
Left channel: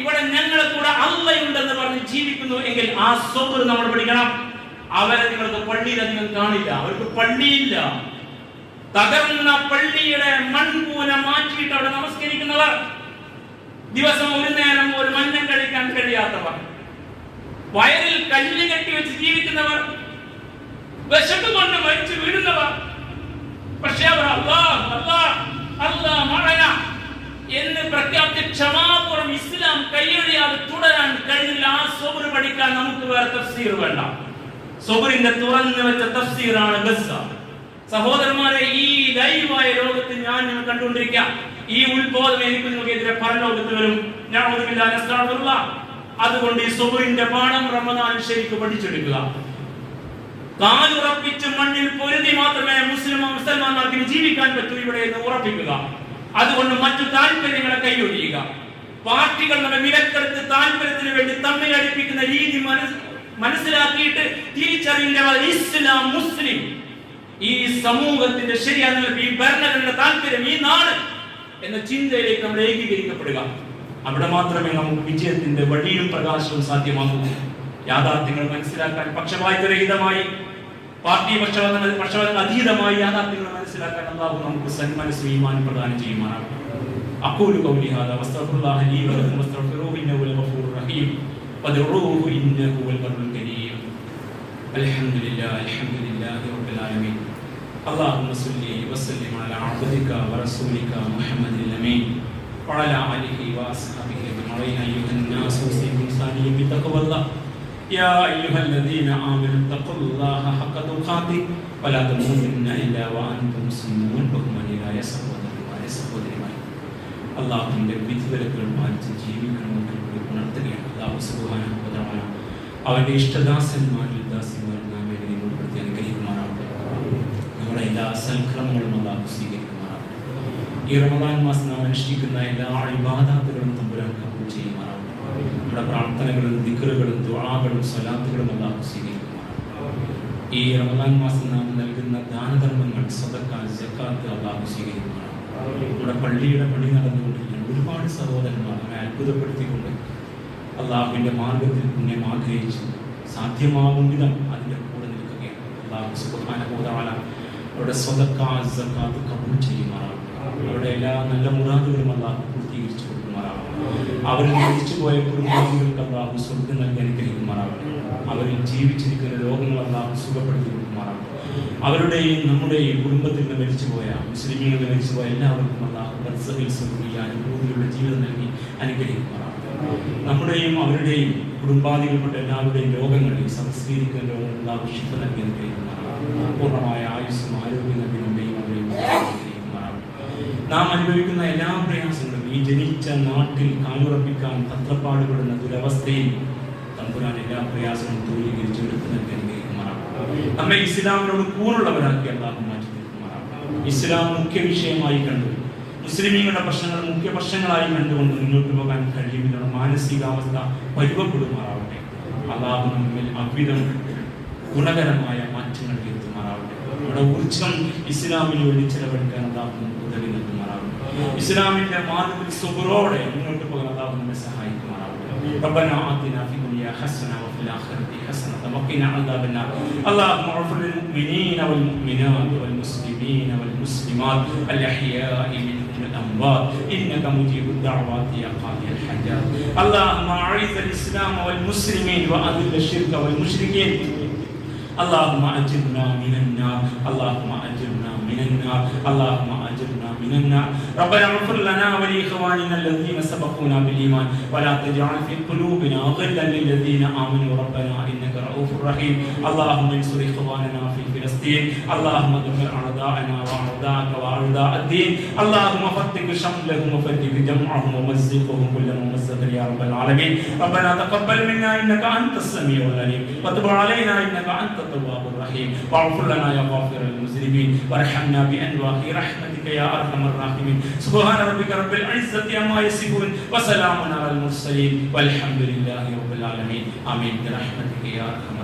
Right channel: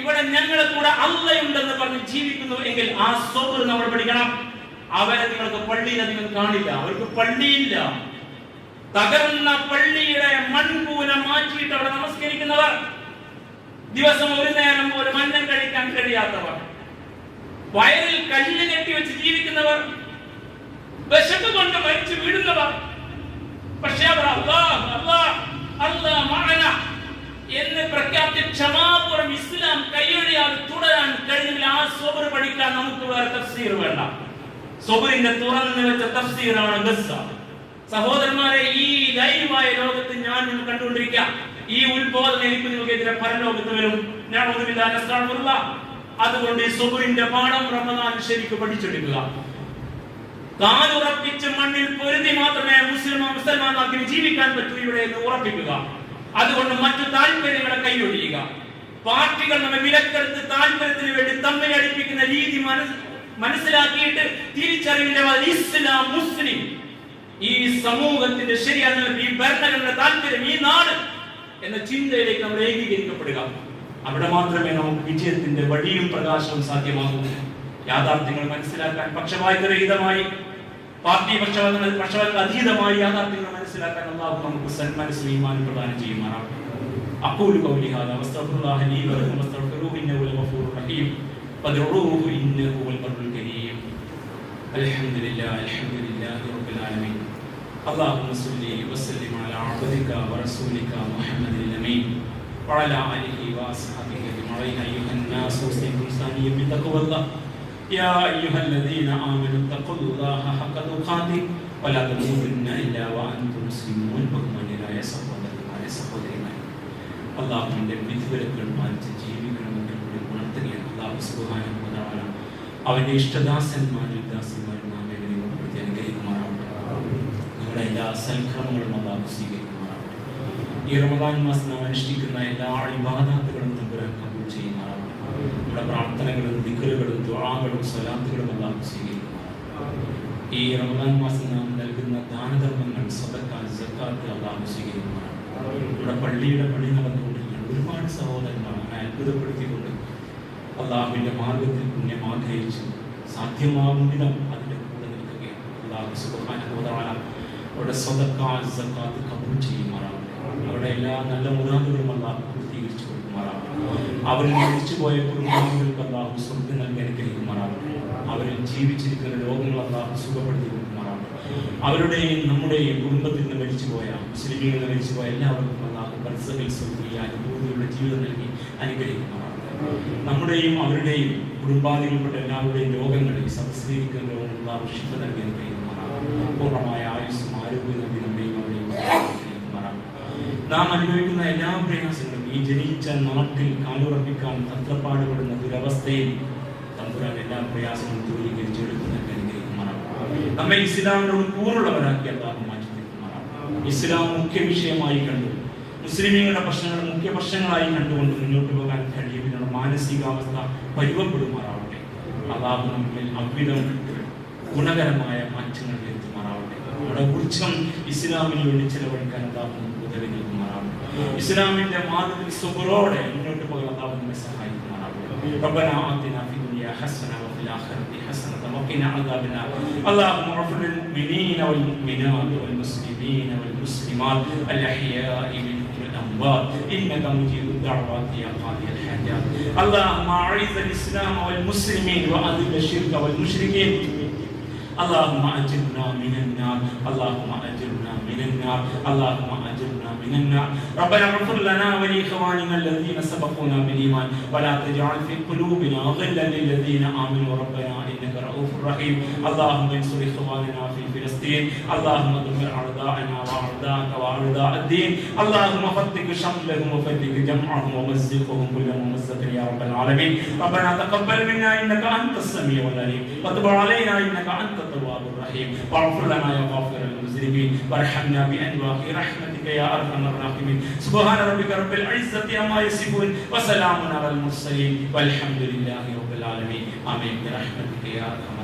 ഇവിടെ ഞങ്ങളെ കൂടെ അള്ളയുണ്ടെന്ന് പറഞ്ഞ് ജീവിക്കുന്നു എങ്കിൽ ആ സബർ നമ്മൾ പഠിക്കണം. അവരെ നിങ്ങൾക്ക് പള്ളിയിൽ അധികം കാണില്ല, അവർക്ക് പള്ളിയില്ല. തകർന്ന പള്ളിയുടെ മൺകൂലം മാറ്റിയിട്ട് അവിടെ നമസ്കരിക്കുന്നവർ, ദിവസം ഒരു നേരം ഒരു മന്നം കഴിക്കാൻ കഴിയാത്തവർ, വയറിൽ കല്ല് കെട്ടി വെച്ച് ജീവിക്കുന്നവർ, വിശപ്പ് കൊണ്ട് മരിച്ചു വീഴുന്നവർ, പക്ഷേ അവർ എന്ന് പ്രഖ്യാപിച്ച ക്ഷമാപൂർവ്വം ഇസ്ലാം കൈയൊഴിയാതെ തുടരാൻ കഴിഞ്ഞില്ല. ആ സബർ പഠിക്കാൻ നമുക്ക് വേറെ തഫ്സീർ വേണ്ട. സബറിന്റെ തുറന്നു വെച്ച തഫ്സീറാണ് ഗസ്സ. സഹോദരന്മാരെ, ഈ ലൈവായ ലോകത്ത് ഞാൻ കണ്ടുകൊണ്ടിരിക്കാം. ഈ ഉത്ബോധനം എനിക്ക് നിങ്ങൾക്കെതിരെ പരലോകത്ത് വരും. അതുകൊണ്ട് ഈ സബറിന്റെ പാഠം റമദാനിൽ ശരിക്കും പഠിച്ചെടുക്കുക. കാലുറപ്പിച്ച് മണ്ണിൽ പൊരുതി മാത്രമേ മുസൽമാനാക്കി ജീവിക്കാൻ പറ്റൂ ഇവിടെ എന്ന് ഉറപ്പിക്കുക. അതുകൊണ്ട് മറ്റു താല്പര്യങ്ങളെ കൈയൊഴിയുക. പാർട്ടികൾ നമ്മുടെ വിലക്കെടുത്ത് താല്പര്യത്തിന് വേണ്ടി തമ്മിൽ അടുപ്പിക്കുന്ന രീതി മനസ്സിലാക്കിയിട്ട് തിരിച്ചറിയേണ്ടത് ഇസ്ലാം, മുസ്ലിം, ഈ സമൂഹത്തിന്റെ ശരിയാണ്, ഈ ഭരണഘടനയുടെ താല്പര്യം, ഈ നാട് എന്ന ചിന്തയിലേക്ക് നമ്മൾ ഏകീകരിക്കപ്പെടുക. അവിടെ മാത്രമേ നമുക്ക് വിജയത്തിന്റെ വഴിയും പ്രകാശവും സാധ്യമാകൂ. യാഥാർത്ഥ്യങ്ങൾ മനസ്സിലാക്കാൻ പക്ഷപാതരഹിതമായി, പാർട്ടി പക്ഷപാതത്തിന് അതീതമായി യാഥാർത്ഥ്യങ്ങൾ മനസ്സിലാക്കാൻ അല്ലാഹു നമുക്ക് സന്മനസ്സും ഈമാനും പ്രദാനം ചെയ്യുമാറാകട്ടെ. അഖൂലു ഖൗലി ഹാദാ വസ്തഗ്ഫിറുല്ലാഹ ലീ വലക്കും വസ്തഗ്ഫിറൂഹു ഇന്നഹു ഹുവൽ ഗഫൂറുർ റഹീം വദ്ഉഹു ഇന്നഹു ഹുവൽ ബർറുൽ കരീം. അൽഹംദുലില്ലാഹി റബ്ബിൽ ആലമീൻ. അല്ലാഹുമ്മ സ്വല്ലി വസല്ലിം അലാ അബ്ദിക വറസൂലിക മുഹമ്മദിൽ അമീൻ വഅലാ ആലിഹി വഅസ്ഹാബിഹി അജ്മഈൻ. അയ്യുഹൻ നാസു ഉസീകും സാനിയ്യ ബിത്തഖ്വല്ലാഹ് يا أيها الذين آمنوا اتقوا الله حق تقاته ولا تموتن إلا وأنتم مسلمون. ബഹുമാന്യരായ സഹോദരന്മാരെ, സഹോദരിമാരെ, അല്ലാഹുവിന്റെ വിധിവിലക്കുകൾ പാലിച്ച് ജീവിക്കണമെന്ന് ഉണർത്തുകയാണ്. അല്ലാഹു സുബ്ഹാനഹു വ തആല അവന്റെ ഇഷ്ടദാസന്മാരിൽ ദാസന്മാരിൽ നാം ഏവരെയും ഉൾപ്പെടുത്തി അനുഗ്രഹിക്കുമാറാകട്ടെ. നമ്മുടെ എല്ലാ സൽക്കർമ്മങ്ങളും അല്ലാഹു സ്വീകരിക്കുമാറാകട്ടെ. ഈ റമദാൻ മാസം നാം അനുഷ്ഠിക്കുന്ന എല്ലാ ഇബാദത്തുകളും തമ്പുരാൻ കബൂൽ ചെയ്യുമാറാകട്ടെ. നമ്മുടെ പ്രാർത്ഥനകളും ദിക്റുകളും ദുആകളും സ്വലാത്തുകളും അല്ലാഹു സ്വീകരിക്കുമാറാകട്ടെ. ഈ റമദാൻ മാസം നാം നൽകുന്ന ദാനധർമ്മങ്ങൾ, സദഖ, സക്കാത്ത് അല്ലാഹു സ്വീകരിക്കുമാറാകട്ടെ. നമ്മുടെ പള്ളിയുടെ പണി നടന്നുകൊണ്ടിരിക്കുന്ന ഒരുപാട് സഹോദരന്മാർ അത്ഭുതപ്പെടുത്തിക്കൊണ്ട് അല്ലാഹുവിന്റെ മാർഗത്തിൽ പുണ്യം ആഗ്രഹിച്ച് സാധ്യമാവും വിധം അതിന്റെ കൂടെ നിൽക്കുകയാണ്. അല്ലാഹു സുബ്ഹാനഹു വ തആല അവരുടെ സദഖ, സക്കാത്ത് കബൂൽ ചെയ്യുമാറാകട്ടെ. അവരുടെ എല്ലാ നല്ല മുറാദുകളും അല്ലാഹു പൂർത്തീകരിച്ചു കൊടുക്കുമാറാകട്ടെ. അവരിൽ മരിച്ചു പോയ കുടുംബാംഗങ്ങൾക്ക് അല്ലാഹു സ്വർഗ്ഗം നൽകി അനുഗ്രഹിക്കുമാറാകട്ടെ. അവരിൽ ജീവിച്ചിരിക്കുന്ന രോഗങ്ങൾ അല്ലാഹു സുഖപ്പെടുത്തി കൊടുക്കുമാറാകട്ടെ. അവരുടെയും നമ്മുടെയും കുടുംബത്തിൽ നിന്ന് മരിച്ചുപോയ, മുസ്ലിമീങ്ങളിൽ നിന്ന് മരിച്ചുപോയ എല്ലാവർക്കും അല്ലാഹു ബർസഖിൽ സ്വർഗ്ഗീയ അനുഭൂതികളുടെ ജീവിതം നൽകി അനുഗ്രഹിക്കുമാറാകട്ടെ. നമ്മുടെയും അവരുടെയും കുടുംബാദികൾപ്പെട്ട എല്ലാവരുടെയും രോഗങ്ങളെ സംസ്കരിക്കുന്ന രോഗങ്ങൾ അല്ലാഹു ശിഫ നൽകി അനുഗ്രഹിക്കുമാറാകട്ടെ. പൂർണ്ണമായ ആയുസ്സും ആരോഗ്യം നൽകി നമ്മുടെയും അവരെയും അനുഗ്രഹിക്കുമാറാകട്ടെ. നാം അനുഭവിക്കുന്ന എല്ലാ പ്രയാസങ്ങളും ഈ ജനിച്ച നാട്ടിൽ കാലുറപ്പിക്കാൻ തത്രപ്പാടുപെടുന്ന ദുരവസ്ഥയിൽ തമ്പുരാൻ എല്ലാ പ്രയാസങ്ങളും ദൂരീകരിച്ചെടുത്ത് നൽകി അനുഗ്രഹിക്കുമാറാകട്ടെ. നമ്മെ ഇസ്ലാമിനോട് പൂർണ്ണവരാക്കി അല്ലാഹു മാറ്റി തീർക്കുമാറാകട്ടെ. ഇസ്ലാം മുഖ്യ വിഷയമായി കണ്ടു, മുസ്ലിമീങ്ങളുടെ പ്രശ്നങ്ങൾ മുഖ്യ പ്രശ്നങ്ങളായി കണ്ടുകൊണ്ട് മുന്നോട്ട് പോകാൻ കഴിയുന്ന മാനസികാവസ്ഥ പരിവപ്പെടുമാറാവട്ടെ. അല്ലാഹു നമ്മിൽ അവിധം ഗുണകരമായ മാറ്റങ്ങൾ വരുത്തുമാറാവട്ടെ. നമ്മുടെ ഊർജ്ജം ഇസ്ലാമിന് വേണ്ടി ചെലവഴിക്കാൻ അല്ലാഹു നമുക്ക് ഉദവി നൽകുമാറാവട്ടെ. ഇസ്ലാമിന്റെ മാർഗ്ഗത്തിൽ സുബറോടെ മുന്നോട്ട് പോകാൻ അല്ലാഹു നമ്മെ സഹായിക്കുമാറാവട്ടെ. റബ്ബനാ ആതിനാ ഫി ദുനിയാ ഹസന വഫിൽ ആഖിറതി ഹസന വഖിനാ അദാബന്നാർ. അല്ലാഹുമ്മ ഗ്ഫിർ ലിൽ മുഅ്മിനീന വൽ മുഅ്മിനാത്ത് വൽ മുസ്ലിമീന വൽ മുസ്ലിമാത്ത് അൽ അഹ്യാഇ മിൻഹും വൽ الأموات إنك مجيب الدعوات يا قاضي الحاجات. اللهم أعز الإسلام والمسلمين وأذل الشرك والمشركين. اللهم أجرنا من النار، اللهم أجرنا من النار، اللهم أجرنا من النار. ربنا اغفر لنا ولإخواننا الذين سبقونا بالإيمان ولا تجعل في قلوبنا غلا للذين آمنوا ربنا إنك رؤوف رحيم. اللهم انصر إخواننا في فلسطين، اللهم دمر أعداءنا وأعداءك وأعداء الدين. اللهم فتك شملهم وفتك جمعهم ومزقهم كل ممزق يا رب العالمين. ربنا تقبل منا إنك أنت السميع العليم وتب علينا إنك أنت التواب الرحيم. واغفر لنا يا غافر المذنبين وارحمنا بأنواع رحمتك يا أرحم الراحمين. سبحان ربك رب العزة عما يصفون وسلام على المرسلين والحمد لله رب العالمين. آمين برحمتك يا أرحم